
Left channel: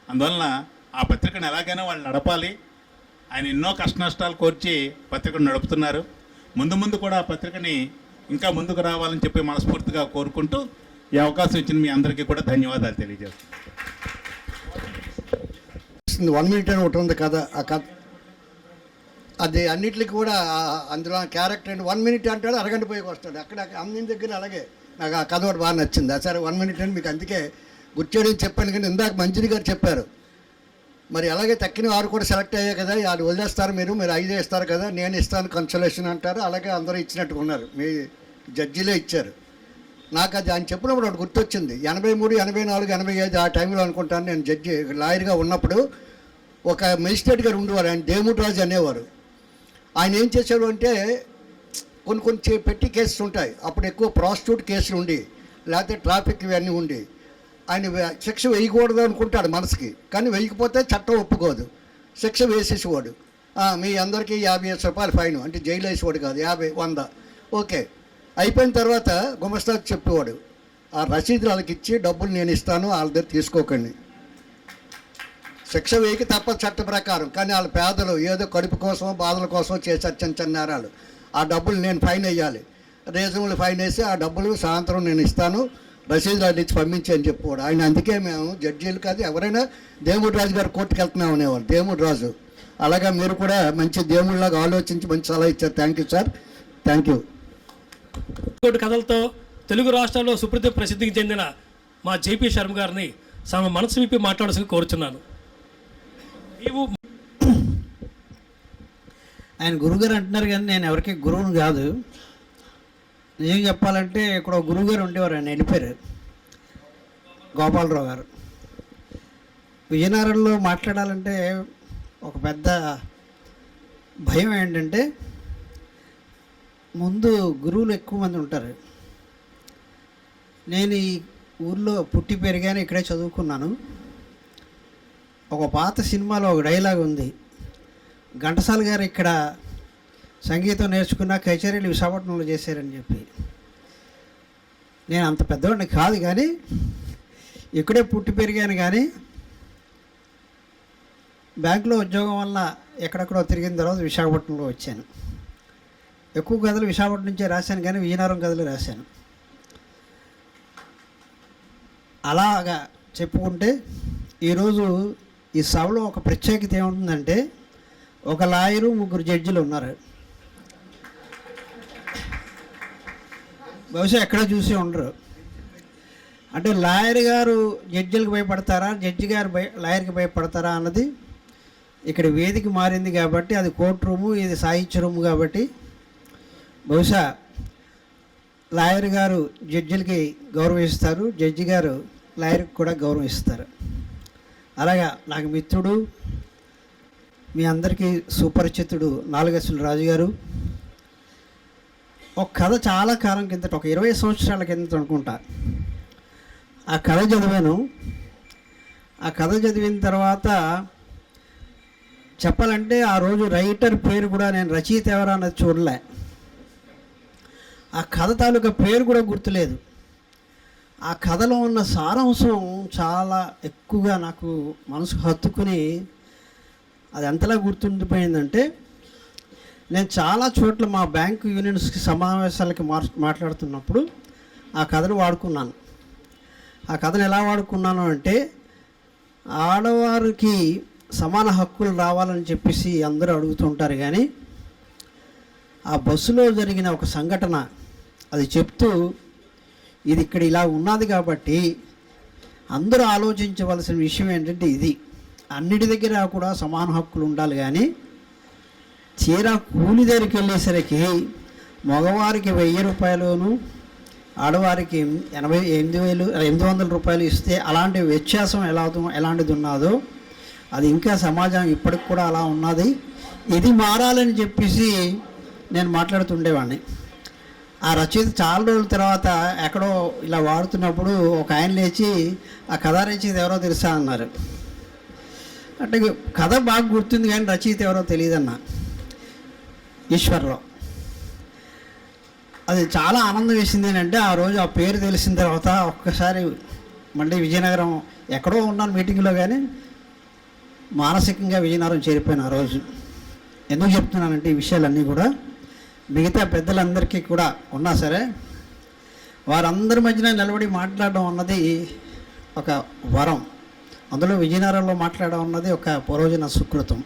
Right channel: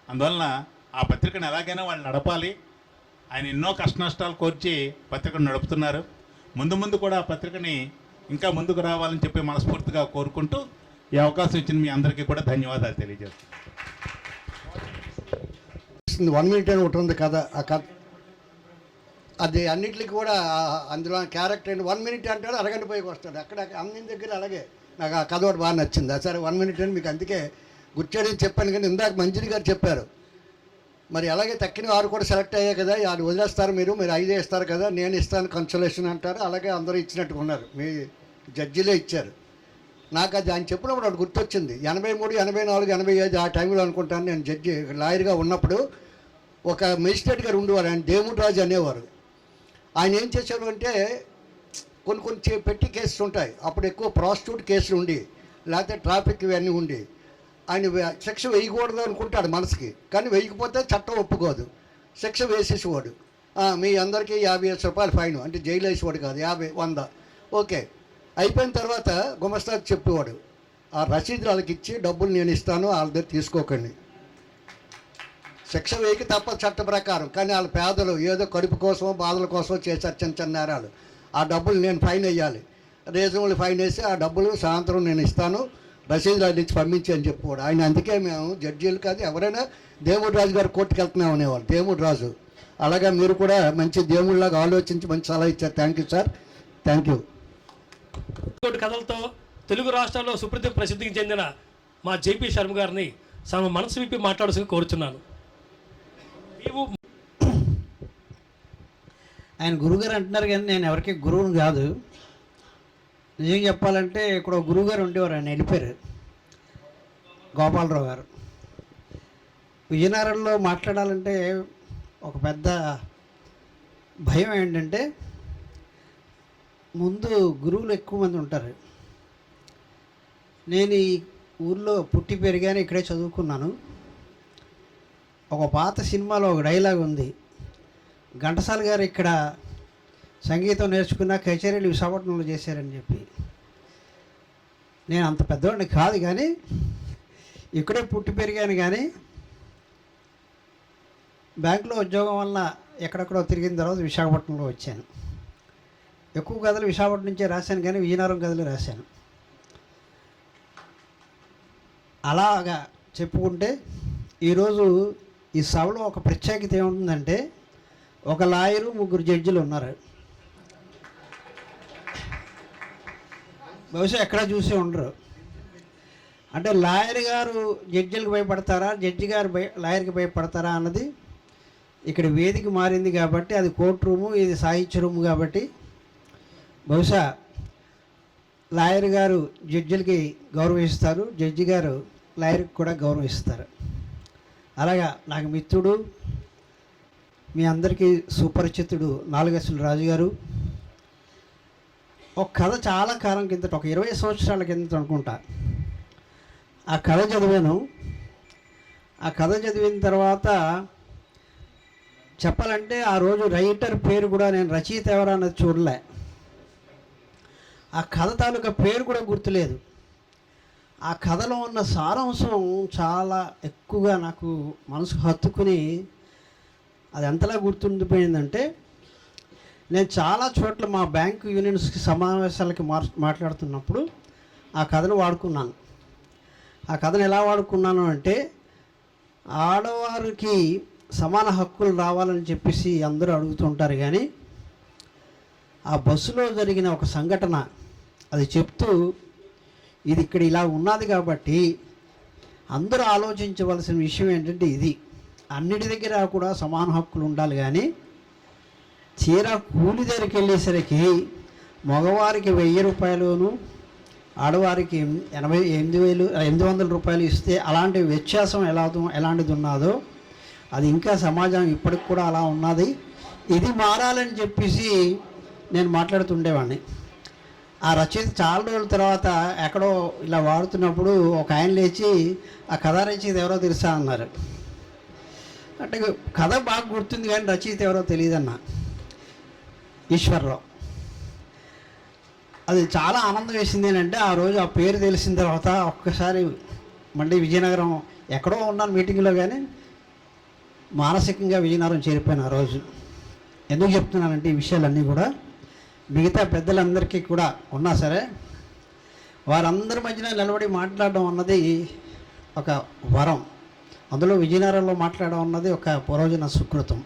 అందువలన ఆ పత్రికను ఎలాగైనా వాళ్ళు నడపాలి. ఆయన ఎన్నో కష్ట నష్టాలు కోర్చి పత్రికను నడుపుతున్నారు. ముందు ముందు కూడా ఆ పత్రికని ఇంకా ముందుకు రావాలని చెప్పి మనస్ఫూర్తిగా కోరుకుంటూ ఈ అవకాశం ఇచ్చిన మీ అందరికీ కూడా ధన్యవాదాలు తెలియజేస్తాను. 1 minute అని ఒకటి ఉంది కథ. ఆ కథ అది అన్నిటికి కూడా అందులో క్యారెక్టర్ అండి 1 minute అంటాడు, అరగంట పోయి వస్తాడు. అక్కడ అన్ని దగ్గర అలాగే నాకు ఆ కథ ఒకటి బాగా నచ్చింది. సరే 1 minute అని మీకు అందుకే గుర్చేయడం చెప్పాను. కానీ ఇందాక మంచిది గారు చెప్పారు, మరి అలాగే తక్కిన వారు కూడా సెలెక్ట్ అయ్యాయి కదా, వాళ్ళు వదిలేస్తారు, మీరు 5 ఇస్తారు కదా, నేను ఇస్తాను కన్సలేషన్ అంటారు. అలాగే అందరూ ఇచ్చినట్టుగా ఉన్నారు, మీ జడ్జిలే ఇచ్చారు. నాకు అది ఆయన చెప్పినప్పుడు ఒకటి గుర్తొచ్చింది. 83, 84, 85 ఆ టైంలో అనుకుంటాను నేను జడ్జి లాయర్గా ఉన్నప్పుడు ఒక మెజిస్ట్రేట్ గారు ఉండేవారు, ఆయన దేముడు రాజు అనేవారు. ఆయన ఏం చేశాడు అంటే కొన్ని పెట్టి కేసులు ఉంటాయి, అప్పుడు ఎక్కువ ప్రాస్టిట్యూట్ కేసులు ఉండి లేకపోతే ట్రాఫిక్ ఇవన్నీ ఉండి ఆయన శిక్ష వేయకూడదు అనుకుంటాడు మనసుకి, కానీ వేయకపోతే చట్టం ఒప్పుకోదు, శిక్ష వేసేసేవాడు. మీ అందరికీ 50 రూపాయలు ఫైన్ అంటే జైలు వేసేవాడు కాదు, 50, 100 ఓకే. అయిపోయిన తర్వాత గుమస్తాకి చెప్పేవాడు, ఆ రసీదు వాళ్ళకి ఇచ్చి డబ్బులు నేను ఇస్తాను, వాళ్ళ దగ్గర తీసుకోకండి. శిక్ష వేయక తప్పదు చట్ట ప్రకారం, కానీ వాళ్ళ పేదలు ఏదో కడుపు కోసం బాధల కోసం చేశారు చిన్న నేరాలు. ఆ డబ్బులు నేను ఫైన్ వేయాలి, రీజనబుల్ ఫైన్ వేసి ఆ డబ్బులు సాయంత్రం నేను ఇస్తాను, రసీదు రాజు ఇచ్చి పంపించి అని చెప్పేవాడు ఆయన. అందుకే మేము జడ్జీలు కాదు ఎవరైనా దేముడు రాజు గారు కోర్టుకు వెళ్తున్నాం అనేవాడు, దేముడు రాజు. అలాగే మీరు కూడా మంచి దేవుళ్ళలాగా ఆలోచించి మంచి సలహా ఇచ్చారు. Thank you sir, thank you. కథలతో తెలుగు రాష్ట్రాల్లో ప్రసిద్ధికి చెందిన మా జేపీ శర్మ గారిని తమ మనసు విప్పి మాట్లాడాల్సింది కోరుచున్నాను. ఆయన గురుగారు అంటున్నారు కానీ నేను ఎవరికి గురువుని కాదు. నిజంగా చెప్పాలంటే ఇక్కడ గురువుగారు ఉండేవారు, ఆయన వెళ్ళిపోయారు, గోపాలరావు గారు. విజయనగరంలో మాట్లాడాలంటే ఒక పెద్ద భయం ఏంటంటే ముందు గురువులు ఎక్కువ మంది ఉంటారు. నేను ఈ ఊర్లో పుట్టి పెరిగాను, ఇక్కడే చదువుకున్నాను. ఒక పాత సినిమాలో ఒక డైలాగ్ ఉంది, ఘంటసాల గారు ఇక్కడ సంగీతం నేర్చుకున్న కచేరీలు విశాఖపట్నంలో చేశారని చెప్పి. నేను అంత పెద్దవాడిని కాదు కానీ ఇక్కడే పుట్టి పెరిగాను, కానీ బ్యాంకులో ఉద్యోగం వల్ల ఎక్కడెక్కడో తిరిగిన తర్వాత విశాఖపట్నంలో వచ్చాను. ఎక్కువ కథలు విశాఖపట్నం నుంచే రాశాను, కానీ విజయనగరం కథలు రాశాను. అలాగా చెప్పుకుంటే ఈరోజు ఈ సభలో ఒక ప్రత్యేకత ఏముంటుందంటే ఒక లాయరు 3 జడ్జిలు ఉన్నారు. బహుశా ఎక్కడ చూసే ఉండరు. అంటే లాయర్ గారు జడ్జిలకు భయపడతారా, జడ్జి గారు లాయర్కి భయపడతారా అన్నది ఇక్కడ వేదిక మారింది కాబట్టి, అది కోర్టు రూము, ఇది సాహిత్య రూము కాబట్టి బహుశా లాయర్ గారు జడ్జిలకి గౌరవిస్తారు, జడ్జి గారు లాయర్కి కూడా గౌరవిస్తారు. అలాగా నాకు మిత్రుడు, మీ అందరికీ సుపరిచితుడు నాలుగేసుల రాజు గారు ఒక కథ చాలా కాలం కిందట, ఒక 20 సంవత్సరాల కిందట అనుకుంటా, ఆ కథ చదివాను. ఆ కథ చదివిన తర్వాత చెప్పాలంటే ఆ రోజు రైటర్ పేరు కూడా నేను రచయిత ఎవరా అన్నది చూడలే, ఆ కథ తాలూకా పేరు కూడా గుర్తులేదు. ఆ కథలో ఉన్న సారాంశం చాలా ఎక్కువగా నాకు మనసుకు హత్తుకుని అది ఎంతలా గుర్తుండిపోయిందంటే, నేను చాలా చోట్ల మా బ్యాంకు యూనియన్స్కి సమావేశాలకి మాట్లాడుతున్నప్పుడు ఆ కథను వాడుకున్నాను. ఆ కథను ఎలా వాడుకున్నాను అంటే, ఆడవారికి సమాన హక్కులు రావాలని చెప్పేసి అందరూ అడుగుతుంటారు, కానీ ఆ బస్సులో జరిగిన ఒక సంఘటన అది చెప్తూ, ఇది ఇక్కడ ఇలా ఉన్నది కాబట్టి అందరూ ఆలోచించవలసిన విషయం ఏంటంటే ఇది, అన్నిటి దగ్గర కూడా సమాన హక్కులు ఉండాలి, కానీ చీర కూలి దగ్గరికి వెళ్ళేసరికి మగవారికి 1000 రూపాయలును ఆడవారికి 800 రూపాయలు ఇస్తే అలాంటి వ్యత్యాసం ఎలాంటిది ఉన్నదో అది ఇంకా సమాజం ఇప్పటికి కూడా అలా ఉన్నది, ఇది మారాలని చెప్పేసి నేను మాట్లాడుతుండేవాడిని. ఆ రచయిత చాలా రోజుల తర్వాత ఎక్కడో ఇలా వాడుతున్నప్పుడు ఒక ఆయన లేచి, ఆ కథ రచయిత ఎవరో తెలుసా అన్నారు. అంటే కథ బాగా గుర్తుంది కానీ రచయిత ఎవరో తెలియదన్న, ఈశ్వర్రావు. అది చాలా ఆనందం వేసింది ఏంటంటే, ఆ రోజు ఆ పేరు తెలిసిన తర్వాత ఒక్కసారి మళ్ళీ విజయనగరం ఎక్కడో ఉన్నాను మీటింగ్లో, కానీ మానసికంగా విజయనగరం చేరిపోయాను ఆ రోజు. ఎందుకు చెప్తున్నానంటే ఈ విషయాలన్నీ కూడా మిగతా పెద్దలందరికీ కూడా ఉన్నా సరే వారందరి మధ్యన నిలబడి మాట్లాడడం అన్నది ఒక వరం. అందులో విజయనగరంలో మాట్లాడడం అన్నది ఒక పూర్వజన సుకృతం.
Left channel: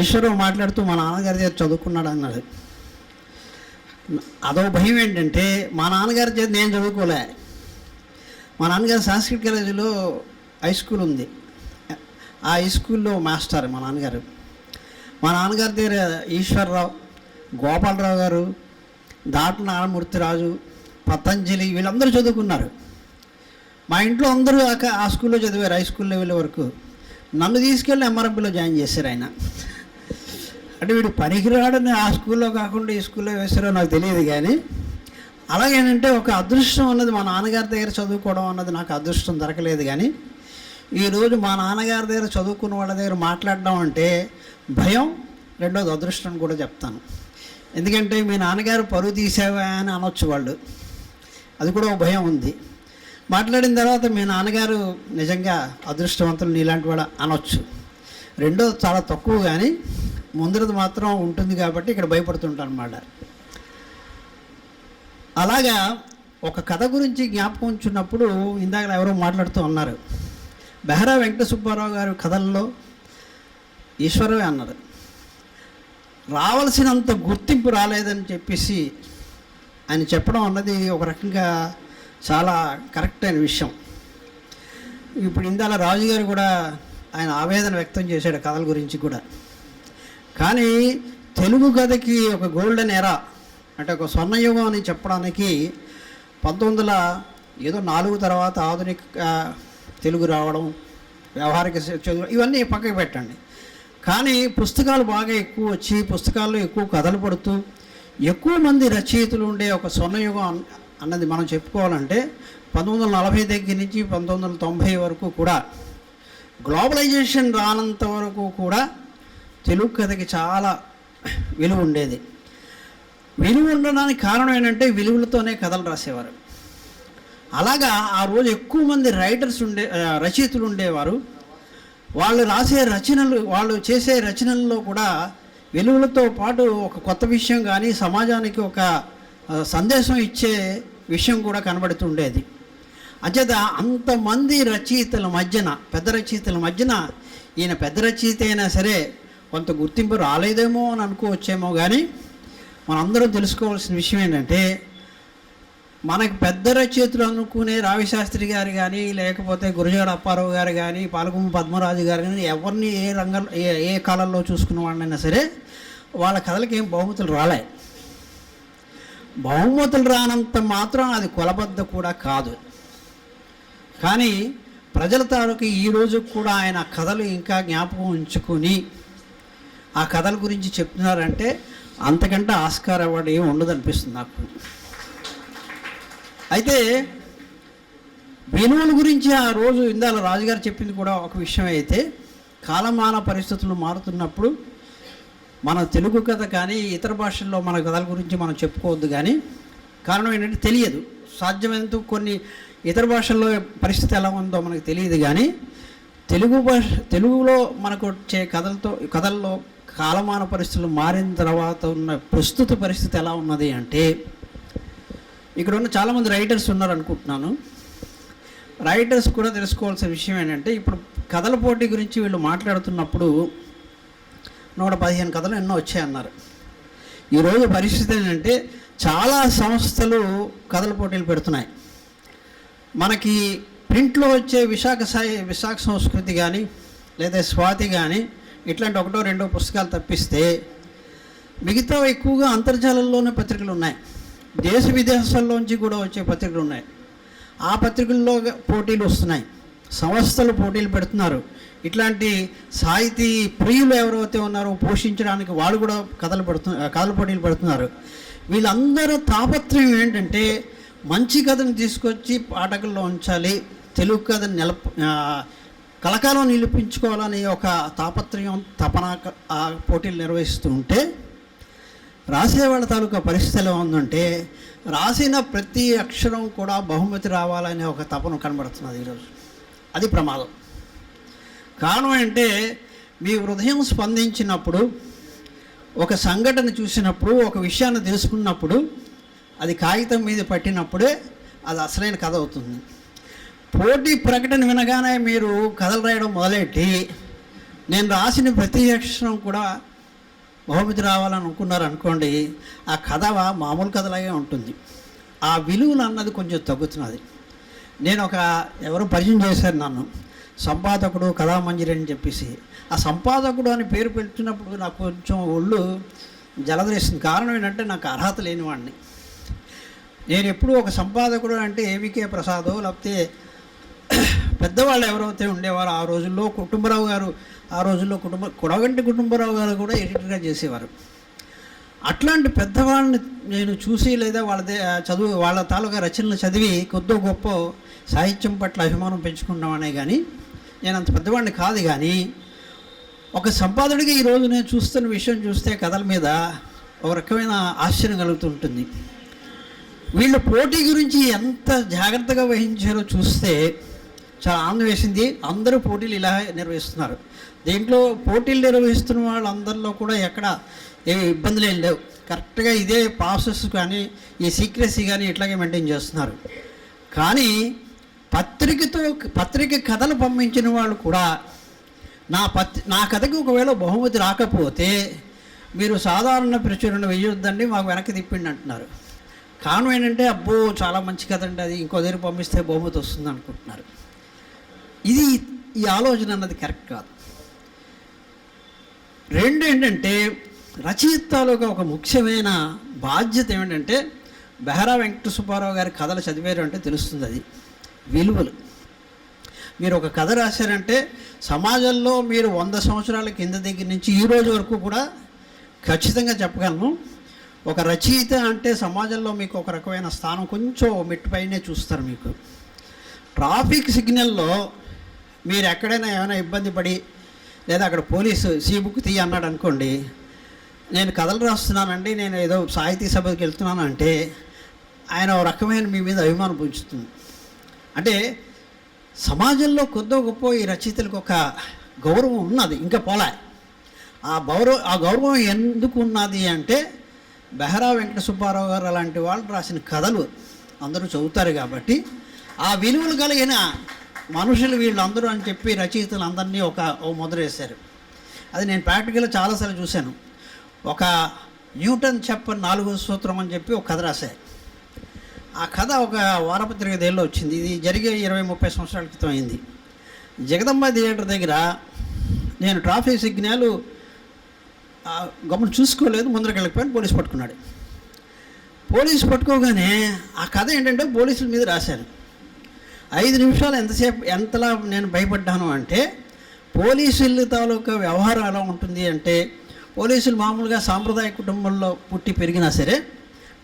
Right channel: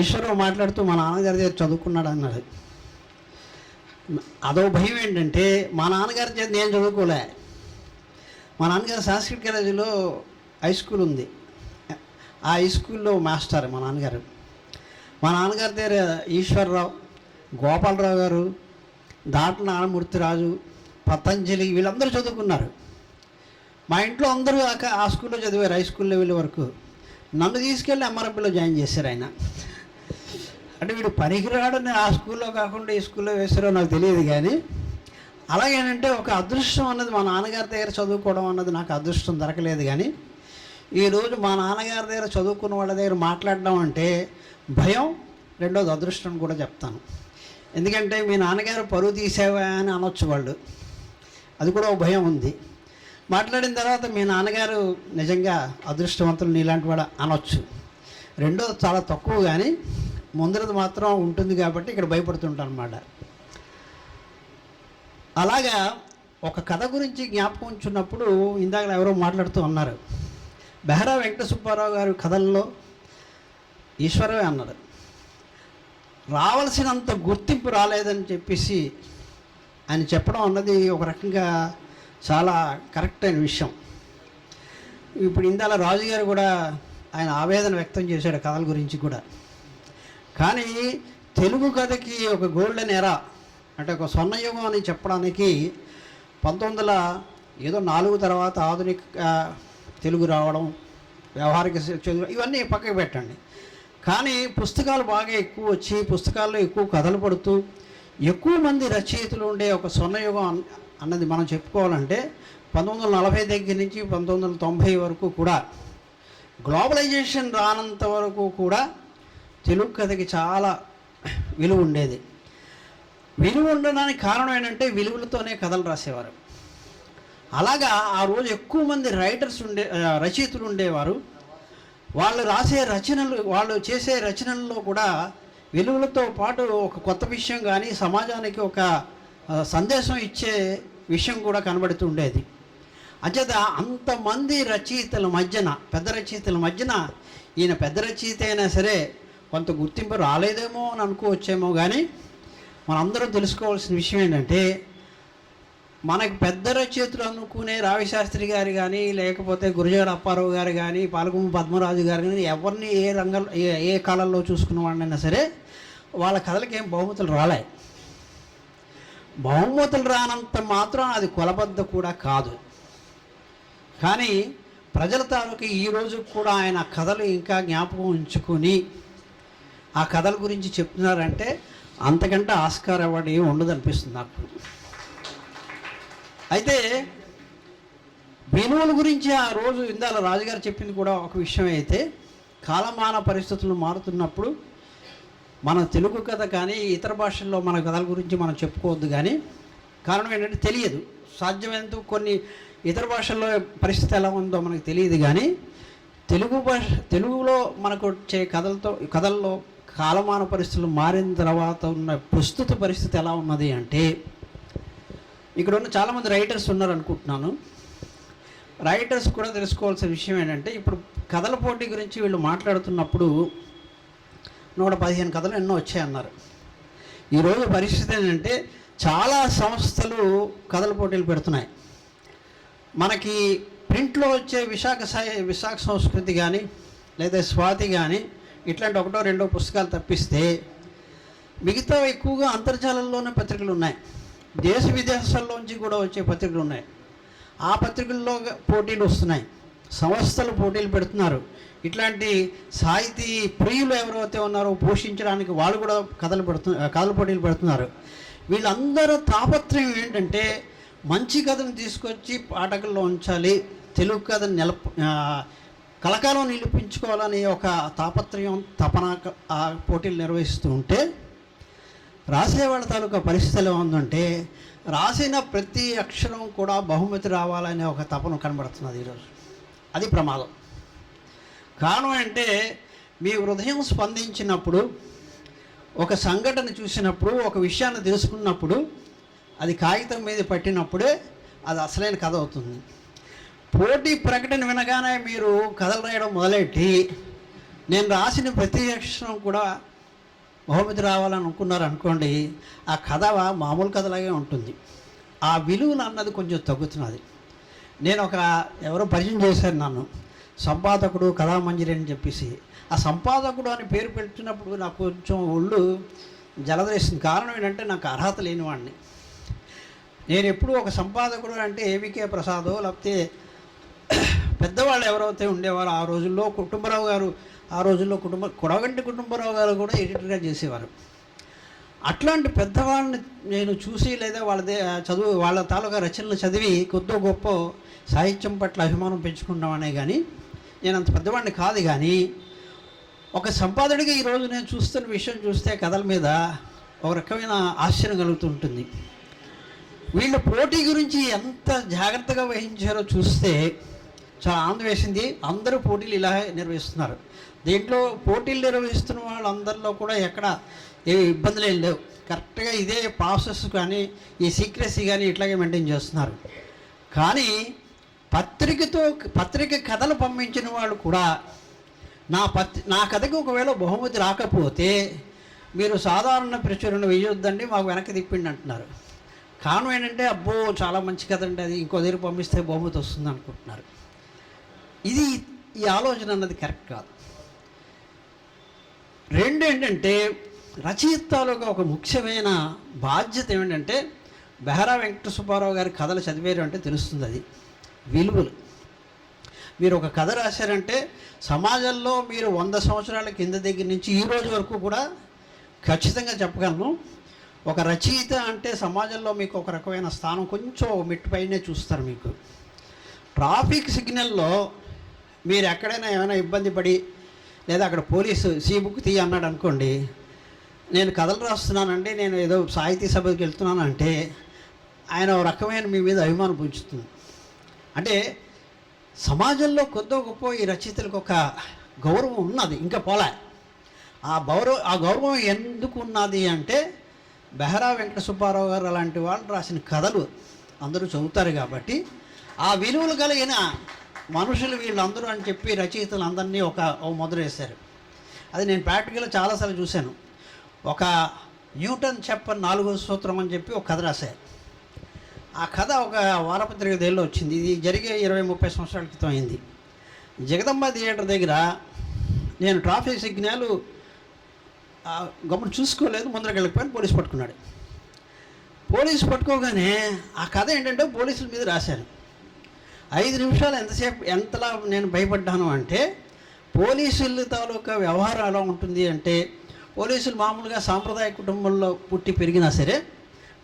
ఈశ్వరు మాట్లాడుతూ మా నాన్నగారి దగ్గర చదువుకున్నాడు అన్నది. అదో భయం ఏంటంటే మా నాన్నగారి చేత నేను చదువుకోలే. మా నాన్నగారు సంస్కృత కాలేజీలో హై స్కూల్ ఉంది. ఆ హై స్కూల్లో మాస్టర్ మా నాన్నగారు. మా నాన్నగారి దగ్గర ఈశ్వరరావు, గోపాలరావు గారు, దాట్ల నారాయణమూర్తిరాజు, పతంజలి వీళ్ళందరూ చదువుకున్నారు. మా ఇంట్లో అందరూ ఆ స్కూల్లో చదివారు హై స్కూల్ లెవెల్ వరకు. నన్ను తీసుకెళ్ళి ఎంఆర్ఎంపీలో జాయిన్ చేశారు ఆయన. అంటే వీడు పనికిరాడని ఆ స్కూల్లో కాకుండా ఈ స్కూల్లో వేస్తారో నాకు తెలియదు. కానీ అలాగేనంటే ఒక అదృష్టం అన్నది మా నాన్నగారి దగ్గర చదువుకోవడం అన్నది నాకు అదృష్టం దొరకలేదు. కానీ ఈరోజు మా నాన్నగారి దగ్గర చదువుకున్న వాళ్ళ దగ్గర మాట్లాడడం అంటే భయం, రెండోది అదృష్టం కూడా చెప్తాను. ఎందుకంటే మీ నాన్నగారు పరువు తీసావా అని అనొచ్చు వాళ్ళు, అది కూడా ఒక భయం ఉంది. మాట్లాడిన తర్వాత మీ నాన్నగారు నిజంగా అదృష్టవంతులు నీలాంటి వాడు అనొచ్చు. రెండోది చాలా తక్కువ, కానీ ముందరది మాత్రం ఉంటుంది కాబట్టి ఇక్కడ భయపడుతుంటాను అన్నమాట. అలాగా ఒక కథ గురించి జ్ఞాపకం ఉంచున్నప్పుడు ఇందాక ఎవరో మాట్లాడుతూ ఉన్నారు, బెహరా వెంకట సుబ్బారావు గారి కథల్లో ఈశ్వరవే అన్నారు. రావాల్సినంత గుర్తింపు రాలేదని చెప్పేసి ఆయన చెప్పడం అన్నది ఒక రకంగా చాలా కరెక్ట్ అయిన విషయం. ఇప్పుడు ఇందాల రాజుగారు కూడా ఆయన ఆవేదన వ్యక్తం చేశాడు కథల గురించి కూడా. కానీ తెలుగు కథకి ఒక గోల్డెన్ ఎరా అంటే ఒక స్వర్ణయుగం అని చెప్పడానికి 1904 తర్వాత ఆధునిక తెలుగు రావడం, వ్యవహారిక చదువు ఇవన్నీ పక్కకు పెట్టండి. కానీ పుస్తకాలు బాగా ఎక్కువ వచ్చి పుస్తకాల్లో ఎక్కువ కథలు పడుతూ ఎక్కువ మంది రచయితలు ఉండే ఒక స్వర్ణయుగం అన్నది మనం చెప్పుకోవాలంటే 1940 దగ్గర నుంచి 1990 వరకు కూడా, గ్లోబలైజేషన్ రానంత వరకు కూడా తెలుగు కథకి చాలా విలువ ఉండేది. విలువ ఉండడానికి కారణం ఏంటంటే విలువలతోనే కథలు రాసేవారు. అలాగా ఆ రోజు ఎక్కువ మంది రచయితలు ఉండేవారు. వాళ్ళు రాసే రచనలు, వాళ్ళు చేసే రచనల్లో కూడా విలువలతో పాటు ఒక కొత్త విషయం కానీ సమాజానికి ఒక సందేశం ఇచ్చే విషయం కూడా కనబడుతుండేది. అంచేత అంతమంది రచయితల మధ్యన, పెద్ద రచయితల మధ్యన ఈయన పెద్ద రచయిత అయినా సరే కొంత గుర్తింపు రాలేదేమో అని అనుకోవచ్చేమో. కానీ మనందరం తెలుసుకోవాల్సిన విషయం ఏంటంటే మనకి పెద్ద రచయితలు అనుకునే రావిశాస్త్రి గారు కానీ, లేకపోతే గురజాడ అప్పారావు గారు కానీ, పాలకొమ్ము పద్మరాజు గారు కానీ, ఎవరిని ఏ రంగంలో ఏ కాలంలో చూసుకున్న వాళ్ళైనా సరే వాళ్ళ కథలకి ఏం బహుమతులు రాలే. బహుమతులు రానంత మాత్రం అది కొలబద్ద కూడా కాదు. కానీ ప్రజల తాలూకు ఈరోజు కూడా ఆయన కథలు ఇంకా జ్ఞాపకం ఉంచుకొని ఆ కథల గురించి చెప్తున్నారంటే అంతకంటే ఆస్కార్ అవార్డు ఏమి ఉండదు అనిపిస్తుంది నాకు. అయితే విలువల గురించి ఆ రోజు ఇందాల రాజుగారు చెప్పింది కూడా ఒక విషయం. అయితే కాలమాన పరిస్థితులు మారుతున్నప్పుడు మన తెలుగు కథ కానీ ఇతర భాషల్లో మన కథల గురించి మనం చెప్పుకోవద్దు. కానీ కారణం ఏంటంటే తెలియదు, సాధ్యమైనంత కొన్ని ఇతర భాషల్లో పరిస్థితి ఎలా ఉందో మనకు తెలియదు. కానీ తెలుగులో మనకు వచ్చే కథల్లో కాలమాన పరిస్థితులు మారిన తర్వాత ఉన్న ప్రస్తుత పరిస్థితి ఎలా ఉన్నది అంటే, ఇక్కడ ఉన్న చాలామంది రైటర్స్ ఉన్నారు అనుకుంటున్నాను. రైటర్స్ కూడా తెలుసుకోవాల్సిన విషయం ఏంటంటే, ఇప్పుడు కథల పోటీ గురించి వీళ్ళు మాట్లాడుతున్నప్పుడు 115 కథలు ఎన్నో వచ్చాయన్నారు. ఈరోజు పరిస్థితి ఏంటంటే చాలా సంస్థలు కథల పోటీలు పెడుతున్నాయి. మనకి ప్రింట్లో వచ్చే విశాఖ సంస్కృతి కానీ లేదా స్వాతి కానీ ఇట్లాంటి 1-2 పుస్తకాలు తప్పిస్తే మిగతా ఎక్కువగా అంతర్జాలంలోనే పత్రికలు ఉన్నాయి. దేశ విదేశాల్లోంచి కూడా వచ్చే పత్రికలు ఉన్నాయి. ఆ పత్రికల్లో పోటీలు వస్తున్నాయి, సంస్థలు పోటీలు పెడుతున్నారు. ఇట్లాంటి సాహితీ ప్రియులు ఎవరైతే ఉన్నారో పోషించడానికి వాళ్ళు కూడా కథల పోటీలు పెడుతున్నారు. వీళ్ళందరూ తాపత్రయం ఏంటంటే మంచి కథను తీసుకొచ్చి పాఠకుల్లో ఉంచాలి, తెలుగు కథను కలకాలం నిలిపించుకోవాలని ఒక తాపత్రయం, తపన ఆ పోటీలు నిర్వహిస్తూ ఉంటే రాసేవాళ్ళ తాలూకా పరిస్థితి ఎలా ఉందంటే రాసిన ప్రతి అక్షరం కూడా బహుమతి రావాలనే ఒక తపన కనబడుతున్నది ఈరోజు. అది ప్రమాదం. కారణం అంటే మీ హృదయం స్పందించినప్పుడు ఒక సంఘటన చూసినప్పుడు, ఒక విషయాన్ని తెలుసుకున్నప్పుడు, అది కాగితం మీద పట్టినప్పుడే అది అసలైన కథ అవుతుంది. పోటీ ప్రకటన వినగానే మీరు కథలు రాయడం మొదలెట్టి నేను రాసిన ప్రతి అక్షరం కూడా బహుమతి రావాలని అనుకున్నారు అనుకోండి, ఆ కథ మామూలు కథలాగే ఉంటుంది. ఆ విలువలు అన్నది కొంచెం తగ్గుతున్నది. నేను ఎవరో పరిచయం చేశారు నన్ను, సంపాదకుడు కళామంజరి అని చెప్పేసి. ఆ సంపాదకుడు అని పేరు పెడుతున్నప్పుడు నాకు కొంచెం ఒళ్ళు జలదరేస్తుంది. కారణం ఏంటంటే నాకు అర్హత లేనివాడిని. నేను ఎప్పుడు ఒక సంపాదకుడు అంటే ఏవికే ప్రసాదో లేకపోతే పెద్దవాళ్ళు ఎవరైతే ఉండేవారు ఆ రోజుల్లో, కుటుంబరావు గారు ఆ రోజుల్లో కొడగంటి కుటుంబరావు గారు కూడా ఎడిటర్గా చేసేవారు. అట్లాంటి పెద్దవాళ్ళని నేను చూసి లేదా వాళ్ళ తాలూకా రచనలు చదివి కొద్దో గొప్ప సాహిత్యం పట్ల అభిమానం పెంచుకున్నామనే కానీ నేను అంత పెద్దవాడిని కాదు. కానీ ఒక సంపాదకుడిగా ఈరోజు నేను చూస్తున్న విషయం చూస్తే కథల మీద ఒక రకమైన ఆశ్చర్యం కలుగుతుంటుంది. వీళ్ళు పోటీ గురించి ఎంత జాగ్రత్తగా వహించారో చూస్తే చాలా ఆనందం వేసింది. అందరూ పోటీలు ఇలా నిర్వహిస్తున్నారు. దీంట్లో పోటీలు నిర్వహిస్తున్న వాళ్ళందరిలో కూడా ఎక్కడ ఏ ఇబ్బందులు ఏం లేవు. కరెక్ట్గా ఇదే ప్రాసెస్ కానీ ఈ సీక్రెసీ కానీ ఇట్లాగే మెయింటైన్ చేస్తున్నారు. కానీ పత్రిక కథలు పంపించిన వాళ్ళు కూడా నా కథకి ఒకవేళ బహుమతి రాకపోతే మీరు సాధారణ ప్రచురణ వేయొద్దండి, మాకు వెనక్కి తిప్పిండి అంటున్నారు. కారణం ఏంటంటే అబ్బో చాలా మంచి కథ అండి, అది ఇంకో దగ్గర పంపిస్తే బహుమతి వస్తుంది అనుకుంటున్నారు. ఈ ఆలోచన అన్నది కరెక్ట్ కాదు. రెండు ఏంటంటే రచయితలుగా ఒక ముఖ్యమైన బాధ్యత ఏమిటంటే బెహరా వెంకట సుబ్బారావు గారి కథలు చదివారు అంటే తెలుస్తుంది అది విలువలు. మీరు ఒక కథ రాశారంటే సమాజంలో మీరు 100 సంవత్సరాల కింద దగ్గర నుంచి ఈ రోజు వరకు కూడా ఖచ్చితంగా చెప్పగలను, ఒక రచయిత అంటే సమాజంలో మీకు ఒక రకమైన స్థానం కొంచెం మెట్టుపైనే చూస్తారు. మీకు ట్రాఫిక్ సిగ్నల్లో మీరు ఎక్కడైనా ఏమైనా ఇబ్బంది పడి లేదా అక్కడ పోలీసు బుక్ తీయ అన్నాడు అనుకోండి, నేను కథలు రాస్తున్నానండి, నేను ఏదో సాహితీ సభకి వెళ్తున్నానంటే ఆయన ఒక రకమైన మీ మీద అభిమానం పుంచుతుంది. అంటే సమాజంలో కొద్దో గొప్ప ఈ రచయితలకు ఒక గౌరవం ఉన్నది, ఇంకా పోలే. ఆ గౌరవం ఎందుకు ఉన్నది అంటే బెహరా వెంకట సుబ్బారావు గారు అలాంటి వాళ్ళు రాసిన కథలు అందరూ చదువుతారు కాబట్టి ఆ విలువలు కలిగిన మనుషులు వీళ్ళందరూ అని చెప్పి రచయితలు అందరినీ ఒక మొదలు వేశారు. అది నేను ప్రాక్టికల్గా చాలాసార్లు చూశాను. ఒక న్యూటన్ చెప్పని 4వ సూత్రం అని చెప్పి ఒక కథ రాశారు. ఆ కథ ఒక వారపత్రిక దేల్లో వచ్చింది. ఇది జరిగే 20-30 సంవత్సరాల క్రితం అయింది. జగదంబ థియేటర్ దగ్గర నేను ట్రాఫిక్ సిగ్నల్ గమని చూసుకోలేదు, ముందరకు వెళ్ళిపోయాను, పోలీసు పట్టుకున్నాడు. పోలీసు పట్టుకోగానే ఆ కథ ఏంటంటే పోలీసుల మీద రాశాను. 5 నిమిషాలు ఎంతలా నేను భయపడ్డాను అంటే పోలీసుల తాలూకా వ్యవహారం ఎలా ఉంటుంది అంటే పోలీసులు మామూలుగా సాంప్రదాయ కుటుంబంలో పుట్టి పెరిగినా సరే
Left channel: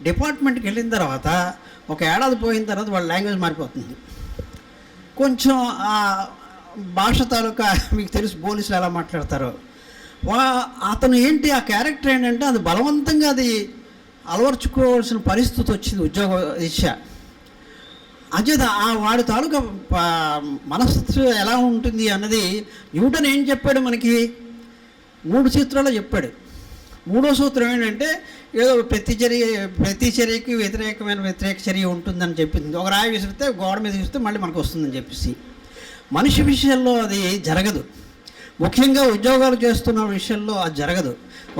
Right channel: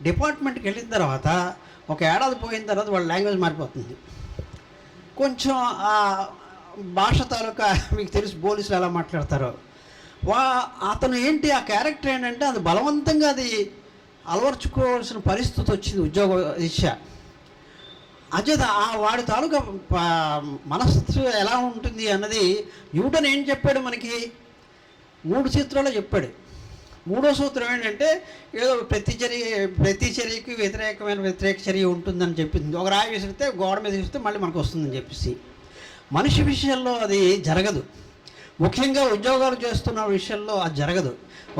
డిపార్ట్మెంట్కి వెళ్ళిన తర్వాత ఒక ఏడాది పోయిన తర్వాత వాళ్ళ లాంగ్వేజ్ మారిపోతుంది. కొంచెం ఆ భాష తాలూకా మీకు తెలుసు పోలీసులు ఎలా మాట్లాడతారో. అతను ఏంటి ఆ క్యారెక్టర్ ఏంటంటే అది బలవంతంగా అది అలవర్చుకోవాల్సిన పరిస్థితి వచ్చింది ఉద్యోగ రీత్యా. అచేత వాడి తాలూకా మనస్సు ఎలా ఉంటుంది అన్నది న్యూటన్ ఏం చెప్పాడు మనకి 3 సూత్రాలు చెప్పాడు. 3వ సూత్రం ఏంటంటే ఏదో ప్రతి చర్యకి వ్యతిరేక చర్య ఉంటుందని చెప్పింది. ఒక రాయి విసిరితే గోడ మీద విసిరితే మళ్ళీ మనకు వస్తుందని చెప్పేసి. మనిషి విషయంలో అది జరగదు, ముఖ్యంగా ఉద్యోగాలు చేస్తున్న విషయంలో అది జరగదు.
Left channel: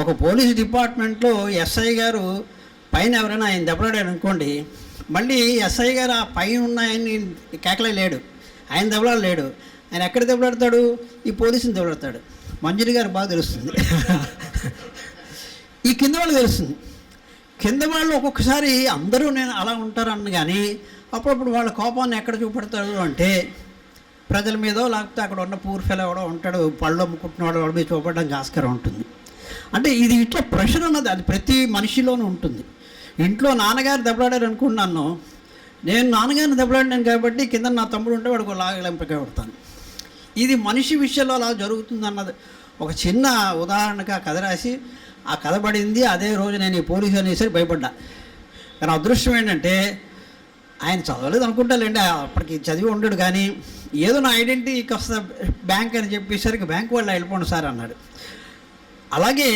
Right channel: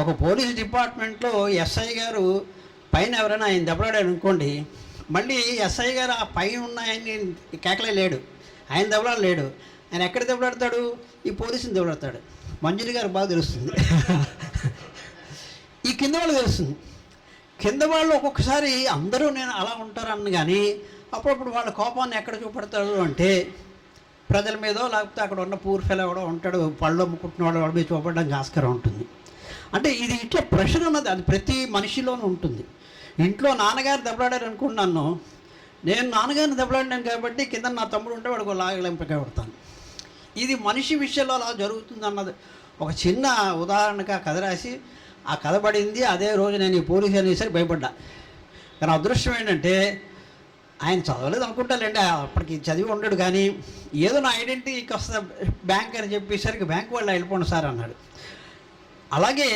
ఒక పోలీస్ డిపార్ట్మెంట్లో ఎస్ఐ గారు పైన ఎవరైనా ఆయన దెబ్బలాడాడు అనుకోండి, మళ్ళీ ఎస్ఐ గారు ఆ పైన ఉన్న ఆయన్ని కేకలే లేడు, ఆయన దెబ్బలాడలేడు. ఆయన ఎక్కడ దెబ్బలాడతాడు? ఈ పోలీసుని దెబ్బలాడతాడు. మంజరి గారు బాగా తెలుస్తుంది. ఈ కింద వాళ్ళు తెలుస్తుంది. కింద వాళ్ళు ఒక్కొక్కసారి అందరూ నేను అలా ఉంటారని కానీ అప్పుడప్పుడు వాళ్ళ కోపాన్ని ఎక్కడ చూపెడతాడు అంటే ప్రజల మీదో లేకపోతే అక్కడ ఉన్న పూర్ ఫెలో ఎవడో ఉంటాడు, పళ్ళు అమ్ముకుంటున్నవాడు వాడి మీద చూపడానికి ఆస్కారం ఉంటుంది. అంటే ఇది ఇట్లా ప్రెషర్ అన్నది అది ప్రతి మనిషిలోనూ ఉంటుంది. ఇంట్లో నాన్నగారు దెబ్బలాడారు అనుకున్నాను, నేను నాన్నగారిని దెబ్బలాడినాను కాబట్టి కింద నా తమ్ముడు ఉంటే వాడికి లాగలింపగా కొడతాను. ఇది మనిషి విషయంలో అలా జరుగుతుంది అన్నది ఒక చిన్న ఉదాహరణగా కథ రాసి ఆ కథ పడింది. అదే రోజు నేను ఈ పోలీసు అనేసరి భయపడ్డా. కానీ అదృష్టం ఏంటంటే ఆయన చదవలేదు అనుకుంటాలేండి, అప్పటికి చదివి ఉండడు. కానీ ఏదో నా ఐడెంటిటీకి వస్తా బ్యాంక్ అని చెప్పేసరికి బ్యాంక్ వాళ్ళు వెళ్ళిపోండి సార్ అన్నాడు. అలాగే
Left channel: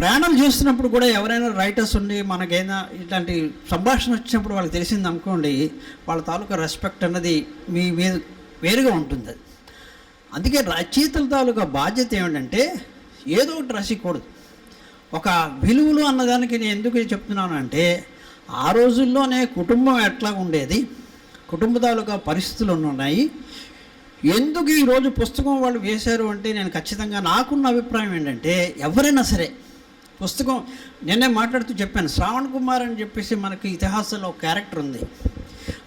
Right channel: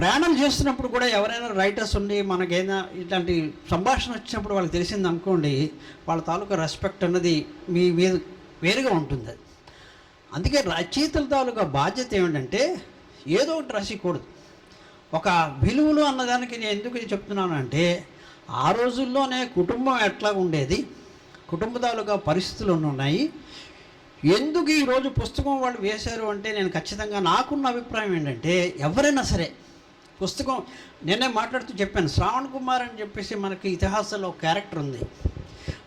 ప్రయాణం చేస్తున్నప్పుడు కూడా ఎవరైనా రైటర్స్ ఉండి మనకైనా ఇట్లాంటి సంభాషణ వచ్చినప్పుడు వాళ్ళకి తెలిసింది అనుకోండి, వాళ్ళ తాలూకా రెస్పెక్ట్ అన్నది మీ మీద వేరుగా ఉంటుంది. అందుకే రచయితల తాలూకా బాధ్యత ఏమిటంటే ఏదో ఒకటి రాసికూడదు. ఒక విలువలు అన్నదానికి నేను ఎందుకు చెప్తున్నానంటే, ఆ రోజుల్లోనే కుటుంబం ఎట్లా ఉండేది, కుటుంబ తాలూకా పరిస్థితులు ఉన్నాయి. ఎందుకు ఈరోజు పుస్తకం వాళ్ళు వేశారు అంటే, నేను ఖచ్చితంగా నాకున్న అభిప్రాయం ఏంటంటే, ఎవరైనా సరే పుస్తకం, నేనే మాట్లాడుతూ చెప్పాను, శ్రావణ్ కుమార్ అని చెప్పేసి మనకి ఇతిహాసంలో ఒక క్యారెక్టర్ ఉంది.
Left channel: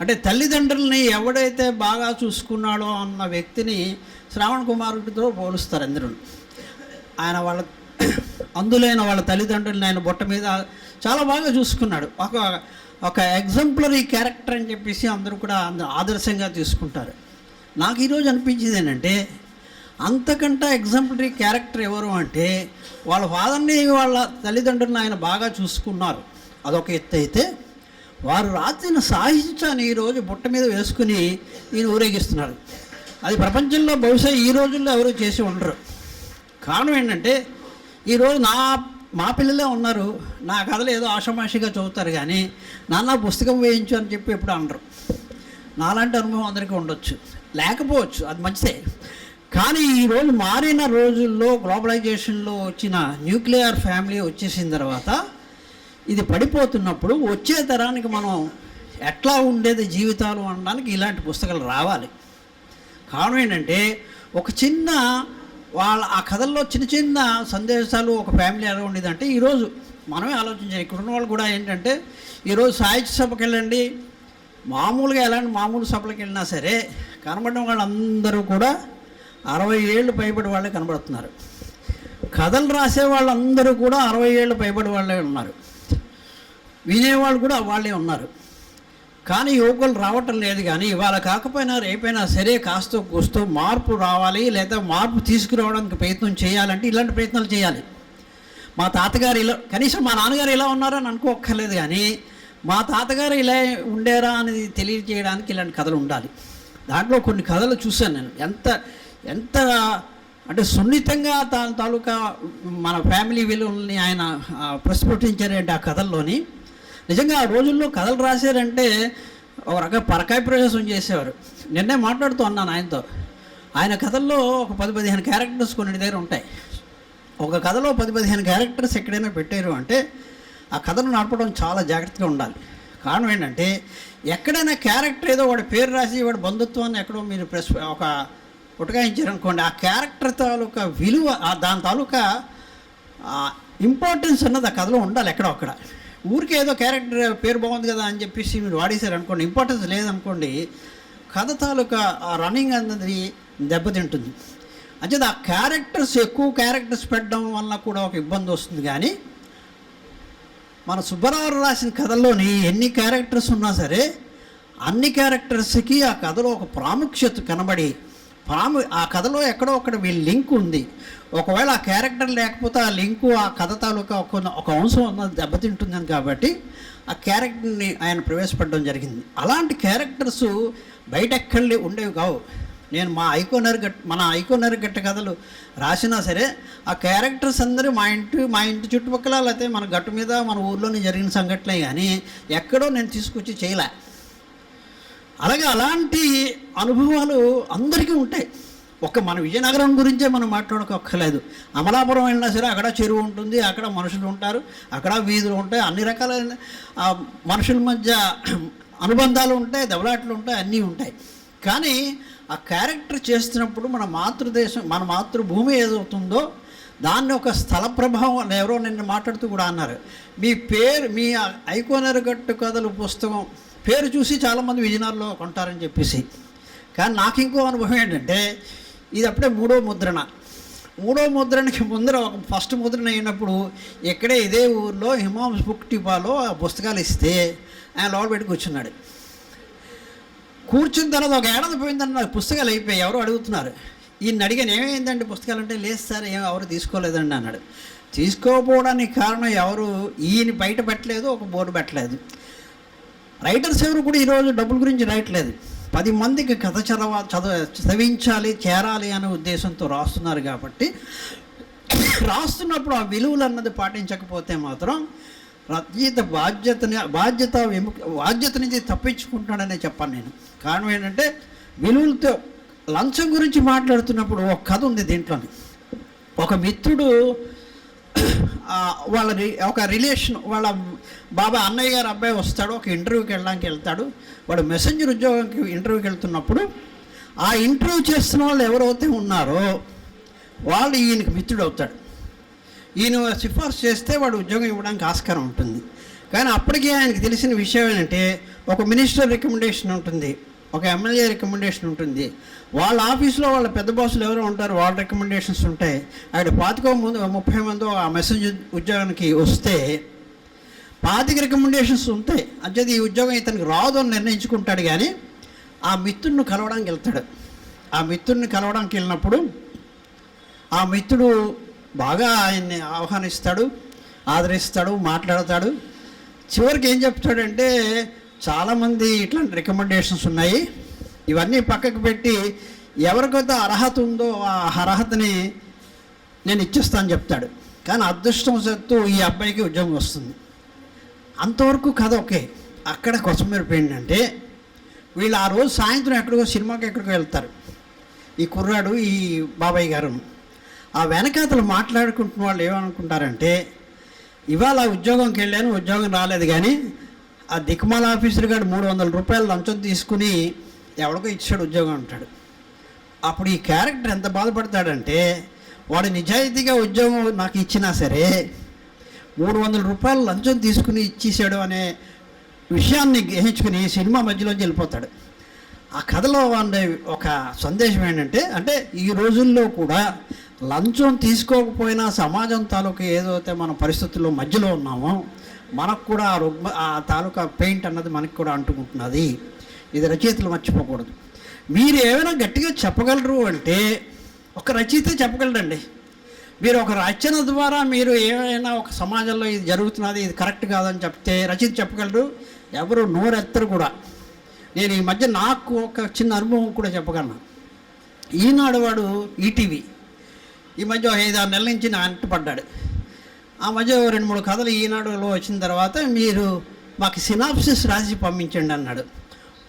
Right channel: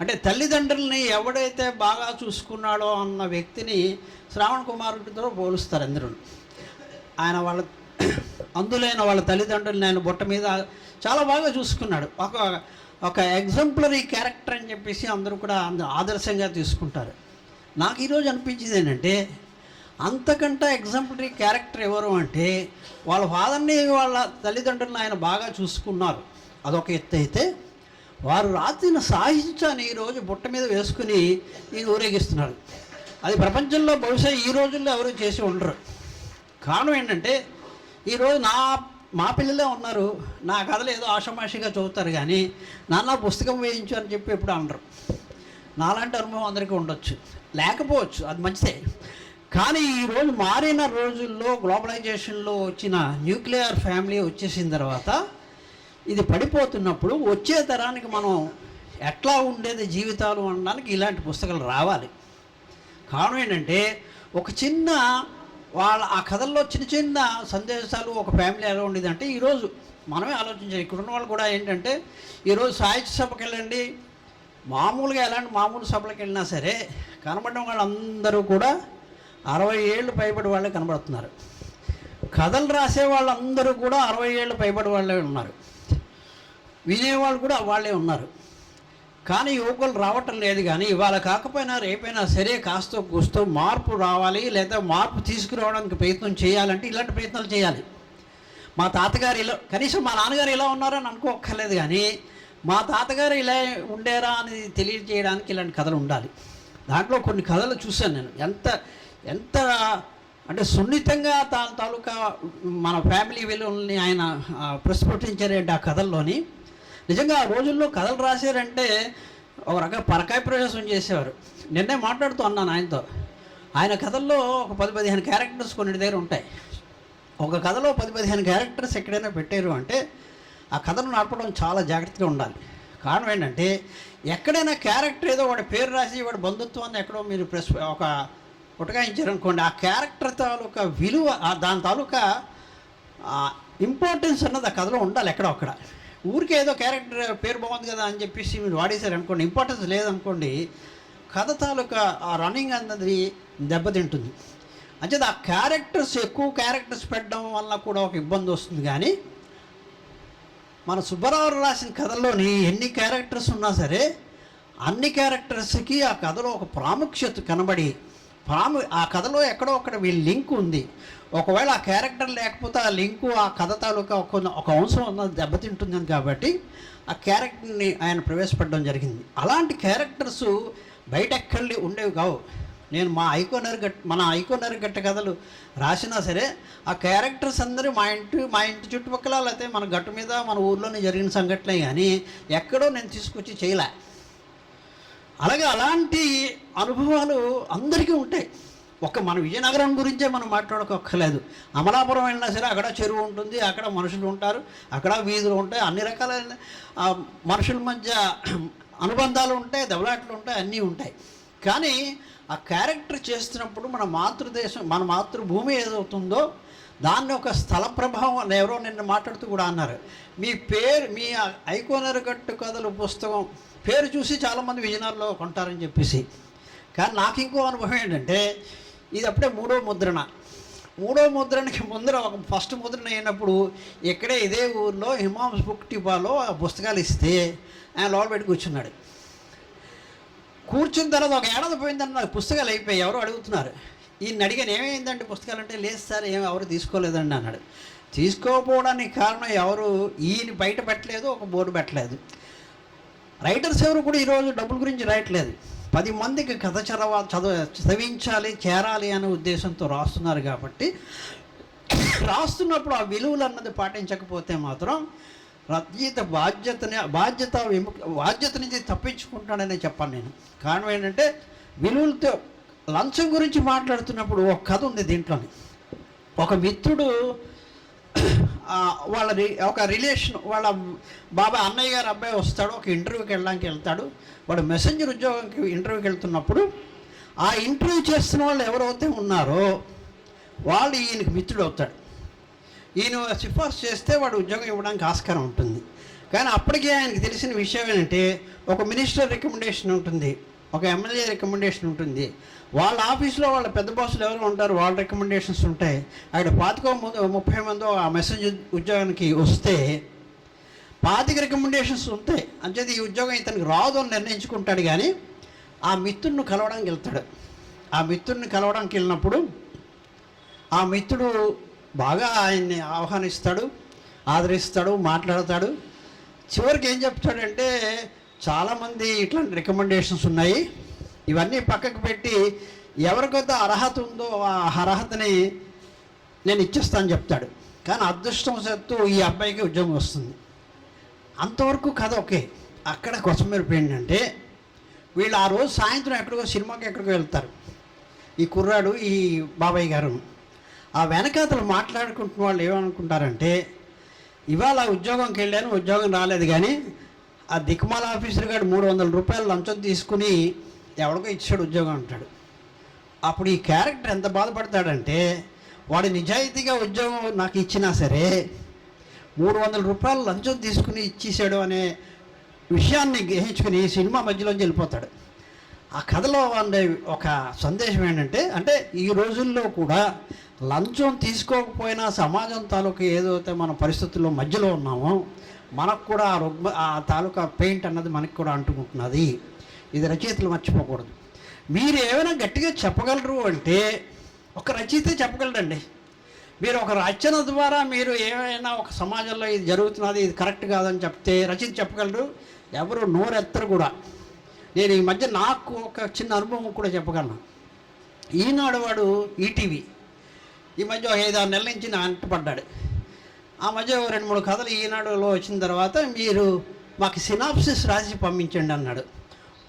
అంటే తల్లిదండ్రులని ఎవడైతే బాగా చూసుకున్నాడో అన్న వ్యక్తిని శ్రావణ్ కుమారుడితో పోలుస్తారు అందరూ. ఆయన వాళ్ళ అందులైన వాళ్ళ తల్లిదండ్రులని ఆయన బొట్ట మీద చాలా బాగా చూసుకున్నాడు. ఒక ఎగ్జాంపులరీ క్యారెక్టర్ అని చెప్పేసి అందరూ కూడా ఆదర్శంగా తీసుకుంటారు. నాకు ఈరోజు అనిపించింది ఏంటంటే, అంతకంటే ఎగ్జాంపులరీ క్యారెక్టర్ ఎవరు అంటే, వాళ్ళ ఫాదర్ని వాళ్ళ తల్లిదండ్రులను ఆయన బాగా చూసుకున్నారు, అదొక ఎత్తు అయితే, వారు రాసిన సాహిత్యాన్ని ఈరోజు బుట్ట మీద వేసుకుని ఈయన ఊరేగిస్తున్నారు. అది ప్రపంచంలో బహుశా ఈ రోజుల్లో ఎవరు చేసి ఉండరు. కారణం ఏంటంటే, ఈరోజు మా పిల్లలే ఉన్నారు, నా కథలు ఏదో ఆషామాషిగా చదువుతారు కానీ నాన్న పుస్తకం వేయించు అని చెప్పి ఎప్పుడు అనరు. నాలాంటి అనుభవం అందరికీ ఉండొచ్చు, లేకపోవచ్చు, అది మంచిదే. కానీ ఈరోజు మారిన రోజుల్లో గ్లోబలైజేషన్లో వచ్చిన న్యూక్లియర్ ఫ్యామిలీ వచ్చేసిన తర్వాత ఇది పడిపోతున్నప్పుడు వచ్చే తరానికి మనం ఎట్లా ఉండేది జీవితాలు అనడానికి ఇలాంటి పుస్తకాలు రావాలి. కారణం ఏంటంటే, ఒక చిన్న ఆ కథల్లో చిన్న చిన్న సందేశాలు ఒక ఫ్యామిలీ ఎలా ఉండేదంటే, ఈరోజు మనమే ఆలోచించాలి. ఇక్కడ ఉన్న వాళ్ళు కూడా ఏంటంటే, ఈరోజు సాహిత్య సభకి వెళ్ళండి, మామూలుగా ఎలాంటి మామూలు సభలకు వెళ్ళినా సరే కనబడిన వాళ్ళందరూ కూడా 60 ఏళ్ళు పైబడి వాళ్ళే కనబడుతున్నారు. కథలు రాసే వాళ్ళందరూ కూడా 60 ఏళ్ళు పైబడి వాళ్ళే ఉన్నారు, వినేవాళ్ళు కూడా వాళ్ళే ఉన్నారు. కానీ యువకులు రావటం లేదు. కానీ ఇవాళ కాకపోయినా రేపైనా సరే కాస్తో కూస్తో మార్పు రావాలి, లేదా మార్పు తీసుకురావడానికి ప్రయత్నం చేయాలంటే ఇలాంటి ప్రయత్నాలు చేయాలి. మా తాతగారు ఇలా, కనీసం మా నాన్నగారు ఇలా ఉన్నారని అనుకోక్కర్లేదు, కానీ మా తాతగారు ఇలా ఉండేరా అనేది తెలియజేయడానికి ఇలాంటి కథలు ఉండాలి. దాంట్లో కొన్ని కథలు చూశాను నేను, ఎంత అంటే సున్నితంగా తాలూకా మన ఫ్యామిలీ విలువల్ని ఆయన ప్రస్ఫుటించారంటే ఆ కథల్లోని. నిజంగా ఆ రోజుల్లో కథలు రాశారంటే ఒక రకంగా పరకాయ ప్రవేశం చేసేవారు. నిన్నే మాట్లాడుతూ అన్నాను ఆయనతో, ఆయన కథల్లో ఒక 10-15 క్యారెక్టర్స్ కొన్ని దగ్గర ఉంటాయి. ఒక కథలో 10-15 క్యారెక్టర్స్ ఎక్కడైనా పెట్టారు అంటే ఆ కథను నడపడం చాలా జాగ్రత్తగా ఉండాలి. కారణం ఏంటంటే, ఎక్కడైనా క్యారెక్టర్ ఏదో వాడి పేరు రాసి వాడి బంధుత్వాన్ని ఎక్కడో మీరు ఒక ఉటకాయించారనుకోండి, ఆ క్యారెక్టర్ తాలూకా విలువ, దాని తాలూకా ఇంపార్టెన్స్ అన్నది ఆ కథలో ఉండాలి. ఎక్కడో అక్కడ ఊరికే ఏదో క్యారెక్టర్ పేరు బాగుంది కదా అని చెప్పేసి మీరు వాడేశారు అనుకోండి, ఇంపార్టెన్స్ లేదనుకోండి, కథ తాలూకా ఆ రన్నింగ్ అన్నది దెబ్బతింటుంది. అంచేది ఆ క్యారెక్టర్స్, ఎక్కువ క్యారెక్టర్స్ పెట్టడం వల్ల కూడా ఒక ఇబ్బంది వస్తుంది. కానీ మన సుబ్బారావు రాసిన కథల్లోని ఎన్ని క్యారెక్టర్స్ ఉన్నా సరే అన్ని క్యారెక్టర్స్కి ఆ కథలో ఒక ప్రాముఖ్యత కనబడి, ఆ కథలో ఎక్కడో ఒకటి వీళ్ళ లింక్ ఉంది. ఒకవేళ ఆ క్యారెక్టర్ లేకపోతే ఆ లింకు, ఆ కథ తాలూకా ఒక అంశం అన్నది దెబ్బతింటుందని కాబట్టి ఆ క్యారెక్టర్ని ఆయన ప్రవేశపెట్టడం జరిగింది. అలాంటి క్యారెక్టర్స్ బయట ఎక్కడి ఉండేవి కావు. నేను మన ఐకోనర్ గట్ట కథలు రాసినా సరే ఆ క్యారెక్టర్స్ అందరూ మా ఇంటి చుట్టుపక్కల, లేకపోతే మన గట్టు మీద మన ఊర్లోనే జరిగిన సంఘటనలే, కానీ ఎక్కడో నేను తీసుకొచ్చి చేయలే. అలాగే అలాంటి అనుభవాలు అందరికీ ఉంటాయి. మన విజయనగరం గురించే మనం మాట్లాడుకోక్కర్లేదు. అమలాపురం వెళ్ళినా సరే అక్కడ చెరువు ఉంటుంది, అక్కడ మనుషులు ఉంటారు, అక్కడ వీధులు ఉంటాయి, అన్ని రకాలైన మనుషుల మధ్య అనుబంధాలు ఉంటాయి, దెబ్బలాట్లు ఉంటాయి, అన్నీ ఉంటాయి. కానీ ఆ క్యారెక్టర్ చేస్తున్నప్పుడు మన మాతృదేశం, మన మాతృభూమి ఏదవుతుందో దాన్ని ఒక స్థల ప్రభావం, ఎవరో నిన్న మాట్లాడుతూ కూడా అన్నారు, మీ ఐకోనర్ గట్టు కథలు పుస్తకం పేరు చూసి చాలామంది విజయనగరంలో కొంటారని చెప్పేసి. కానీ నాకు ఇంకో అనుభవం ఏంటంటే, ఇది అప్పుడే మూడో ముద్రణకి ముందర ఒక ఫస్ట్ ముద్రణ అయినప్పుడు ఇక్కడే ఇదే ఊర్లో హిమాంస్ బుక్ టిపాలో ఆ పుస్తకాలు ఇస్తే ఆయన లోపల పెట్టి కూర్చున్నాడు. కూర్చున్న తర్వాత ఒక ఏడాది పోయిందని నాకు పుస్తకాలు అయిపోయాయి. ఎవరో అడుగుతున్నారు, ఈయన అడిగాను ఏమైందండి పుస్తకాలు అంటే, లేదు సార్ ఎవరు తీసుకోలేదండి అన్నాడు. తీసుకోకపోవడానికి కారణం ఎవరు, ఈయన బయట పెట్టలేదు, ఒక బోర్డు పెట్టలేదు. రైటర్స్ ఎవరు కూడా ఈరోజు డబ్బుల గురించి రాయట్లేదు, 10 మందికి కథ చదివించాలి, చేరాలి అనే ఉద్దేశంతో రాస్తున్నారు. కాబట్టి రాస్తున్నప్పుడు ఆ విలువలు అన్నది పాటించకపోతే మాత్రం రచయిత బాధ్యత నుంచి తప్పించుకుంటాడనే చెప్పాను నేను. కారణం ఏంటంటే విలువలతో లంచం గురించి మాట్లాడుతున్నప్పుడు ఒక కథ ఉంది దీంట్లోని. ఒక మిత్రుడు ఒక రిలేషన్ వాళ్ళ బాబాయ్ అన్నయ్య గారు అబ్బాయి వస్తాడు, ఒక ఇంటర్వ్యూకి వెళ్ళడానికి వెళ్తాడు. వాడు మెసెంజర్ ఉద్యోగానికి ఇంటర్వ్యూకి వెళ్తున్నప్పుడు ఆ ఇంటర్వ్యూ చేస్తున్న వాళ్ళు ఎవరైతే ఉన్నారో వాళ్ళు ఈయనకి మిత్రుడు అవుతాడు. ఈయన సిఫార్సు చేస్తే వాడు ఉద్యోగం ఇవ్వడానికి ఆస్కారం ఉంటుంది. కానీ అప్పటికే ఆయనకి తెలిసిన విషయం ఏంటంటే ఒక మినిస్టర్ రికమెండేషన్ ఉంటుంది, ఒక ఎమ్మెల్యే రికమెండేషన్ ఉంటుంది, వాళ్ళ ఆఫీస్లో వాళ్ళ పెద్ద బాసులు ఎవరో ఉంటారు, వాళ్ళ రికమెండేషన్స్ ఉంటాయి. అక్కడ 30 మంది ఆ మెసేజ్ ఉద్యోగానికి వస్తే 25 రికమెండేషన్స్ ఉంటాయి. అంచేది ఈ ఉద్యోగం ఇతనికి రాదు అని నిర్ణయించుకుంటాడు. కానీ ఆ మిత్రుడిని కలవడానికి వెళ్తాడు. ఆ మిత్రుడిని కలవడానికి వెళ్ళినప్పుడు ఆ మిత్రుడు బాగా ఆయన్ని ఆహ్వానిస్తాడు, ఆదరిస్తాడు, మాట్లాడతాడు. చివరికి ఏం చెప్తాడంటే చాలామంది ఇట్లాంటి రికమెండేషన్స్ ఉన్నాయి, ఇవన్నీ పక్కకు పెట్టి ఎవరికైతే అర్హత ఉందో ఆ అర్హతని నేను ఇచ్చేస్తాను చెప్తాడు. కానీ అదృష్టవశాత్తు ఈ అబ్బాయికి ఉద్యోగం వస్తుంది. అంతవరకు కథ ఓకే. అక్కడ కొసమెరుపు ఏంటంటే వీళ్ళు ఆ రోజు సాయంత్రం ఎక్కడికో వెళ్తారు, ఈ కుర్రాడు ఈ బాబాయ్ గారు. ఆ వెనకాతలు మాట్లాడుకుంటున్న వాళ్ళు ఏమనుకుంటారంటే ఇవాళ ఉద్యోగంకి వెళ్ళాను, ఉద్యోగం రాలేదు, కానీ ఆ దిక్మాల ఆఫీసర్ గారు 300 రూపాయలు లంచం తీసుకుని ఎవరికో ఇచ్చాడు ఉద్యోగం అంటాడు. అప్పుడు ఈ క్యారెక్టర్ ఎంత బాధపడతాడంటే వాడు నిజాయితీగా ఉద్యోగం నాకు ఇచ్చినా సరే 300 రూపాయలు లంచం తీసుకుని ఇచ్చేసాడు అనే విషయాన్ని గ్రహించుకుని సినిమా మధ్యలోంచి వెళ్ళిపోతాడు. ఆ కథలో ఉండే ఒక సందేశం ఏంటంటే అంటే ఈ రోజుల్లో కూడా లంచం తీసుకోకపోయినా సమాజం తాలూకా ఏదైతే మన పరిస్థితుల్లో మధ్యలో ఉన్నామో మనకు కూడా ఆ తాలూకా పెయింట్ అన్నది మనకు కూడా అంటుకుంటున్నది. ఇది రచయితలు మర్చిపోకూడదు. మీరు ఏమైనా గట్టిగా చెప్పగలరు అంటే ఒక రచయిత చెప్పగలరండి. మీరు ఒక రచన ద్వారా మీరు ఏమైనా ఒక సమాజంలో ఇది జరుగుతున్నది, ఇది కరెక్ట్ కాదని చెప్తే రచయిత చెప్పగలరు, ఎవరు నోరెత్తరు కూడా. నేను ఈ మధ్య నాకు ఒక చిన్న అనుభవం కూడా చెప్పగలను. ఈనాడు వాడు ఈటీవీ ఈ మధ్య 5-6 నెలల నుంచి నా అంటపడ్డాడు. ఆ మధ్య 2-3 కథలు ఈనాడులో వచ్చిన తర్వాత మీరు మాకు సినాప్సిస్ రాసి పంపించండి అన్నాడు.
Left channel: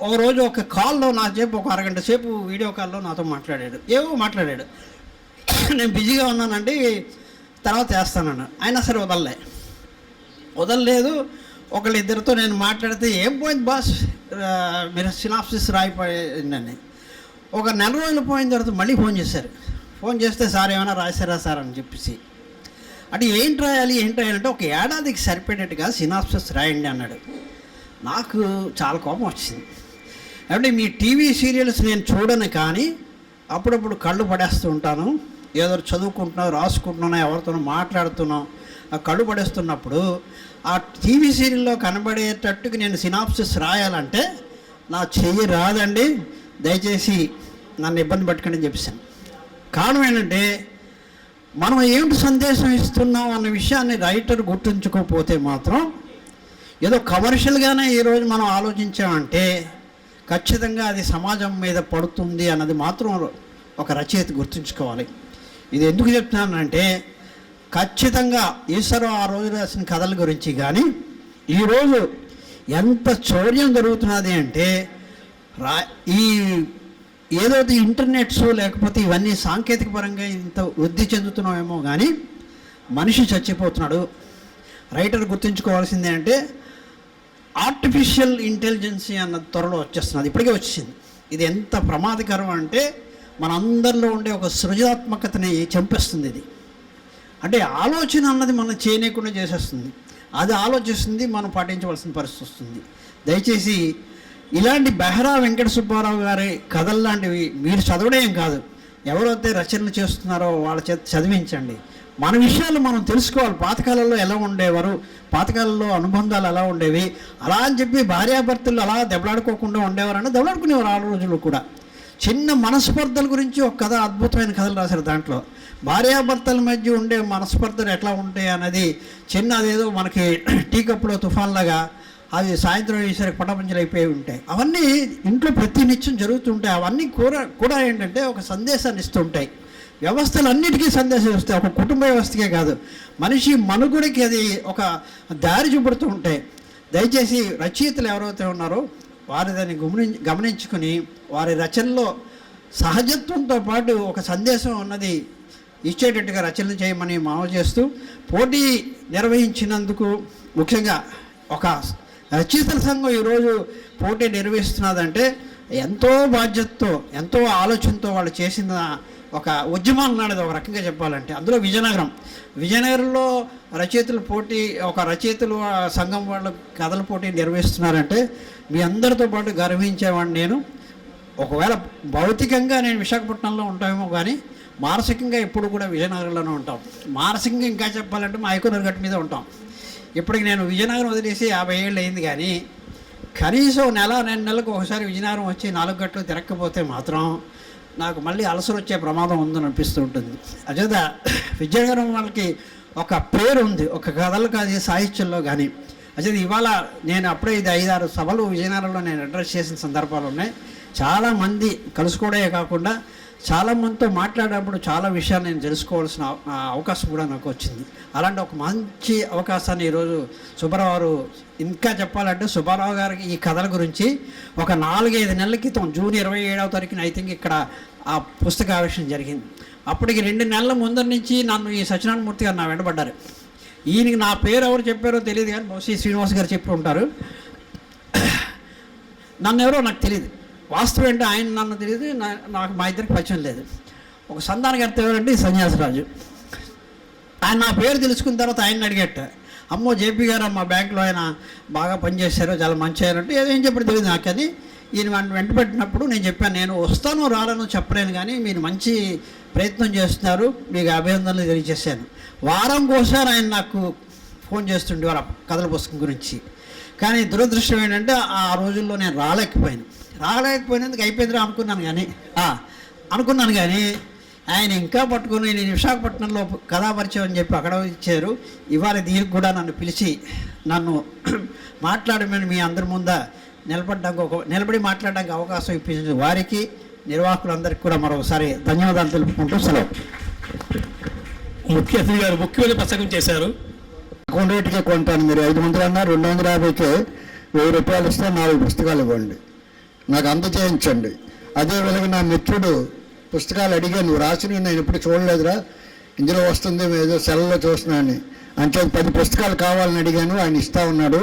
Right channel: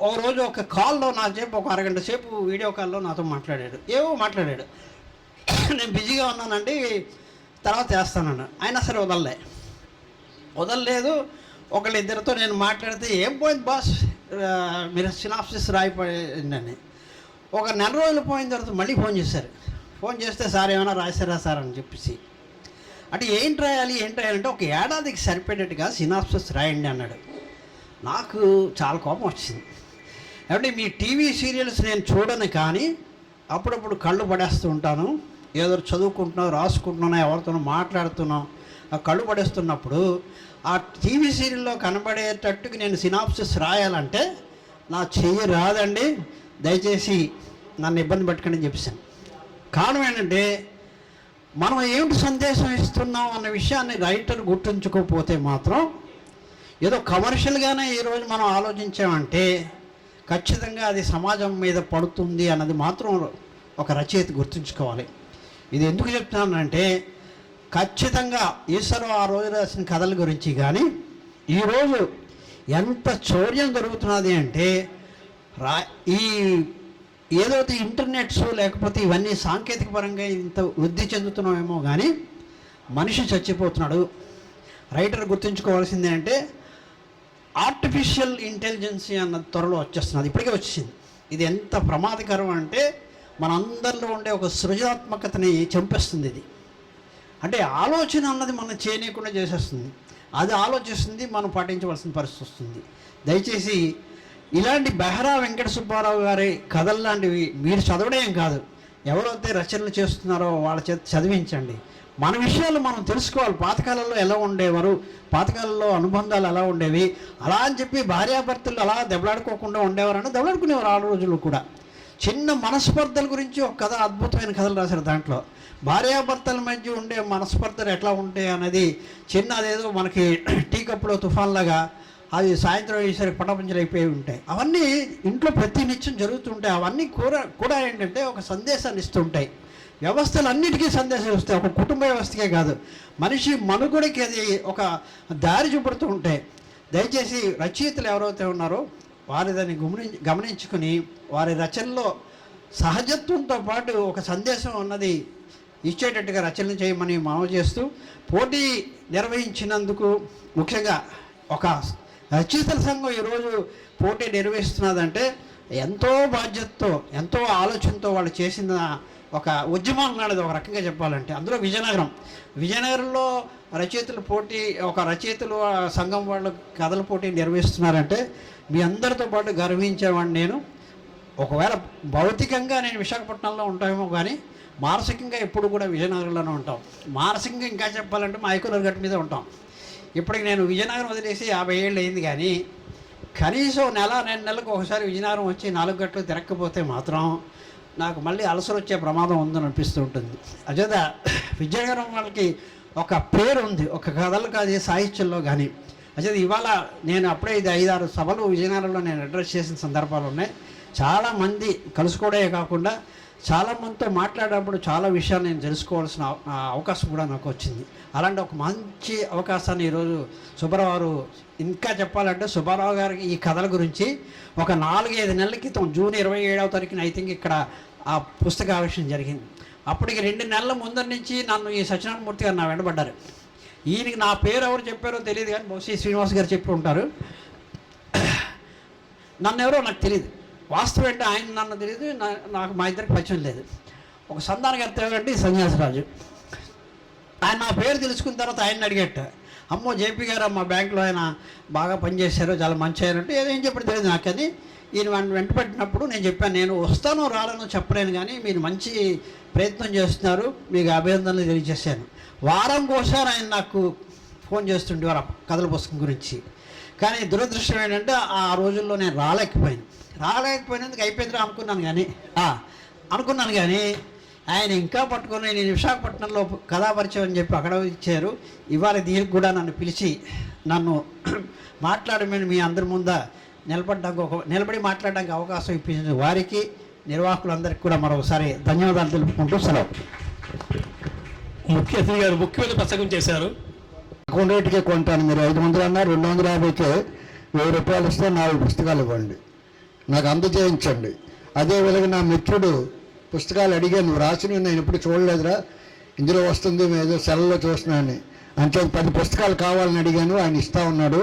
ఒక రోజు ఒక కాల్లో నా సేపు ఒక అరగంట సేపు వీడియో కాల్లో నాతో మాట్లాడాడు. మాట్లాడాడు. నేను బిజీగా ఉన్నానండి, తర్వాత వేస్తానన్నాడు. అయినా సరే వదలలేదు. ఒకళ్ళిద్దరితో నేను మాట్లాడితే ఏం పోయింది బాస్, మీరు సినాప్సిస్ రాయిపోయిందని. ఒక 4 రోజులు పోయిన తర్వాత మళ్ళీ ఫోన్ చేశారు. ఫోన్ చేస్తే సార్ ఏమైనా రాశారా సార్ అని చెప్పేసి, అంటే ఏంటి రాయాలి అంటే ఒక ఏడాదికి సరిపడేట్టుగా సినాప్సిస్ రాయండి అన్నాడు. నాకు చాలా కోపం వచ్చింది. అంటే మీ టీవీ సీరియల్స్ నేను చూడను, కానీ అప్పుడప్పుడు కళ్ళు పడేస్తూ ఉంటాను, ఏదో చదువుకుంటున్నావు, రాసుకుంటున్నాను, ఎవరితోనో మాట్లాడుతున్నాం, ఆ కళ్ళు పడేస్తున్నప్పుడు ఆ టీవీ సీరియల్లో కనబడేటట్టుగా నేను సినాప్సిస్ రాయాలంటే నా చెయ్యి రాదండి, దయచేసి నన్ను ఇబ్బంది పట్టుకుని చెప్పాను. కారణం ఏంటంటే మనం ఏమిటి సందేశం ఇస్తున్నాం అన్న విషయాన్ని రైటర్ గుర్తుంచుకోకపోతే మాత్రం ఏదో కమర్షియల్గానే ఈరోజు మనం ఆలోచించామంటే ఖచ్చితంగా అది సమాజం మీద పడుతుంది అన్నది మాత్రం ఒక రచయిత గుర్తుంచుకోవాలి. ఇది ఎందుకు చెప్తున్నానంటే ఖచ్చితంగా ఈశ్వరం ఆ రోజు రాసిన కథల గురించి కానీ ఈరోజు ఎంత చౌర్యం జరుగుతున్నది అంటే ఈ ఏదైతే ఇంటర్నెట్స్ లేకపోతే ఇవన్నీ సాంకేతిక పరంగా ఇంత వృద్ధి చెందుతున్నామేమో కానీ మనిషి చచ్చిపోతున్నాడు. రైటర్ గుర్తుంచుకోవాల్సిందే అంటే ఆర్టిఫిషియల్ ఇంటెలిజెన్సీ అన్న త్వరలో వచ్చేస్తున్నది, ఇప్పటికే వచ్చింది. ఇది ఎంత ప్రమాదకరం అంటే మనందరిలో ఉండే ఒక సృజనాత్మకతని చంపేస్తుంది. ఇది అంటే ఆలోచన అన్నది మనం చేయనీయకుండా చేసేస్తుంది. అది ఆలోచిస్తుంది, మనం పాటించవలసిన పరిస్థితి వస్తుంది. దయచేసి ఇలాంటి బెహరా వెంకట సుబ్బారావు గారి కథలు లాంటివి మీరు చదవడం కాదు, ఎవరైతే రచనలు చేస్తున్నారో వాళ్ళ చేత చదివించండి. మన విషయాలు మనం తెలుసుకోవాలి. పాతకాలంలో ఎలా ఉండేవారు, పాతకాలంలో అనుబంధాలు ఎలా ఉండేవి, అలా అని చెప్పి భార్యాభర్తలు అలా దెబ్బలాడుకోకుండా ఉండేవారని దెబ్బలాడుకునేవారు. ఆ రోజుల్లో కూడా చిన్న మనస్పర్ధల గురించి ఒక కథ, అద్భుతమైన కథలు రాశారు. దాంట్లో భార్యాభర్తల మధ్య ఉండే మనస్పర్ధలు ఎట్లా ఉంటాయి అన్నది చిన్న, అదేదో మనకి టీ కప్పులో తుఫాన్లాగా అది సాయంత్రం ఈసారి పటపంచలు అయిపోయి ఉంటాయి. అవన్నీ ఇంట్లో ప్రతినిత్యం జరుగుతుంటాయి. అవన్నీ కూడా ఏంటంటే ఒక సందేశాన్ని ఇస్తుంటాయి. వ్యవస్థలన్నిటికీ సందేశం వస్తాయి, ఒక కుటుంబ వ్యవస్థకే కాదు, మనిషి మనుగడకి అది ఒక దారి చూపుడుతూ ఉంటే దయచేసి రచయితలు ఎవరైతే ఉన్నారో వారి దాన్ని గమనించుకుని వారి రచనలో సహజత్వంతో పాటు ఒక సందేశం ఉన్నది ఇచ్చేటట్టుగా రచనలు చేయమని మనవి చేస్తూ, పోటీ నిర్వహించినందుకు ముఖ్యంగా ఒక రచయితల సంఘం ఈరోజు పోటీ నిర్వహిస్తున్నదంటే ఎంతో బాధ్యతతో ఎంతో ఆలోచనతో వాళ్ళు చేసిన ఒక ఉద్యమం అనేది ఒక రకంగా చెప్పాలంటే. అందులో విజయనగరంలో రచయితల పోటీ, ఒక రచయితల సంఘం వాళ్ళు కథల పోటీ నిర్వహిస్తున్నారంటే మీ అందరితో పాటు గర్వించేవాడిని నేను. ఒకవేళ భౌతికంగా నేను విశాఖపట్నంలో ఉంటామేమో కానీ మానసికంగా ఎప్పుడు కూడా విజయనగరంలోనే ఉంటాం. మానసికంగా ఇంకా చెప్పాలంటే మా ఐకోనర్ గట్టు మీద ఉంటాం. ఇప్పటికి నేను విజయనగరం వదిలేసి 50 ఏళ్ళు అయింది, కానీ కనీసం 2 నెలలకు ఒకసారి విజయనగరం వచ్చి 4 గంటలు తిరగకపోతే మాత్రం నాకు మళ్ళీ అలసలు వచ్చే ప్రమాదం ఉందని అనిపిస్తూ ఉంటుంది. అజేత విజయనగరం వాళ్ళకి ఒక పేరు ఉంది, ఒక కథలు కాదు సాహిత్యంలో కానీ. అదే ఇవాళ నేను అప్పుడే 5-6 సభలు విజయనగరంలో నేను అడ్రస్ చేసిన సందర్భాలు ఉన్నాయి. చాలామంది కలుసుకోవడమే కాకుండా చాలామందితో మాట్లాడేటప్పుడు చాలా విషయాలు నేను తెలుసుకోవాల్సిన అవకాశం కూడా నాకు వచ్చింది. అలాంటి ఒక మంచి అవకాశాన్ని ఈరోజు సుబ్బారావు గారు, ఇంకా చెప్పాలంటే సుబ్బారావు గారికి ఈ కథల గురించి ఒక 4-5 నెలల క్రితం జూన్ 27వ తారీఖున ఐ థింక్ ఇక్కడ ఆ పుస్తకావిష్కరణ జరిగింది. అప్పటికి 2 నెలల ముందర నుంచి నన్ను ఈ సత్యనారాయణమూర్తి గారు నా వెంటబడ్డారు. ఈయనకి నా పేరు ఎవరు చెప్పారో తెలియదు కానీ బహుశా శ్రీనివాస్ గారు చెప్పి ఉంటారు. నన్ను ఎవరో నాకు తెలియదు, వాస్తవం ఏంటో ఆయన నన్ను తెలియదు, నాకు మా ఇద్దరికి పరిచయం లేదు. ఒక సంధానకర్త ఎవరంటే సన్యాసరాజు, ఆయన నా పేరు తెలుసుకున్న తర్వాత ఆయన అడిగేట, అమ్మో జేపీ గారు మా బ్యాంకులో ఆయన బాగా పనిచేశారు, చాలా మంచి అయ్యారంటే ఏం చెప్పడం తెలియదు నాకు. అని ఈయన వెంట పెట్టినప్పుడు నేను చెప్పాను, నేను వస్తానో రాలేనో చెప్పలేను కానీ మీరు మంచి ప్రయత్నం చేస్తున్నారు, మీకు అభినందనలు తెలియజేశాను. వారంకోసారి ఆయన నాకు ఫోన్ చేస్తుండేవారు కథల పుస్తకం గురించి. కానీ దురదృష్టం ఏంటంటే ఆ రోజుల్లో నేను రాలేకపోయినందుకు అయిపోయిందిరా అనుకున్నాను కానీ ఆయన ఇంకా పట్టుకొని నేను విశాఖపట్నంలో కథాపరిచయం అని చెప్పి అక్కడ ఇచ్చారు. ఇవాళ దీనికి కూడా నన్ను పిలిచి నన్ను మాట్లాడమని మీ అందరి ముందు నిలబడి మాట్లాడడానికి అవకాశం ఇప్పించిన వారికి, నిర్వాహకులందరికీ కూడా మరొకసారి ధన్యవాదాలు తెలుపుకుంటూ సెలవు. ముఖ్య అతిథి గారు ముఖ్యమైన ప్రసంగం చేశారు. అకౌంట్ రేటుకే కొంటాను, మీరు 500 అన్నా 250కే 1000 రూపాయలు ఇస్తే 4 పుస్తకాలు ఇవ్వండి, నాకు అందజేయించండి. అదేవిధంగా నా మిత్రుడు పుస్తకాలు అడిగాను, నువ్వు రాసినవి నేను ఎప్పుడు చూడలేదురా, ఇందులో వస్తుంది ఏదో సెల్లో చూస్తున్నాను అంటే 10 పుస్తకాలు కావాలని అడిగాను, ఆయన ఇస్తా ఉన్నాడు.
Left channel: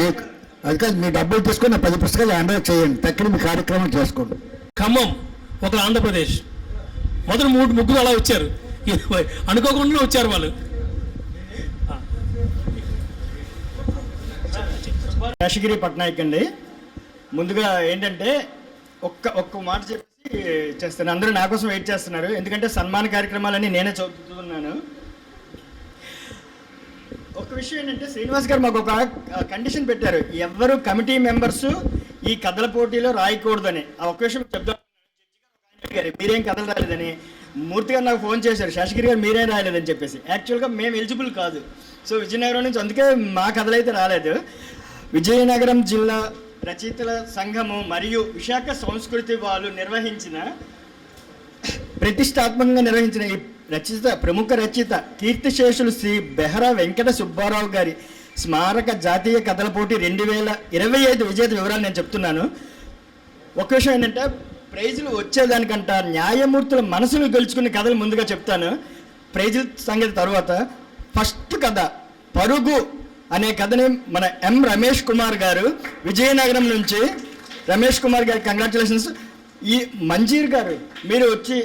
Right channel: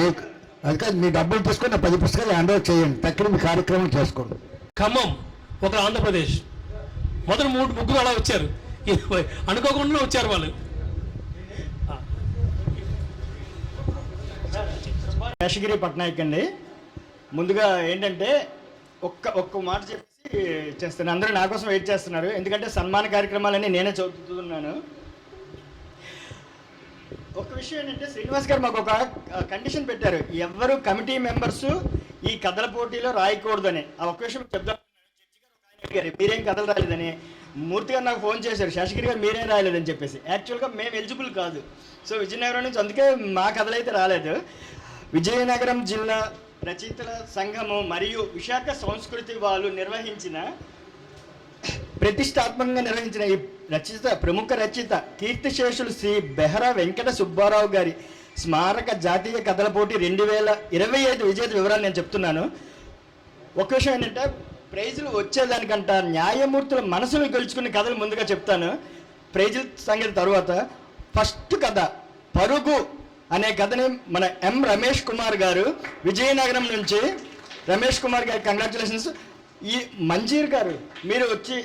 నీకు అది కాదు, మీ డబ్బులు తీసుకొని 10 పుస్తకాలు హ్యాండ్ ఓవర్ చేయండి, తక్కిన మీ కార్యక్రమం చేసుకోండి. ఖమ్మం, ఒక ఆంధ్రప్రదేశ్, మొదటి 3 అలా వచ్చారు, అనుకోకుండా వచ్చారు వాళ్ళు. శేషగిరి పట్నాయక్ అండి. ముందుగా ఏంటంటే ఒక్క మాట చెప్పి చేస్తాను, అందరూ నా కోసం వెయిట్ చేస్తున్నారు, ఎందుకంటే సన్మాన కార్యక్రమాలన్నీ నేనే చదువుతున్నాను. ఒక విషయం ఏంటంటే శ్రీనివాస్ గారు మాకు ఒక కండిషన్ పెట్టారు, ఎవరు కమిటీ మెంబర్స్ ఈ కథల పోటీలో రాయకూడదని. ఆ ఒక్క విషయం చెప్తాను, మీరేం కథలు రాలేదని. మూర్తి గారు నాకు ఫోన్ చేశారు, శేషగిరి గారు మీరేం రాయలేదని చెప్పేసి. యాక్చువల్గా మేము ఎలిజిబుల్ కాదు, సో విజయనగరం నుంచి అందుకే మా కథలు అయితే రాలేదు. విజయనగరం జిల్లా రచయితల సంఘము మరియు విశాఖ సంస్కృతి వాళ్ళు ప్రతిష్టాత్మకంగా నిర్వహించిన ఈ ప్రముఖ రచయిత కీర్తిశేషులు శ్రీ బెహరా వెంకట సుబ్బారావు గారి స్మారక జాతీయ కథల పోటీ 2025 విజేత వివరాలు నేను చెప్తున్నాను. ఒక విషయం ఏంటంటే ప్రైజులు వచ్చేదానికంట న్యాయమూర్తుల మనసును గెలుచుకునే కథలు ముందుగా చెప్తాను, ప్రైజుల సంగతి తర్వాత. ఫస్ట్ కథ పరుగు అనే కథని మన ఎం రమేష్ కుమార్ గారు విజయనగరం నుంచి, రమేష్ కుమార్ గారికి కంగ్రాచులేషన్స్. ఈ మంజీర్ గారు మీరు వచ్చి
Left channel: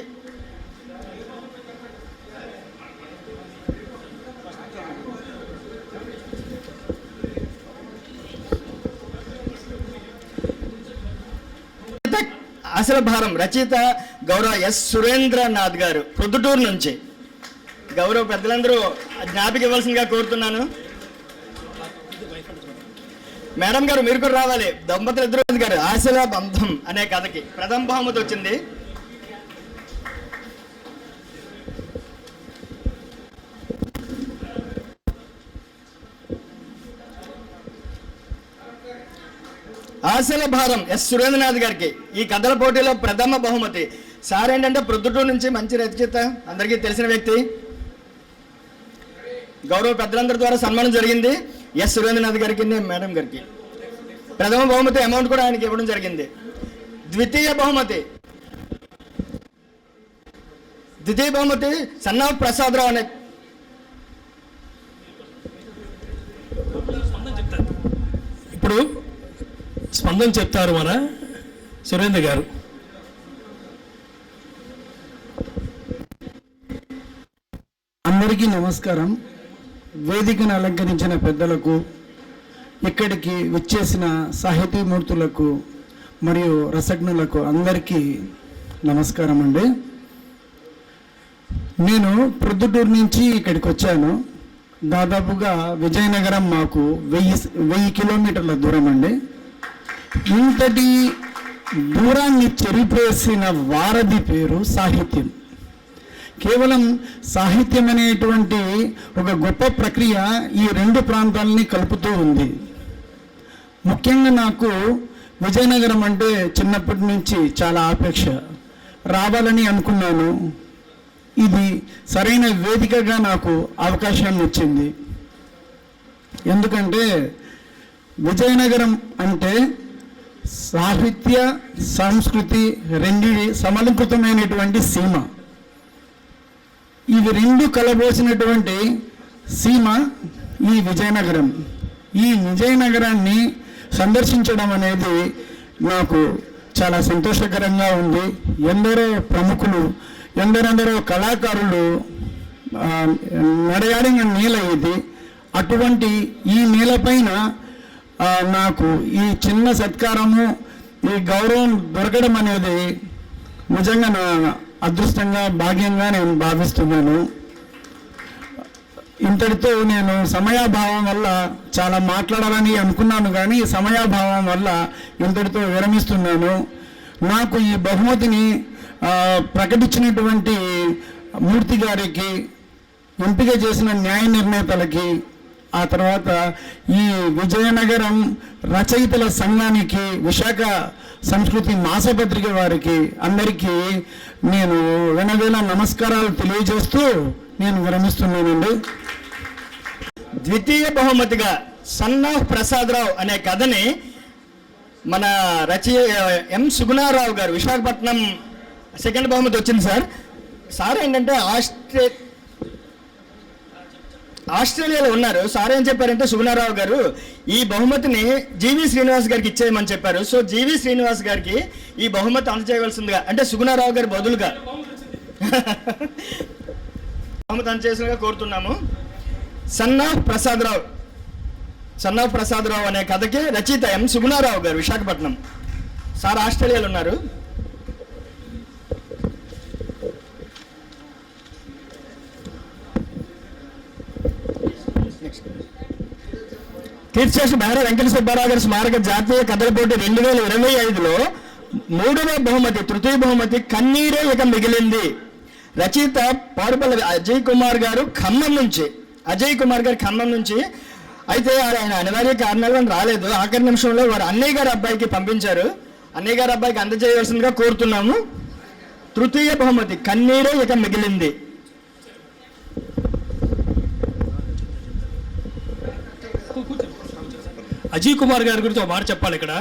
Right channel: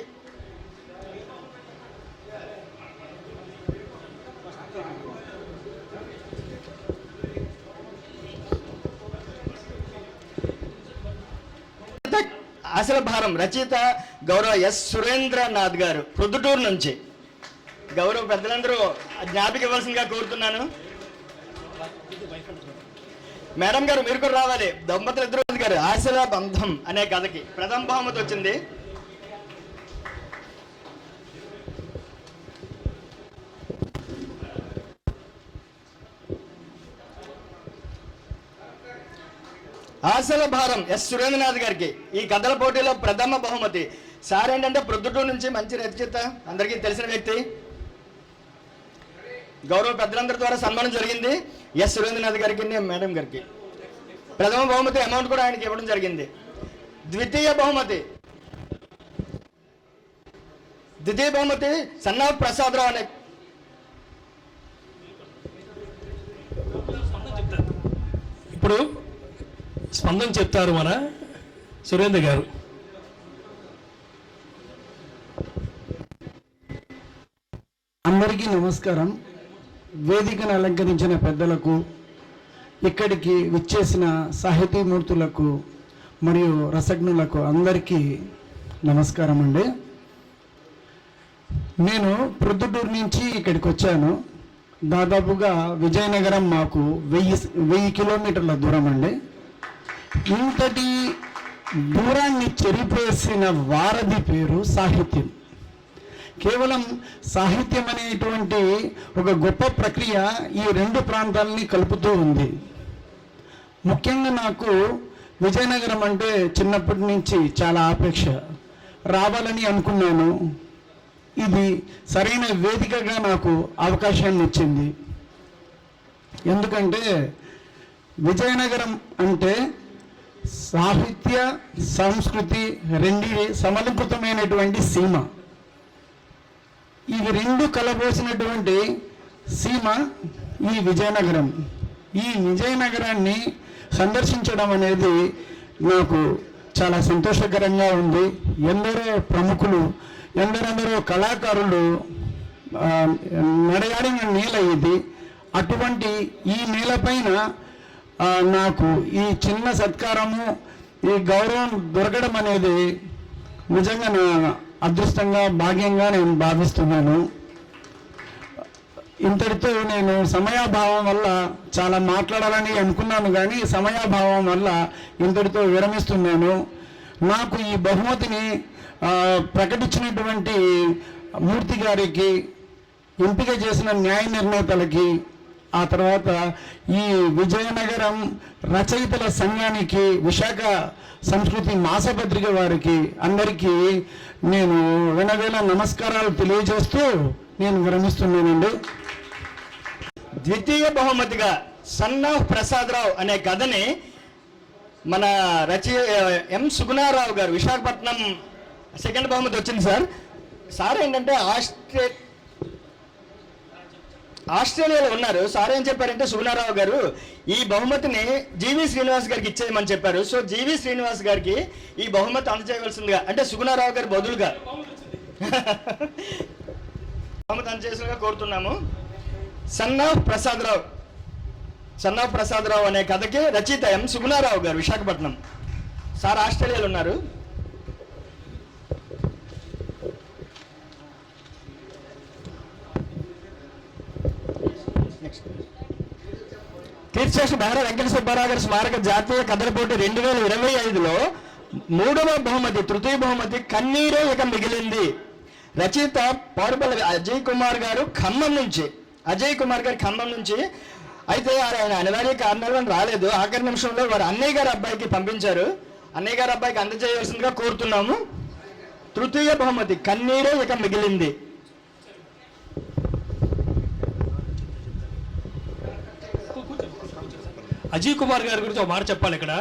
ఆశల భారం రచయిత గౌరవ ఎస్ సురేంద్రనాథ్ గారు ప్రొద్దుటూరు నుంచి. గౌరవ పెద్దలందరూ జ్ఞాపిక ఇవ్వాల్సిందిగా కోరుతున్నాను. మేడం గారు మీరు కూడా రావాలి. దంపతులు ఇద్దరు గారు ఆశల బంధం అనే కథకి ప్రథమ బహుమతి వచ్చింది. ఆశల భారం ఎస్ సురేంద్రనాథ్ గారికి ఈ కథల పోటీలో ప్రథమ బహుమతి. సార్ ఏంటంటే ప్రొద్దుటూరు నుంచి మంచి రచయిత, అందరికీ తెలిసిన వ్యక్తి. గౌరవ పెద్దలందరి ద్వారా సన్మానం జరిగింది. ఎస్ సురేంద్రనాథ్ గారికి, మేడం గారికి ప్రథమ బహుమతి అమౌంట్ కూడా ఆయనకి ఇవ్వడం జరిగింది. ద్వితీయ బహుమతి సన్నాఫ్ ప్రసాదరావు అనే ఇప్పుడు స్పందన చెప్తారు మన సురేంద్ర గారు. అందరికీ నమస్కారం. వేదికను అలంకరించిన పెద్దలకు, ఇక్కడికి విచ్చేసిన సాహితీమూర్తులకు మరియు రసజ్ఞులకు అందరికీ నమస్కారం అండి. నేను ప్రొద్దుటూరు నుంచి ఇక్కడికి వచ్చాను. దాదాపుగా విజయనగరం మాకు 1000 కిలోమీటర్ల దూరం అండి. ఇంతటి దూరాన్ని చెరిపేసిన వారధి పేరు సాహిత్యం. కేవలం సాహిత్యం అనేటువంటి ఒక గొప్ప ప్రక్రియ ఈ రెండు ప్రాంతాలని కలుపుతూ ఉంది. ముఖ్యంగా నాకు విజయనగరం అంటే చిన్నప్పటి నుంచి చాలా ఆపేక్ష, రావాలని అనుకున్నాను. ఇది సరైన వేదికగా నాకు అవకాశాన్ని ఇచ్చింది. ఎందుకంటే విజయనగరం అంటే సాహిత్య సంస్కృతి రెండిటి సమలంకృతమైనటువంటి సీమ. ఇవి రెండు కలబోసినటువంటి సీమ ఈ విజయనగరం. ఈ విజయనగరాన్ని సందర్శించడం అనేది నాకు చాలా సంతోషకరంగా ఉంది. ఎందరో ప్రముఖులు, ఎందరెందరో కళాకారులు నడయాడిన నేల ఇది. అటువంటి ఈ నేలపైన నాకు ఈ చిన్న సత్కారము, ఈ గౌరవం దొరకడం అనేది నిజంగా నా అదృష్టంగా, భాగ్యంగా నేను భావిస్తున్నాను. ఇంతటితో నేను సమయాభావం వల్ల చాలా మాట్లాడాలని అనుకున్నాను, కానీ సమయాభావం వల్ల ఇంతటితో విరమిస్తున్నాను. నాకు ఈ బహుమతిని ప్రకటించినటువంటి మూర్తి గారికి, ఎంపిక చేసిన న్యాయ నిర్ణేతలకి, ఆ తర్వాత ఈ విజయనగరం రచయితల సంఘానికి, విశాఖ సంస్కృతి మాసపత్రిక వారికి అందరికీ నేను వెనవేల నమస్కారాలు తెలియజేస్తూ నేను విరమిస్తున్నానండి. ద్వితీయ బహుమతిగా సన్నాఫ్ ప్రసాదరావు అనే కథని మన ఎం సుగుణారావు గారు, విశాఖపట్నం సెకండ్ బహుమతి వచ్చింది సార్. సార్ ఏంటంటే ఆస్ట్రేలియాలో ఉన్నారు. సార్ ఏం చెప్పారంటే సుగుణారావు గారు ఈ బహుమతిని జీవి శ్రీనివాస్ గారికి ఇచ్చేయమని చెప్పారు. సో జీవి శ్రీనివాస్ గారికి ఈ బహుమతి అందజేయవలసిందిగా, అంటే సుగుణారావు గారి బదులుగా బహుమతి అందజేసినగా కోరుతున్నాము. సన్నాఫ్ ప్రసాదరావు అనే కథకి రచయిత ఎం సుగుణారావు గారు, విశాఖపట్నం. సార్ ఆస్ట్రేలియాలో ఉన్నారు. కీర్తిశేషు బెహరా వెంకట సుబ్బారావు గారి స్మారక జాతీయ కథల పోటీ 2025లో 3వ బహుమతి, తృతీయ బహుమతి కన్నీరే ఇక మిగిలింది. రచయిత పారుపల్లి అజయ్ కుమార్ గారు ఖమ్మం నుంచి. అయితే ఆయన అనివార్య కారణాల వల్ల రాలేదు. ఆఖరి నిమిషంలో వారు అన్నయ్య గారి అబ్బాయికి పంపించారు. అన్నయ్య గారి అబ్బాయికి అందజేయవలసిందిగా కోరుతున్నాము. తృతీయ బహుమతి కన్నీరే ఇక మిగిలింది. అజయ్ కుమార్ గారి గురించి ఒక మాట చెప్పాలి ఇక్కడ.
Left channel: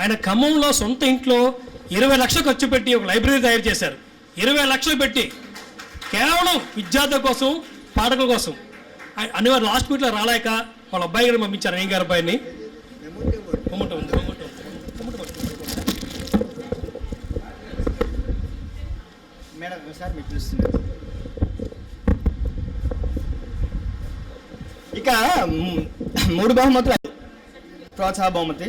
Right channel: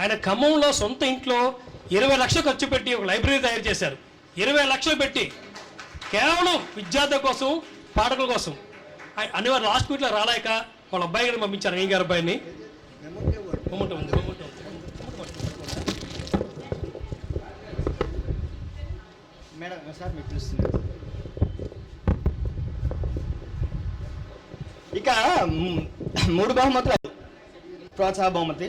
ఆయన ఖమ్మంలో సొంత ఇంట్లో 20 లక్షలు ఖర్చు పెట్టి ఒక లైబ్రరీ తయారు చేశారు. 20 లక్షలు పెట్టి కేవలం విద్యార్థుల కోసం, పాఠకుల కోసం. అనివారు లాస్ట్ మినిట్లో రాలేక వాళ్ళ అబ్బాయి గారిని పంపించారు, అయ్య గారి అబ్బాయిని. మేడం సార్ మీకు తెలుస్తుంది. ఇక 3 బహుమతులు. ప్రోత్సాహ బహుమతి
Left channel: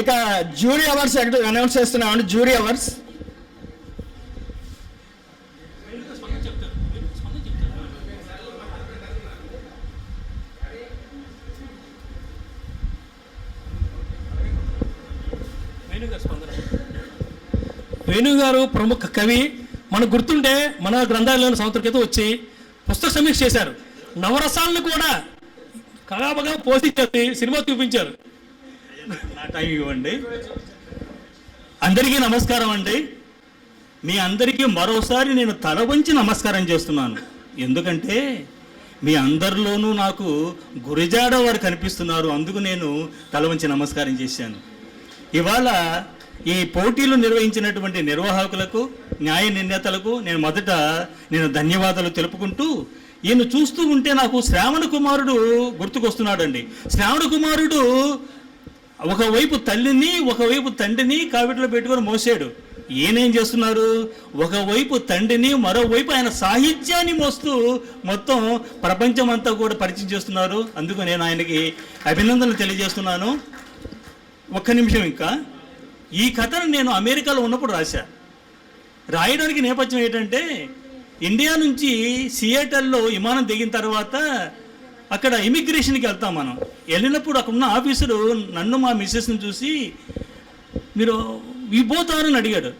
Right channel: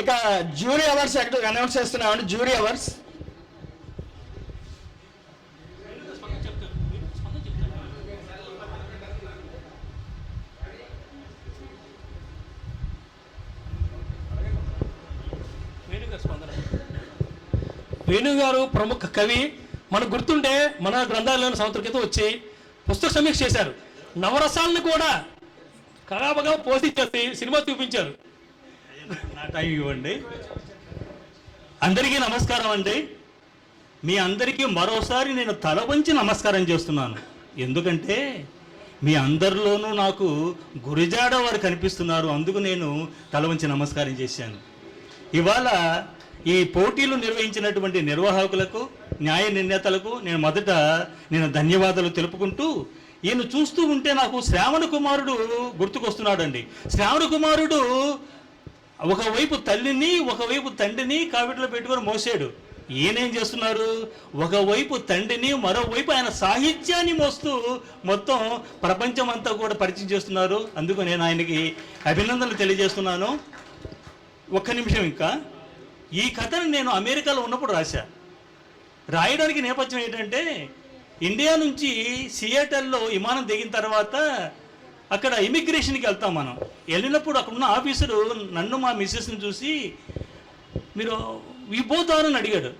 ఇక జ్యూరీ అవార్డ్స్ అనౌన్స్ చేస్తున్నామండి. జ్యూరీ అవార్డ్స్ వేణుగారు ప్రముఖ కవి. మనకు గుర్తుంటే మన గ్రంథాలయంలో సంవత్సరం క్రితం వచ్చి పుస్తక సమీక్ష చేశారు. నవరసాలను కూడా కళాపగా పోషించేసి సినిమా చూపించారు. నా టైం ఇవ్వండి. అందరికీ నమస్కారం అండి. మీ అందరికీ మరోసారి నేను తల వంచి నమస్కారం చేస్తున్నాను. ఎందుకంటే మీ అందరిలోనూ నాకు గురిజాడ వారు కనిపిస్తున్నారు. అందుకు నేను తల వంచి నమస్కారం చేశాను. ఇవాళ ఈ పోటీలు నిర్వహించినటువంటి నిర్వాహకులకు, న్యాయ నిర్ణేతలకు నేను ధన్యవాదాలు తెలుపుకుంటూ, ఈయన చూస్తూ ఉంటే నాకు శ్రావణ కుమారుడు గుర్తుకొస్తున్నాడండి. శ్రావణ కుమారుడు ఒకవైపు తల్లిని ఒకవైపు తండ్రిని కావిట్లో పెట్టుకొని మోసాడు. ఈయనేం చేస్తున్నారు? ఒకవైపు తండ్రిని మరోవైపు ఆయన సాహిత్యాన్ని మోస్తూ మొత్తం ప్రపంచం అంతా కూడా పరిచయం చేస్తున్నారు. అందుకు నేను ఆయనకి అభినందనలు తెలియజేస్తున్నాను. ఒక్క నిమిషం, ఇంకా ఈ కథను నేను అమెరికాలో ఉన్నప్పుడు రాయడానికి నేపథ్యం ఏంటంటే, ఇండియా నుంచి సియాటల్లో విమానం దిగిన తర్వాత అక్కడ ఇమిగ్రేషన్కి వెళ్తాం. మనం వెళ్ళినప్పుడు అక్కడ ఉన్న ఆఫీసరు నన్ను మా మిస్సెస్ని చూసి, మీరు వి బోత్ ఆర్ అని అడిగాడు.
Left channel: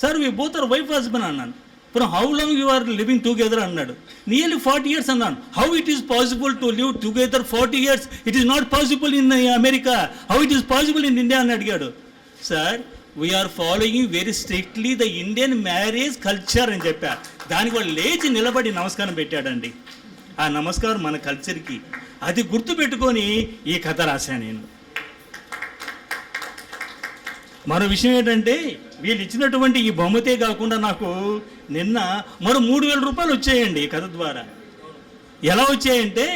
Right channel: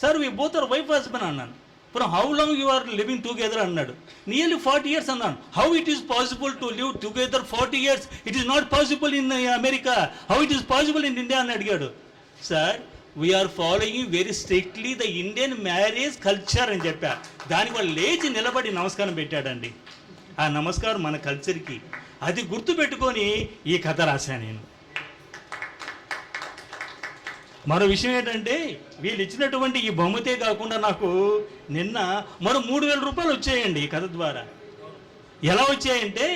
Sir we both are wife husband అన్నాను. From how long you are living together అన్నాడు. నియర్లీ 40 years అన్నాను. How it is possible to live together 40 years? It is not possible in America. How it is possible in India అని అడిగాడు. Sir we are following very strictly the Indian marriage culture అని చెప్పా. దానికి వాళ్ళు లేచి నిలబడి నమస్కారం పెట్టాడండి. ఆ నమస్కారం మన కల్చర్కి, అది గుర్తుపెట్టుకొని ఈ కథ రాశాను నేను. మరో విషయం ఏంటంటే, వీళ్ళు ఇచ్చినటువంటి ఈ బహుమతే కాకుండా నాకు నిన్న మరో 3,000 రూపాయలు వచ్చాయండి ఈ కథ ద్వారా. ఎలా వచ్చాయంటే,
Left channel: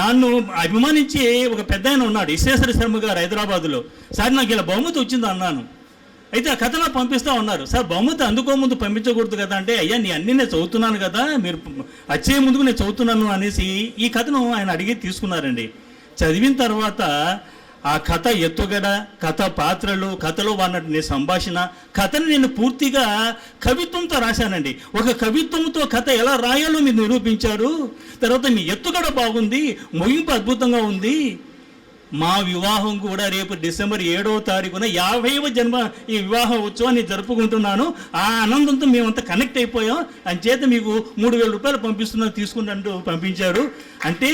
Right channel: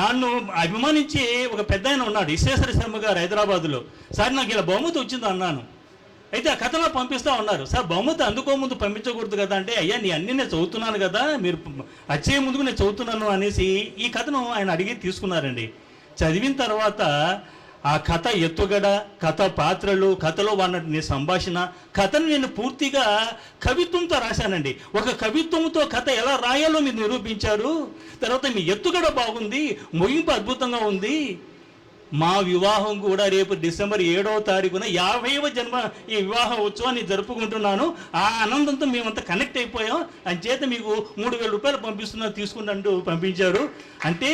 నన్ను అభిమానించి ఒక పెద్ద ఆయన ఉన్నాడు, విశ్వేశ్వర శర్మ గారు, హైదరాబాదులో. సార్ నాకు ఇలా బహుమతి వచ్చింది అన్నాను. అయితే ఆ కథలో పంపిస్తూ ఉన్నారు. సార్ బహుమతి అందుకోముందు పంపించకూడదు కదా అంటే, అయ్యా నీ అన్నీ నేను చదువుతున్నాను కదా, మీరు వచ్చే ముందుకు నేను చదువుతున్నాను అనేసి ఈ కథను ఆయన అడిగి తీసుకున్నారండి. చదివిన తర్వాత ఆ కథ ఎత్తుగడ, కథ పాత్రలు, కథలో వాడిన సంభాషణ, కథను నేను పూర్తిగా కవిత్వంతో రాశానండి. ఒక కవిత్వంతో కథ ఎలా రాయాలో మీరు నిరూపించారు. తర్వాత మీ ఎత్తుగడ బాగుంది, ముగింపు అద్భుతంగా ఉంది. మా వివాహం కూడా రేపు డిసెంబర్ 7వ తారీఖున 50వ జన్మ ఈ వివాహ ఉత్సవాన్ని జరుపుకుంటున్నాను. ఆ ఆనందంతో మేమంతా కనెక్ట్ అయిపోయాం. అంచేత మీకు 3,000 రూపాయలు పంపిస్తున్నా, తీసుకుంటూ పంపించారు. అంటే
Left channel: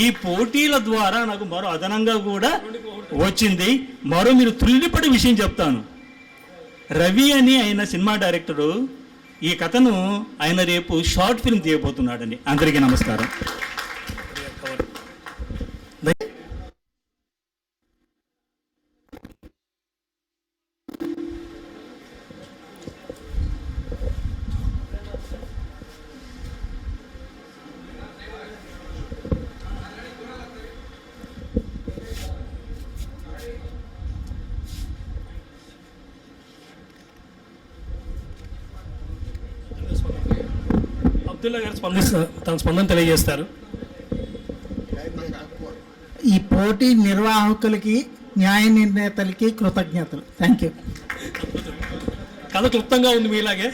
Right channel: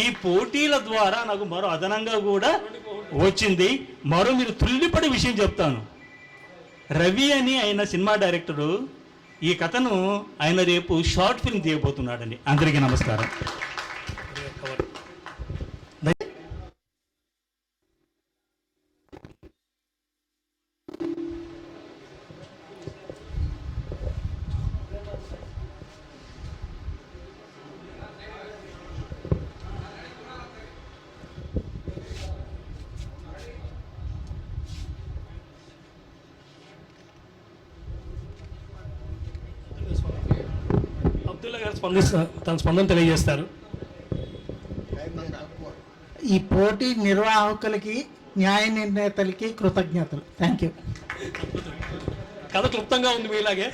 ఈ పోటీల ద్వారా నాకు మరో అదనంగా కూడా వచ్చింది. మరో మీరు తుల్లిపడి విషయం చెప్తాను. రవి అని ఆయన సినిమా డైరెక్టరు, ఈ కథను ఆయన రేపు షార్ట్ ఫిల్మ్ తీయబోతున్నాడండి. అందరికీ నమస్కారం. అబ్దుల్లా గారు తన స్పందన తెలియజేస్తారు. ఈ పోటీ నిర్వాహకులకి, న్యాయ నిర్ణేతలకి కృతజ్ఞతలు. Thank you. కథ క్లుప్తంగా ఉంది మీలాగే.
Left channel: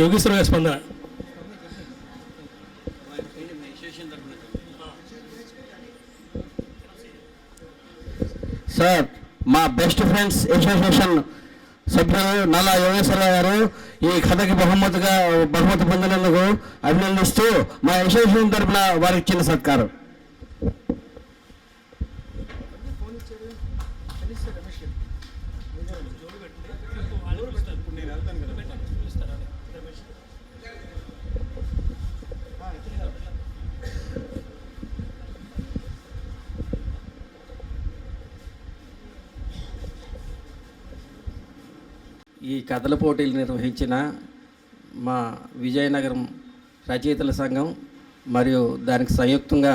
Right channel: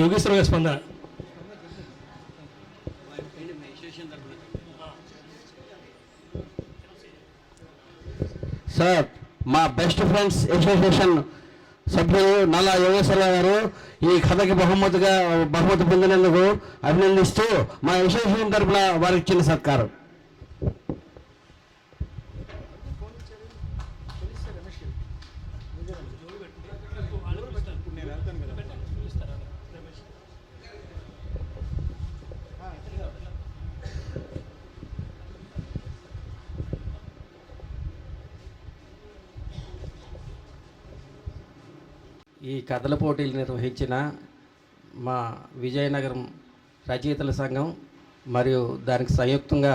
యోగేశ్వర గారి స్పందన. సార్, మా బెస్ట్ ఫ్రెండ్స్ అసోసియేషన్ సభ్యులు నల్ల యోగేశ్వరరావు గారు ఈ కథకి బహుమతి పొందినందుకు అభినందిస్తూ మా అసోసియేషన్ తరఫున వారికి ఇచ్చిన సత్కారం. ఈ కథల పోటీలు నిర్వహించిన మా విజయనగరం రచయితల సంఘం మరియు దానికి సంయుక్తంగా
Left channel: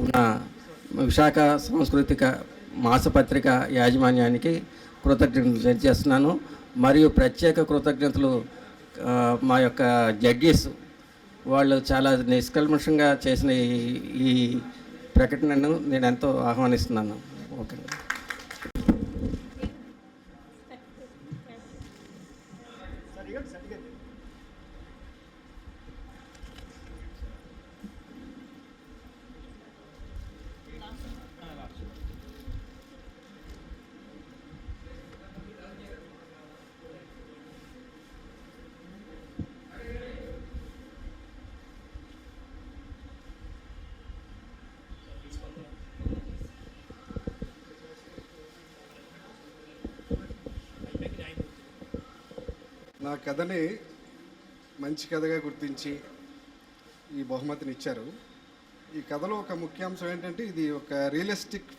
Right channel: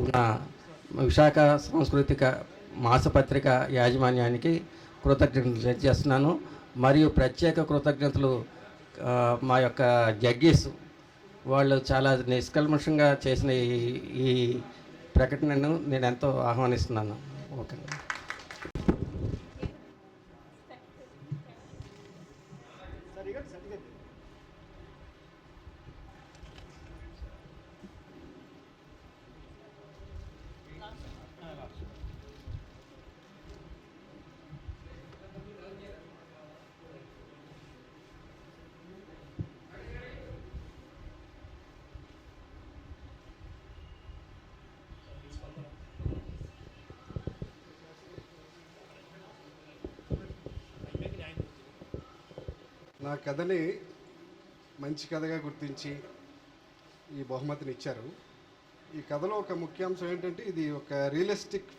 ఉన్న విశాఖ సాంస్కృతిక మాసపత్రిక యాజమాన్యానికి కృతజ్ఞతలు తెలియజేస్తున్నాను. మరియు ప్రత్యేక కృతజ్ఞతలు మా యొక్క జడ్జెస్ వాళ్ళు చాలా నిష్కల్మషంగా చేసిన ఈ ప్రకటనను నేను ఎంతో ఆహ్వానిస్తున్నాను. ఓకే. నా కథని మంచి కథగా గుర్తించి ఈ బహుమతిని ఇచ్చారు. ఈ కథలో ఒక ముఖ్యాంశం ఏంటంటే ఇది ఒక రియలిస్టిక్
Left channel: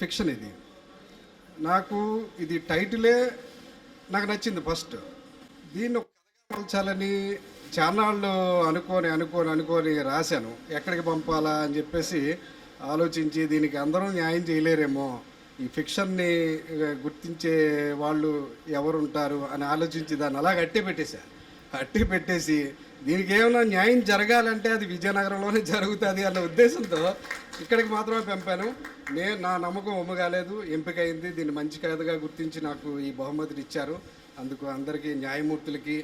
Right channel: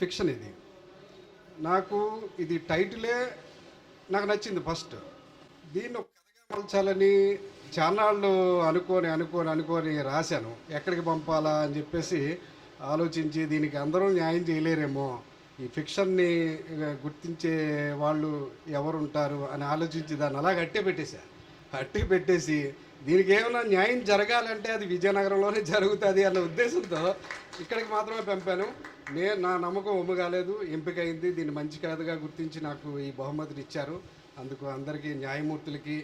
ఫిక్షన్. ఇది నాకు ఇది టైటిలే నాకు నచ్చింది ఫస్ట్. దీన్ని ఒక కథగా మలచాలని చాన్నాళ్ళు అనుకోని రాశాను. ఎక్కడికి పంపాలా అని చెప్పేసి ఆలోచించి దీనికి అందరూ న్యాయం చేయలేరేమో, ఈ ఫిక్షన్ని గుర్తించే వాళ్ళు ఎవరుంటారు అని ఆలోచించి దాన్ని అలా అట్టి పెట్టేసి దీనికి ఏమైనా న్యాయం జరగాలంటే అది విజయనగరంలోనే జరుగుతుంది అన్న ఉద్దేశంతో ఇక్కడికి మాత్రమే పంపాను. నా నమ్మకం ఒమ్ముగాలేదు, ఎంపిక అయింది. దీన్ని మంచి కథగా గుర్తించి నాకు ఈ బహుమతిని ఇచ్చారు. అందుకు అందరికీ, న్యాయమూర్తులకి,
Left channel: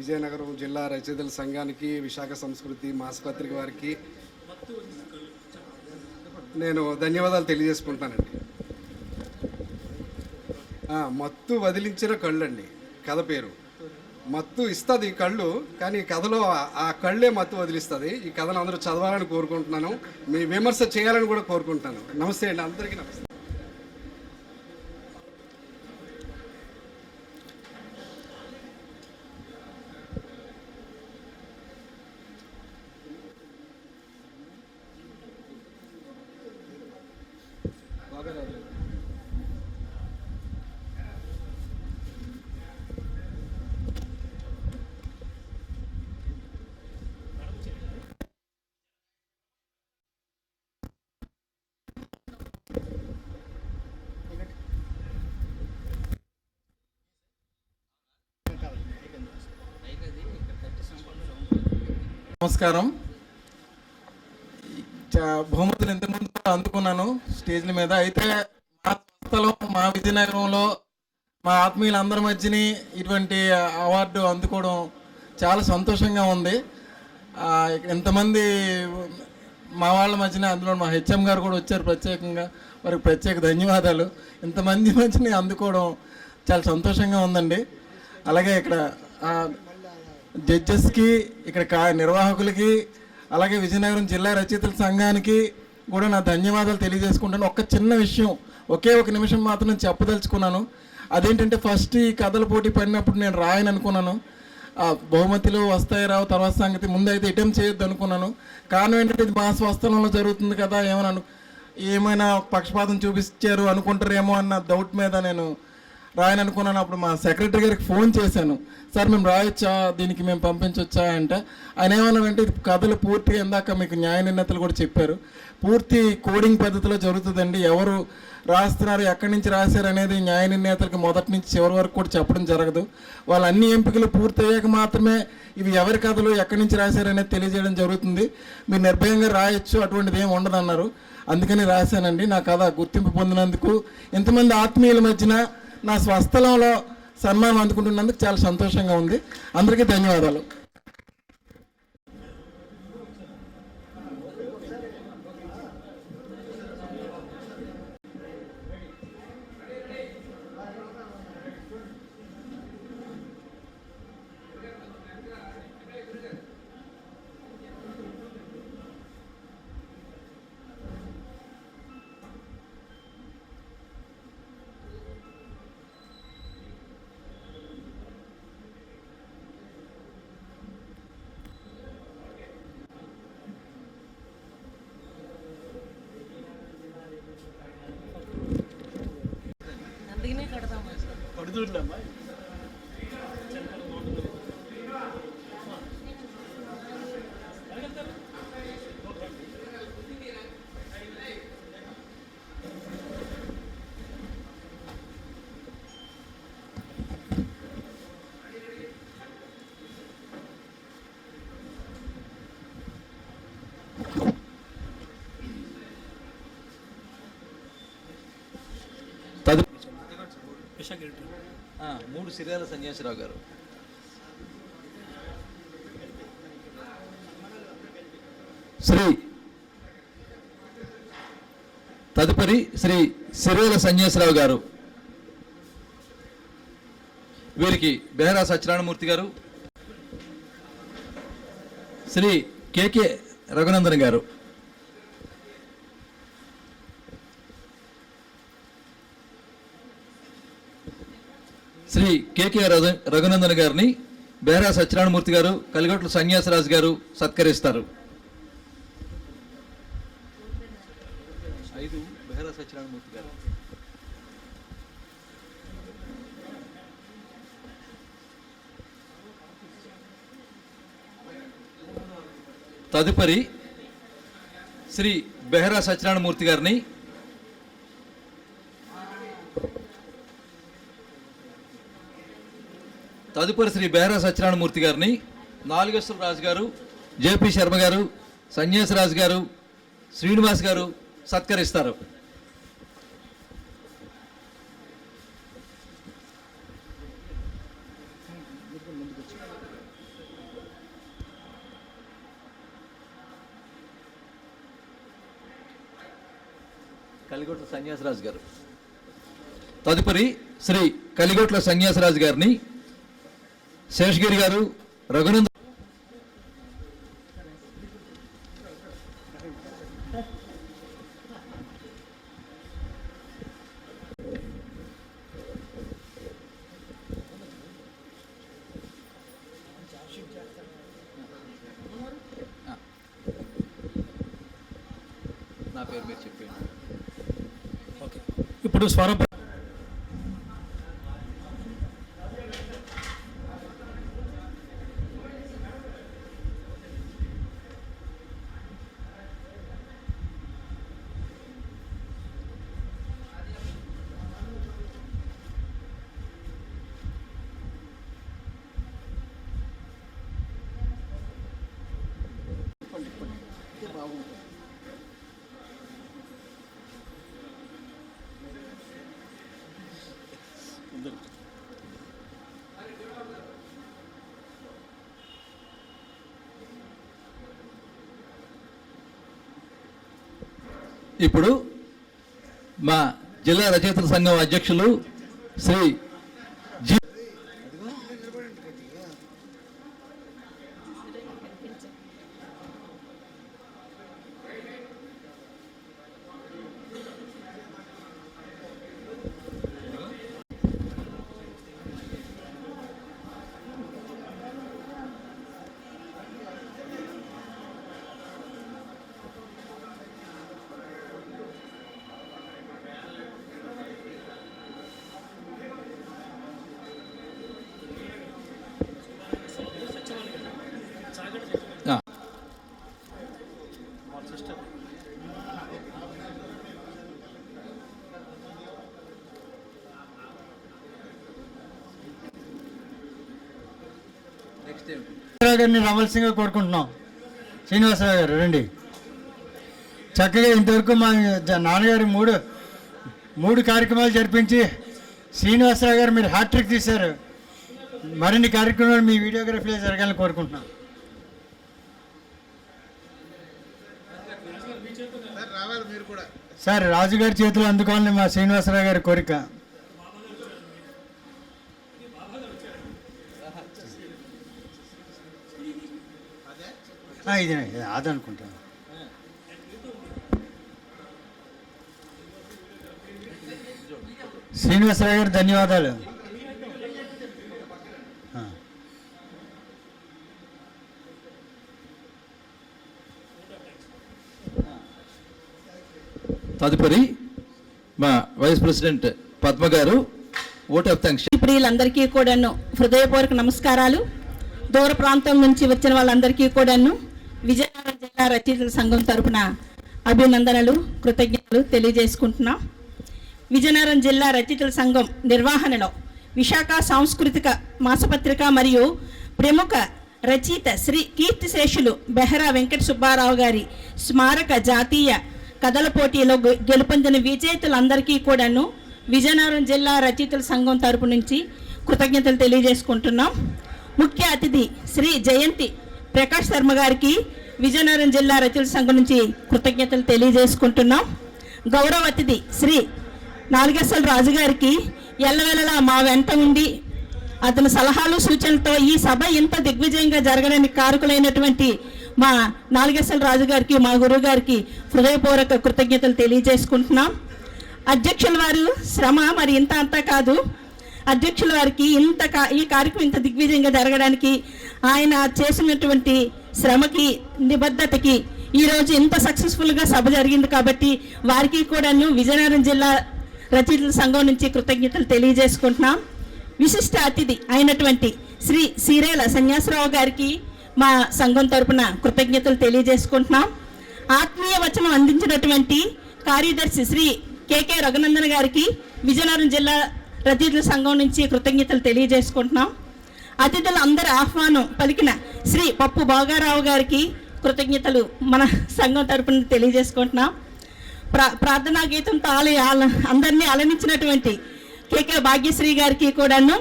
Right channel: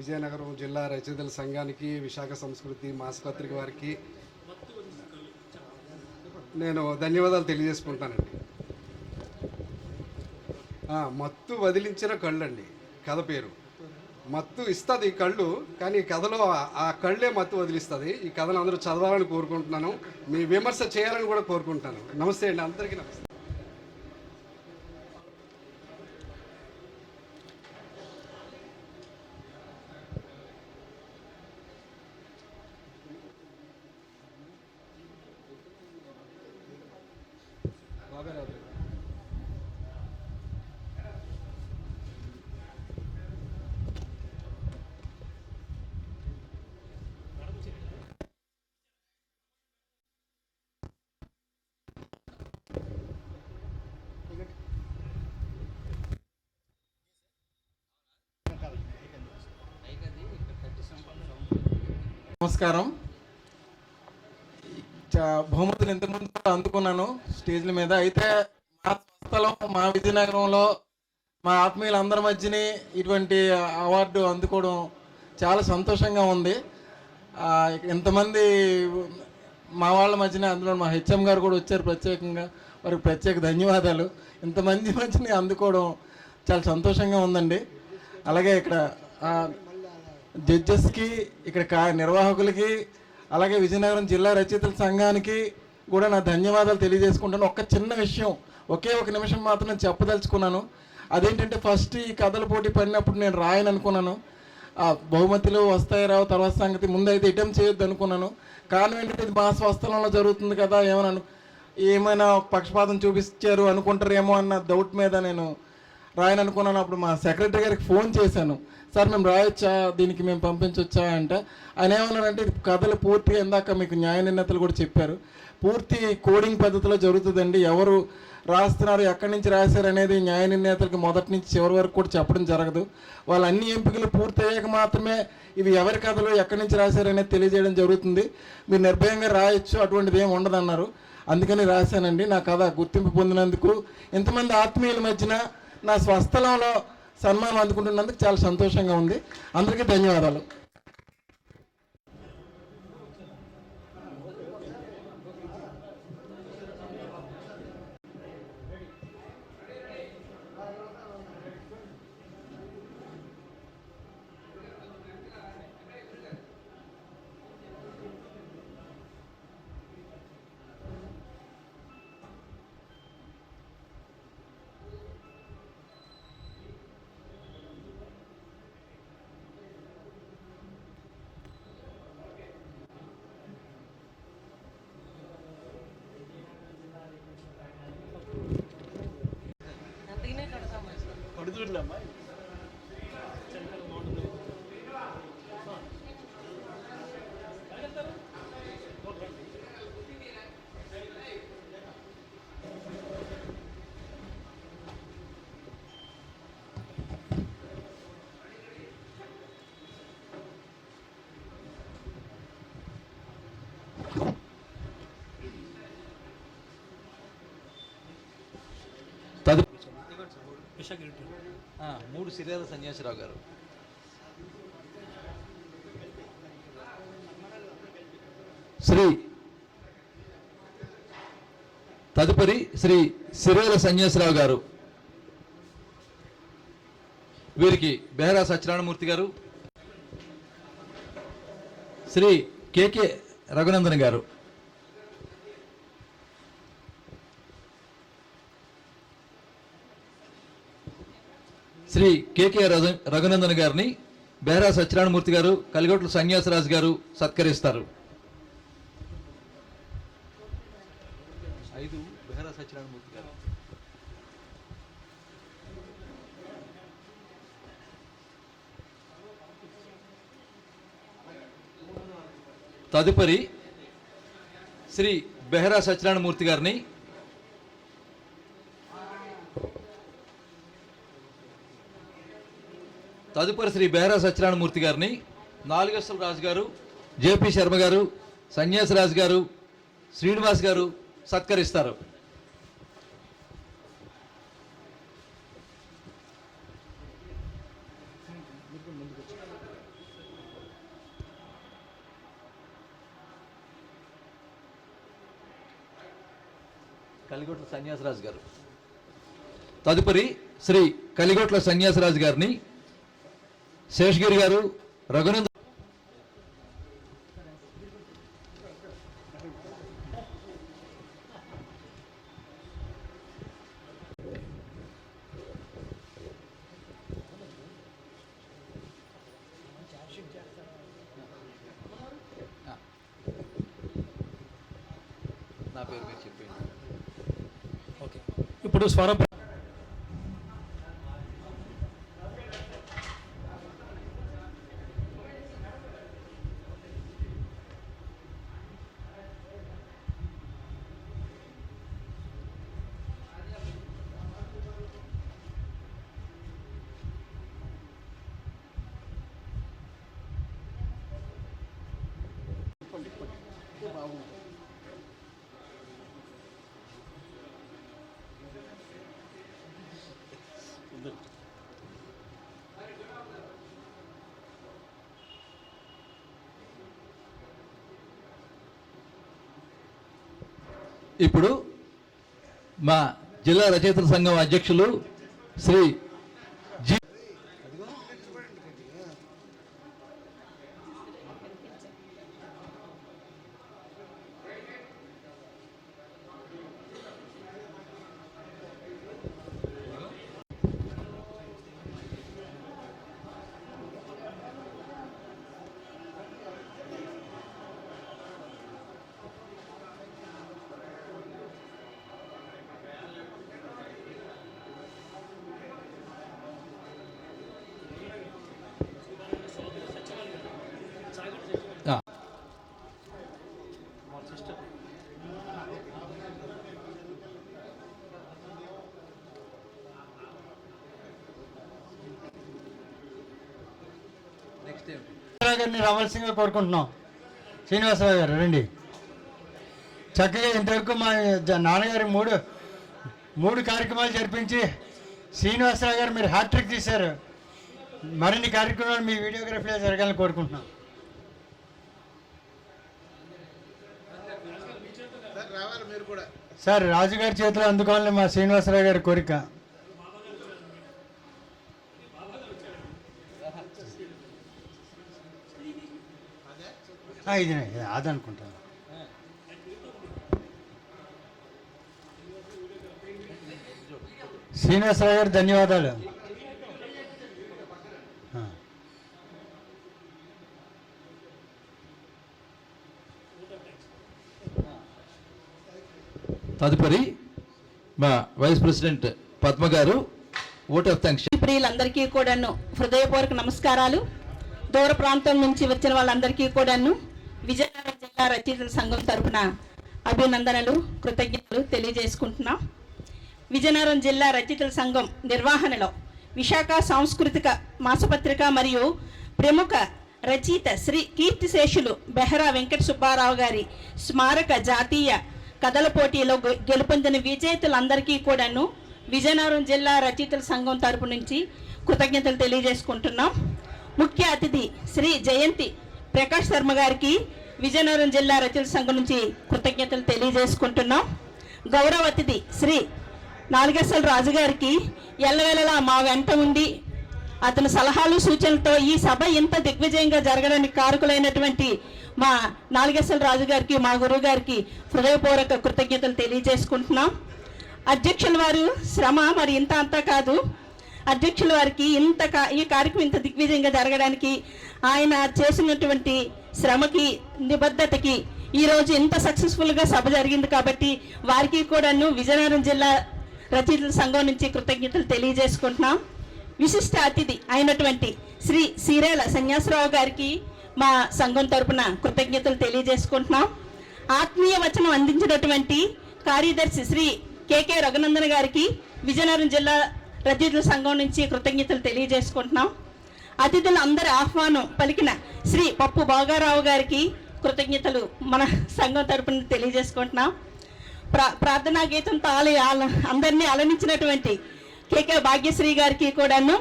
విజయనగరం జిల్లా రచయితల సంఘానికి, విశాఖ సంస్కృతి మాసపత్రిక వారికి నేను ధన్యవాదాలు తెలియజేసుకుంటానండి. మత్తు వదిలించిన కళ్ళు అండి కథ పేరు. మత్తు ఇస్తుంది కళ్ళు, కానీ కథలో ఆ కళ్ళే మత్తు వదిలిస్తుంది. ఈ కథను అందరూ చదవాలని కోరుకుంటున్నాను, మీ విమర్శ చేయాలని కూడా కోరుకుంటున్నాను. నమస్తే అండి, అందరికీ నమస్తే. నమస్కారం. బహుమతులు ఇంతకుముందు అందుకున్నాను స్టేజ్ల మీద. అయితే మా సంస్థలో, మా విజయనగరంలో, మా ఆత్మీయులందరి మధ్యని ఇటువంటి అవార్డు అందుకోవడం చాలా సంతోషంగా ఉంది. ఇంతమంది మా వాళ్ళ మధ్యన, అందులో మా హెచ్ఎం గారు కూడా వచ్చారు ప్రత్యేకంగా, వారికి ప్రత్యేక ధన్యవాదాలు. ఇంతమంది మధ్యని అందుకోవడం చాలా సంతోషంగా ఉందండి. అలాగే ఇక్కడ జడ్జెస్కి, ఇక్కడ నిర్వాహకులకి, అలాగే విజయనగరం జిల్లా రచయితల సంఘానికి కూడా నా ధన్యవాదాలు తెలియజేసుకుంటాను. ఒక చిన్న విషయం, ఒకే ఒక నిమిషం మాత్రం నేను చెప్పదలుచుకున్నాను. అదేంటంటే, ఫస్ట్ ఈ కథల పోటీ పడినప్పుడు నేను రాయని అనుకున్నాను. బహుమతులు వస్తాయి రావు తర్వాత సంగతి, ముందైతే అటెంప్ట్ చేయొద్దు అనుకున్నాను. కారణం ఏంటంటే, ఇది మా స్వస్థలంలో జరుగుతుంది కదా, ఏమైనా పక్షపాతం చూపించారు అనుకుంటారేమో అన్న డౌట్ మీద నేను రాయని అనుకున్నాను. అప్పుడు మా సెక్రటరీ గారికి ఫోన్ చేశాను, సార్ మేము రాయొచ్చా, దీనికి మేము పంపించవచ్చా అంటే, ఆయన ఏమన్నారంటే, ఇది కథలు పూర్తిగా ఇందాక మీకు న్యాయ నిర్ణేతలు కూడా చెప్పారు, పూర్తి కోడింగ్ పద్ధతిలో జరుగుతుందండి. ఎవరు రాస్తున్నారు, ఎక్కడి నుంచి రాశారు అనేది న్యాయ నిర్ణేతలకు మొదటి నుంచి చివరి వరకు కూడా చెప్పడం జరగదు. వాళ్ళ అన్ని ఎంపికలు పూర్తయ్యాక మాత్రమే ఇవి ఎవరి కథలు ఎక్కడి నుంచి రాశారు అనేది తెలియజేయడం జరుగుతుంది. మీరు నిర్భయంగా రాయొచ్చు, అటువంటిది ఏమి ఉండదన్నారు. అందుకని రాశానండి. నా కథ గుర్తింపు పొందినందుకు, ఇంతమంది ఆత్మీయుల మధ్యన నా స్వస్థలంలో సన్మానం అందుకుంటున్నందుకు చాలా సంతోషంగా ఉంది. అందరికీ ధన్యవాదాలు. కడుదూర్లమ్మా. మూడు సిరియాల సన్యాసిరావు గారు. తదుపరి శ్రీ సిరియాల సన్యాసిరావు గారు. వీరికి బెహరా సత్యనారాయణమూర్తి గారు, శ్రీ కేకే రఘునందన్ గారు. శ్రీ కేకే రఘునందన్ గారిని బెహరా సత్యనారాయణమూర్తి గారు, కలిగొట్ల సన్యాసరాజు గారు సత్కరిస్తారు. బెహరా సత్యనారాయణమూర్తి గారు. తదుపరి శ్రీ బెహరా సత్యనారాయణమూర్తి గారిని నాలుగేశ్వర రాజు గారు, జేపీ శర్మ గారు, సన్యాసరాజు గారు, శ్రీనివాస్ గారు సత్కరిస్తారు. కలిగొట్ల సన్యాసరాజు గారు. తదుపరి శ్రీ కలిగొట్ల సన్యాసరాజు గారిని శేషగిరి గారు, రఘునందన్ నా పేరు మీరు చెప్పండి. ఓకే, ఇప్పుడు స్వరం ఇప్పుడు మా జిల్లా రచయితల సంఘం అధ్యక్షులు శ్రీ జి గారిని రావాల్సిందిగా కోరుకుంటున్నాం. శ్రీనివాసరావు గారు రండి. చక్కగా ఇంతవరకు మా నాన్నగారు మూడు కార్యక్రమాలు జరిపించి శ్రీనివాసరావు గారు మీరు హ్యాట్రిక్ తీశారు. మరిన్ని కార్యక్రమాలు మీ వీడియోగ్రఫీలో జరగాలని కోరుకుంటున్నాం. సార్ రాజుగారి చేతిలో అందుకోవాలని మా శ్రీనివాసరావు గారి కోరిక. ఇది అదనుకుంటాను. శ్రీనివాసరావు గారు ధన్యవాదాలు. తదుపరి మా వైస్ ప్రెసిడెంట్ పద్మ గారు ఓట్ ఆఫ్ థాంక్స్. ప్రియులందరికీ కూడాను హృదయపూర్వక నమస్కారాలు. దూర ప్రాంతం నుంచి వచ్చిన వాళ్ళందరికీ కూడాను విజయనగరం జిల్లా రచయితల సంఘం తరపున అభినందనలు, కృతజ్ఞతలు తెలియజేసుకుంటున్నాం. విజయనగరం జిల్లా రచయితల సంఘం నిర్వహణలో విశాఖ సాంస్కృతిక మాసపత్రిక మరియు ప్రముఖ రచయిత శ్రీ కీర్తిశేషులు బెహరా వెంకట సుబ్బారావు గారి స్మారక జాతీయ కథల పోటీలో గెలుపొందిన విజేతలందరికీ కూడాను విజయనగరం జిల్లా రచయితల సంఘం తరపు నుంచి కృతజ్ఞతలు తెలియజేసుకుంటున్నాం. ముఖ్య అతిథి శ్రీ జయంతి ప్రకాష్ శర్మ గారికి విజయనగరం జిల్లా రచయితల సంఘం నుంచి కృతజ్ఞతలు తెలియజేసుకుంటున్నాం. గౌరవ అతిథి శ్రీ నాలుగేశ్వర రాజు గారికి ఎల్లవేళలా మా వెంట ఉండి అతని సలహాలు సూచనలతో ఈ సభ ఇంత దిగ్విజయంగా జరగడానికి కారకులైనటువంటి మా నాలుగేశ్వర రాజు గారికి, మా గురువు గారికి హృదయపూర్వక కృతజ్ఞతలు తెలియజేసుకుంటున్నాం. అధ్యక్షుల వారు శ్రమ మరి ఇంత అంతా కాదు. అధ్యక్షుల వారికి ఈ కార్యక్రమం ఇంత దిగ్విజయంగా జరగడానికి ఆయన చేసినటువంటి శ్రమకి, నిబద్ధతకి ఈరోజు ఇంత సక్సెస్ఫుల్గా సభ జరిగింది కాబట్టి వారికి కూడాను విజయనగరం జిల్లా రచయితల సంఘం నుంచి కృతజ్ఞతలు తెలియజేసుకుంటున్నాం. విశిష్ట అతిథి అయినటువంటి శ్రీ సీరేల సన్యాసరావు గారికి మా సంఘం తరపున కృతజ్ఞతలు తెలియజేసుకుంటున్నాం. ఆత్మీయ వచనం అందించినటువంటి కార్యదర్శి శ్రీ కేకే రఘునందన్ గారికి విజయనగరం జిల్లా రచయితల సంఘం నుంచి కృతజ్ఞతలు తెలియజేసుకుంటున్నాం. అతిథులు అందరి ఆహ్వానం పలికిన శ్రీ పప్పు బాగారావు గారికి కృతజ్ఞతలు మన సంఘం తరపున తెలియజేసుకుంటున్నాం. ప్రార్థనా గీతంతో అందరినీ అలరించినటువంటి కేకే భాగ్యశ్రీ గారికి కూడాను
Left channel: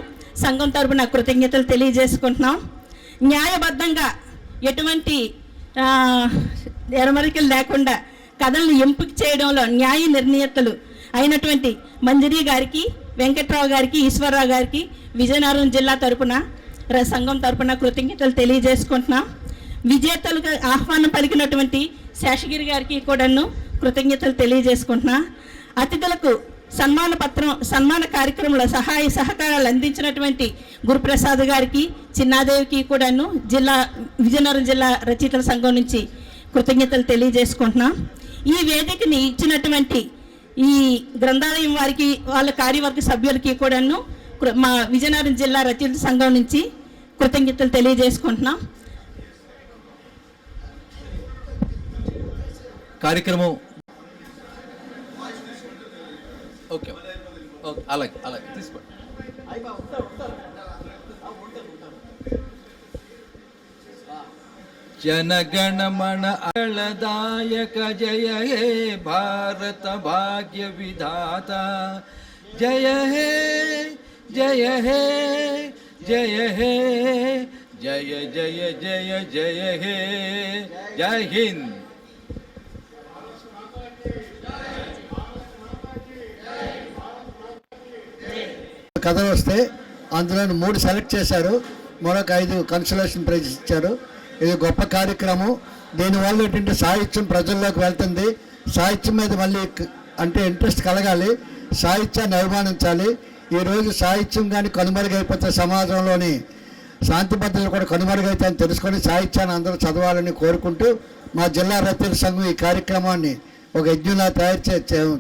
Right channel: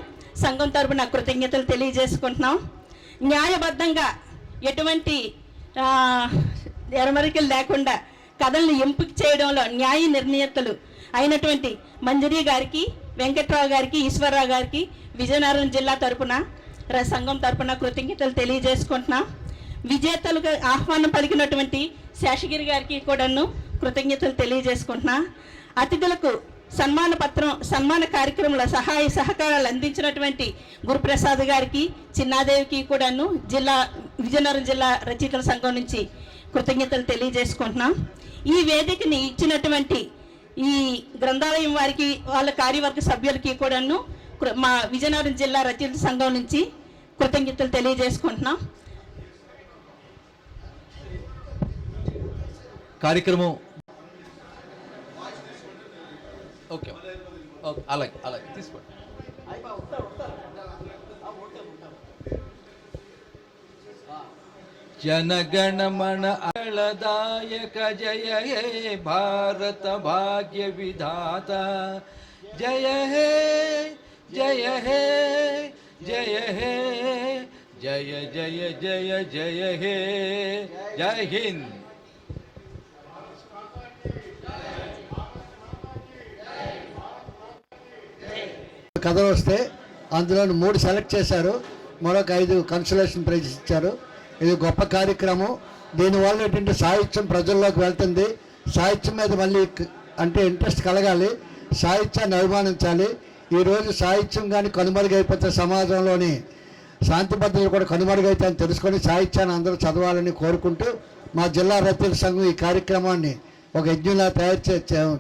సంఘం తరపున కృతజ్ఞతలు తెలియజేసుకుంటున్నాం. న్యాయబద్ధంగా ఎటువంటి ఎరమరికలు లేకుండా కథలను ఎంపిక చేయడంలో న్యాయ నిర్ణేతలు అయినటువంటి మంజరి గారికి, వెంకట్రావు గారికి, ఈశ్వరరావు గారికి విజయనగరం జిల్లా తరపున సంఘం తరపున కృతజ్ఞతలు తెలియజేసుకుంటున్నాం. విజేతలుగా ఆహ్వానం పలికినటువంటి శేషగిరి గారికి కూడాను కృతజ్ఞతలు తెలియజేసుకుంటున్నా. అతిథులకు సన్మాన కార్యక్రమంలో సహాయ సహకారాలు అందించినటువంటి గురుప్రసాద్ గారికి, చిన్నాదేవికి కూడాను విజయనగరం జిల్లా రచయితల సంఘం నుంచి కృతజ్ఞతలు తెలియజేసుకుంటున్నాం. ఈ వేదికని ఇచ్చినటువంటి ఈ గ్రంథాలయం వారికి, వాళ్ళ కార్యవర్గ సభ్యులకి కూడాను మా విజయనగరం జిల్లా రచయితల సంఘం నుంచి కృతజ్ఞతలు తెలియజేసుకుంటున్నాం. కార్యక్రమం ఓకే అలాగే తీసుకోండి. जनगणमन अलदायक जय हे भारत भाग्य विधाता जय हे जय हे जय हे जय जय जय जय हे जय हिंद. కథలు వస్తే అందులో 3 సెలెక్ట్ చేశారు, మరొక 5 కన్సలేషన్ ప్రైజ్ ఇచ్చారు. ఇది గొప్ప కార్యక్రమం. దీనివల్ల ఏంటంటే సాహిత్యం ప్రజల్లోకి వెళ్తుంది. సాహిత్యం మీద మళ్ళీ అంటే ఇంట్రెస్ట్ కలగాలి, సాహిత్యాన్ని అభిమానించాలి. ఈరోజు సాహిత్యం కానీ కనుమరుగైపోతే సమాజంలోని శాంతి భద్రతలు కూడా కనుమరుగైతాయని తెలుసుకొని సాహిత్యాన్ని అందరూ చదవాలని కోరుకుంటూ మా జిల్లా రచయితల సంఘం ఈ కార్యక్రమాన్ని ఒక యజ్ఞంలా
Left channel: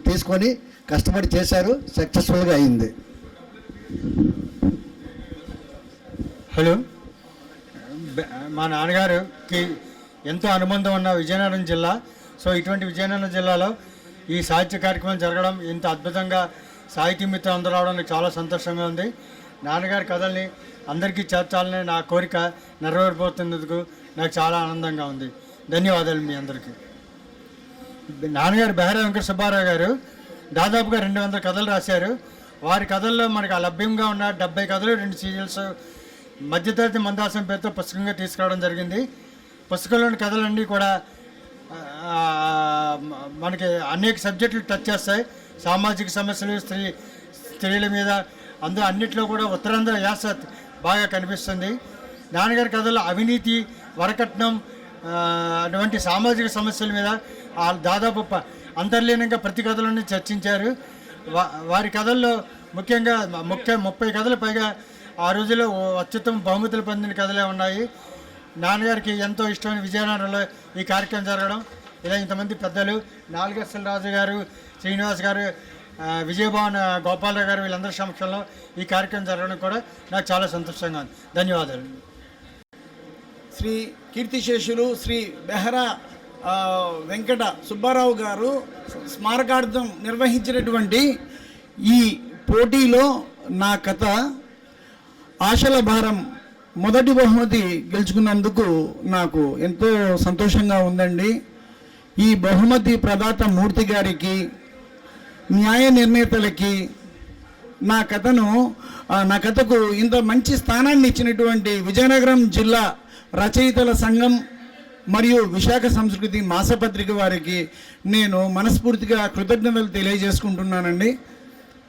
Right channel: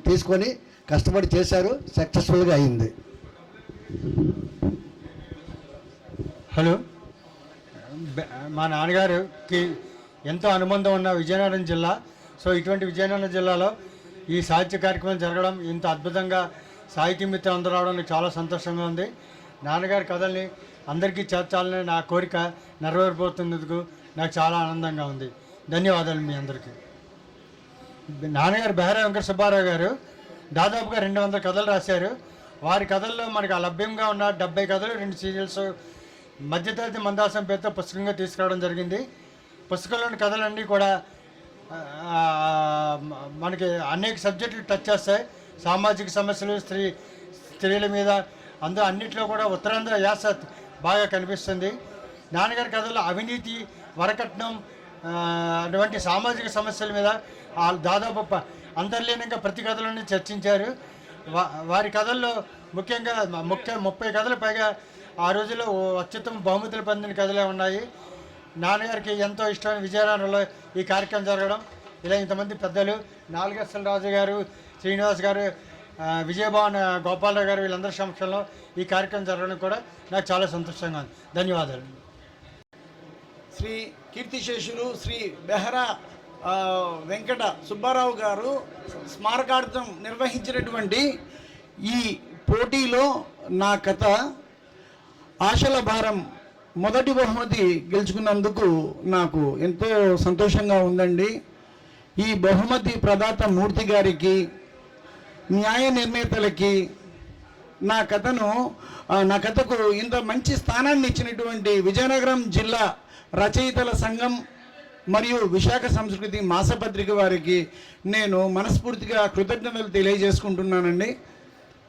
తీసుకొని కష్టపడి చేశారు, సక్సెస్ఫుల్గా అయింది. హలో, మా నాన్నగారికి ఎంతో అనుబంధం ఉన్న విజయనగరం జిల్లా. సో ఇటువంటి విజయనగరం జిల్లాలో ఈ సాహిత్య కార్యక్రమం జరగడం, ఇంత అద్భుతంగా సాహిత్య మిత్రులు అందరూ రావడం నాకు చాలా సంతోషంగా ఉంది. నాన్నగారి కథల్ని అందరికీ చేర్చాలని నా కోరిక నెరవేరిపోతున్నందుకు నాకు చాలా ఆనందంగా ఉంది. ధన్యవాదాలు మీ అందరికీ. నాన్నగారు బెహరా వెంకట సుబ్బారావు గారు దాదాపుగా 200 కథలు రాశారు. వారి కథల్లో మనకు లభ్యంగా ఉన్న 70 కథలు, 2 సీరియల్స్ మధ్యతరగతి మందాసం పేరుతో పుస్తకంగా తీసుకురావడం జరిగింది. పుస్తకంలోని కథలన్నీ కూడా మనకి అనేక సబ్జెక్టులు టచ్ చేస్తాయి. సామాజిక సమస్యలు, స్త్రీల మీద, అన్నిట్లో కూడా ఉత్తరాంధ్ర యాస బాగా కనిపిస్తుంది. నాన్నగారి కథల్లో అవినీతి, వరకట్నం అటువంటి సామాజిక సమస్యల మీద దాదాపు అంతర్లీనంగా ప్రతి కథలను చర్చించారు. వారి కథల్లో ముఖ్యంగా 30 కథలు పైగా ఆ రోజుల్లో అత్యుత్తమ బహుమతులు పొందిన కథలే ఉన్నాయి. నాన్నగారికి ఎంతో ఇష్టమైన విజయనగరంలో ఈ కార్యక్రమం జరగడం, ఇలా ఇంతమంది పెద్దలు, నాలుగేశ్వర రాజు గారు, శ్రీనివాస్ గారు, విజయభవన్ గోపాలరావు గారు, వీళ్ళందరి సమక్షంలో ఈ కార్యక్రమం జరగడం కూడా నాకు చాలా సంతోషంగా ఉంది. ధన్యవాదాలు. శ్రీ కీర్తిశేషులు శ్రీ బెహరా వెంకట సుబ్బారావు గారు స్మారకార్థం నిర్వహించినటువంటి ఈ పోటీలో నా కథ ఆశల భారం మొదటి బహుమతి గెలుచుకున్నందుకు నాకు ఎంతో సంతోషంగా ఉందండి. ఈ బహుమతి ప్రదాత మూర్తి గారికి, న్యాయ నిర్ణేతలకి, నా కథకు ఇంత మంచి స్థానాన్ని ఇచ్చినటువంటి విజయనగరం జిల్లా రచయితల సంఘం మరియు విశాఖ సంస్కృతి మాసపత్రిక వారికి నేను మనస్ఫూర్తిగా కృతజ్ఞతలు తెలియజేసుకుంటున్నానండి.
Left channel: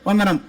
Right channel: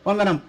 వందనం.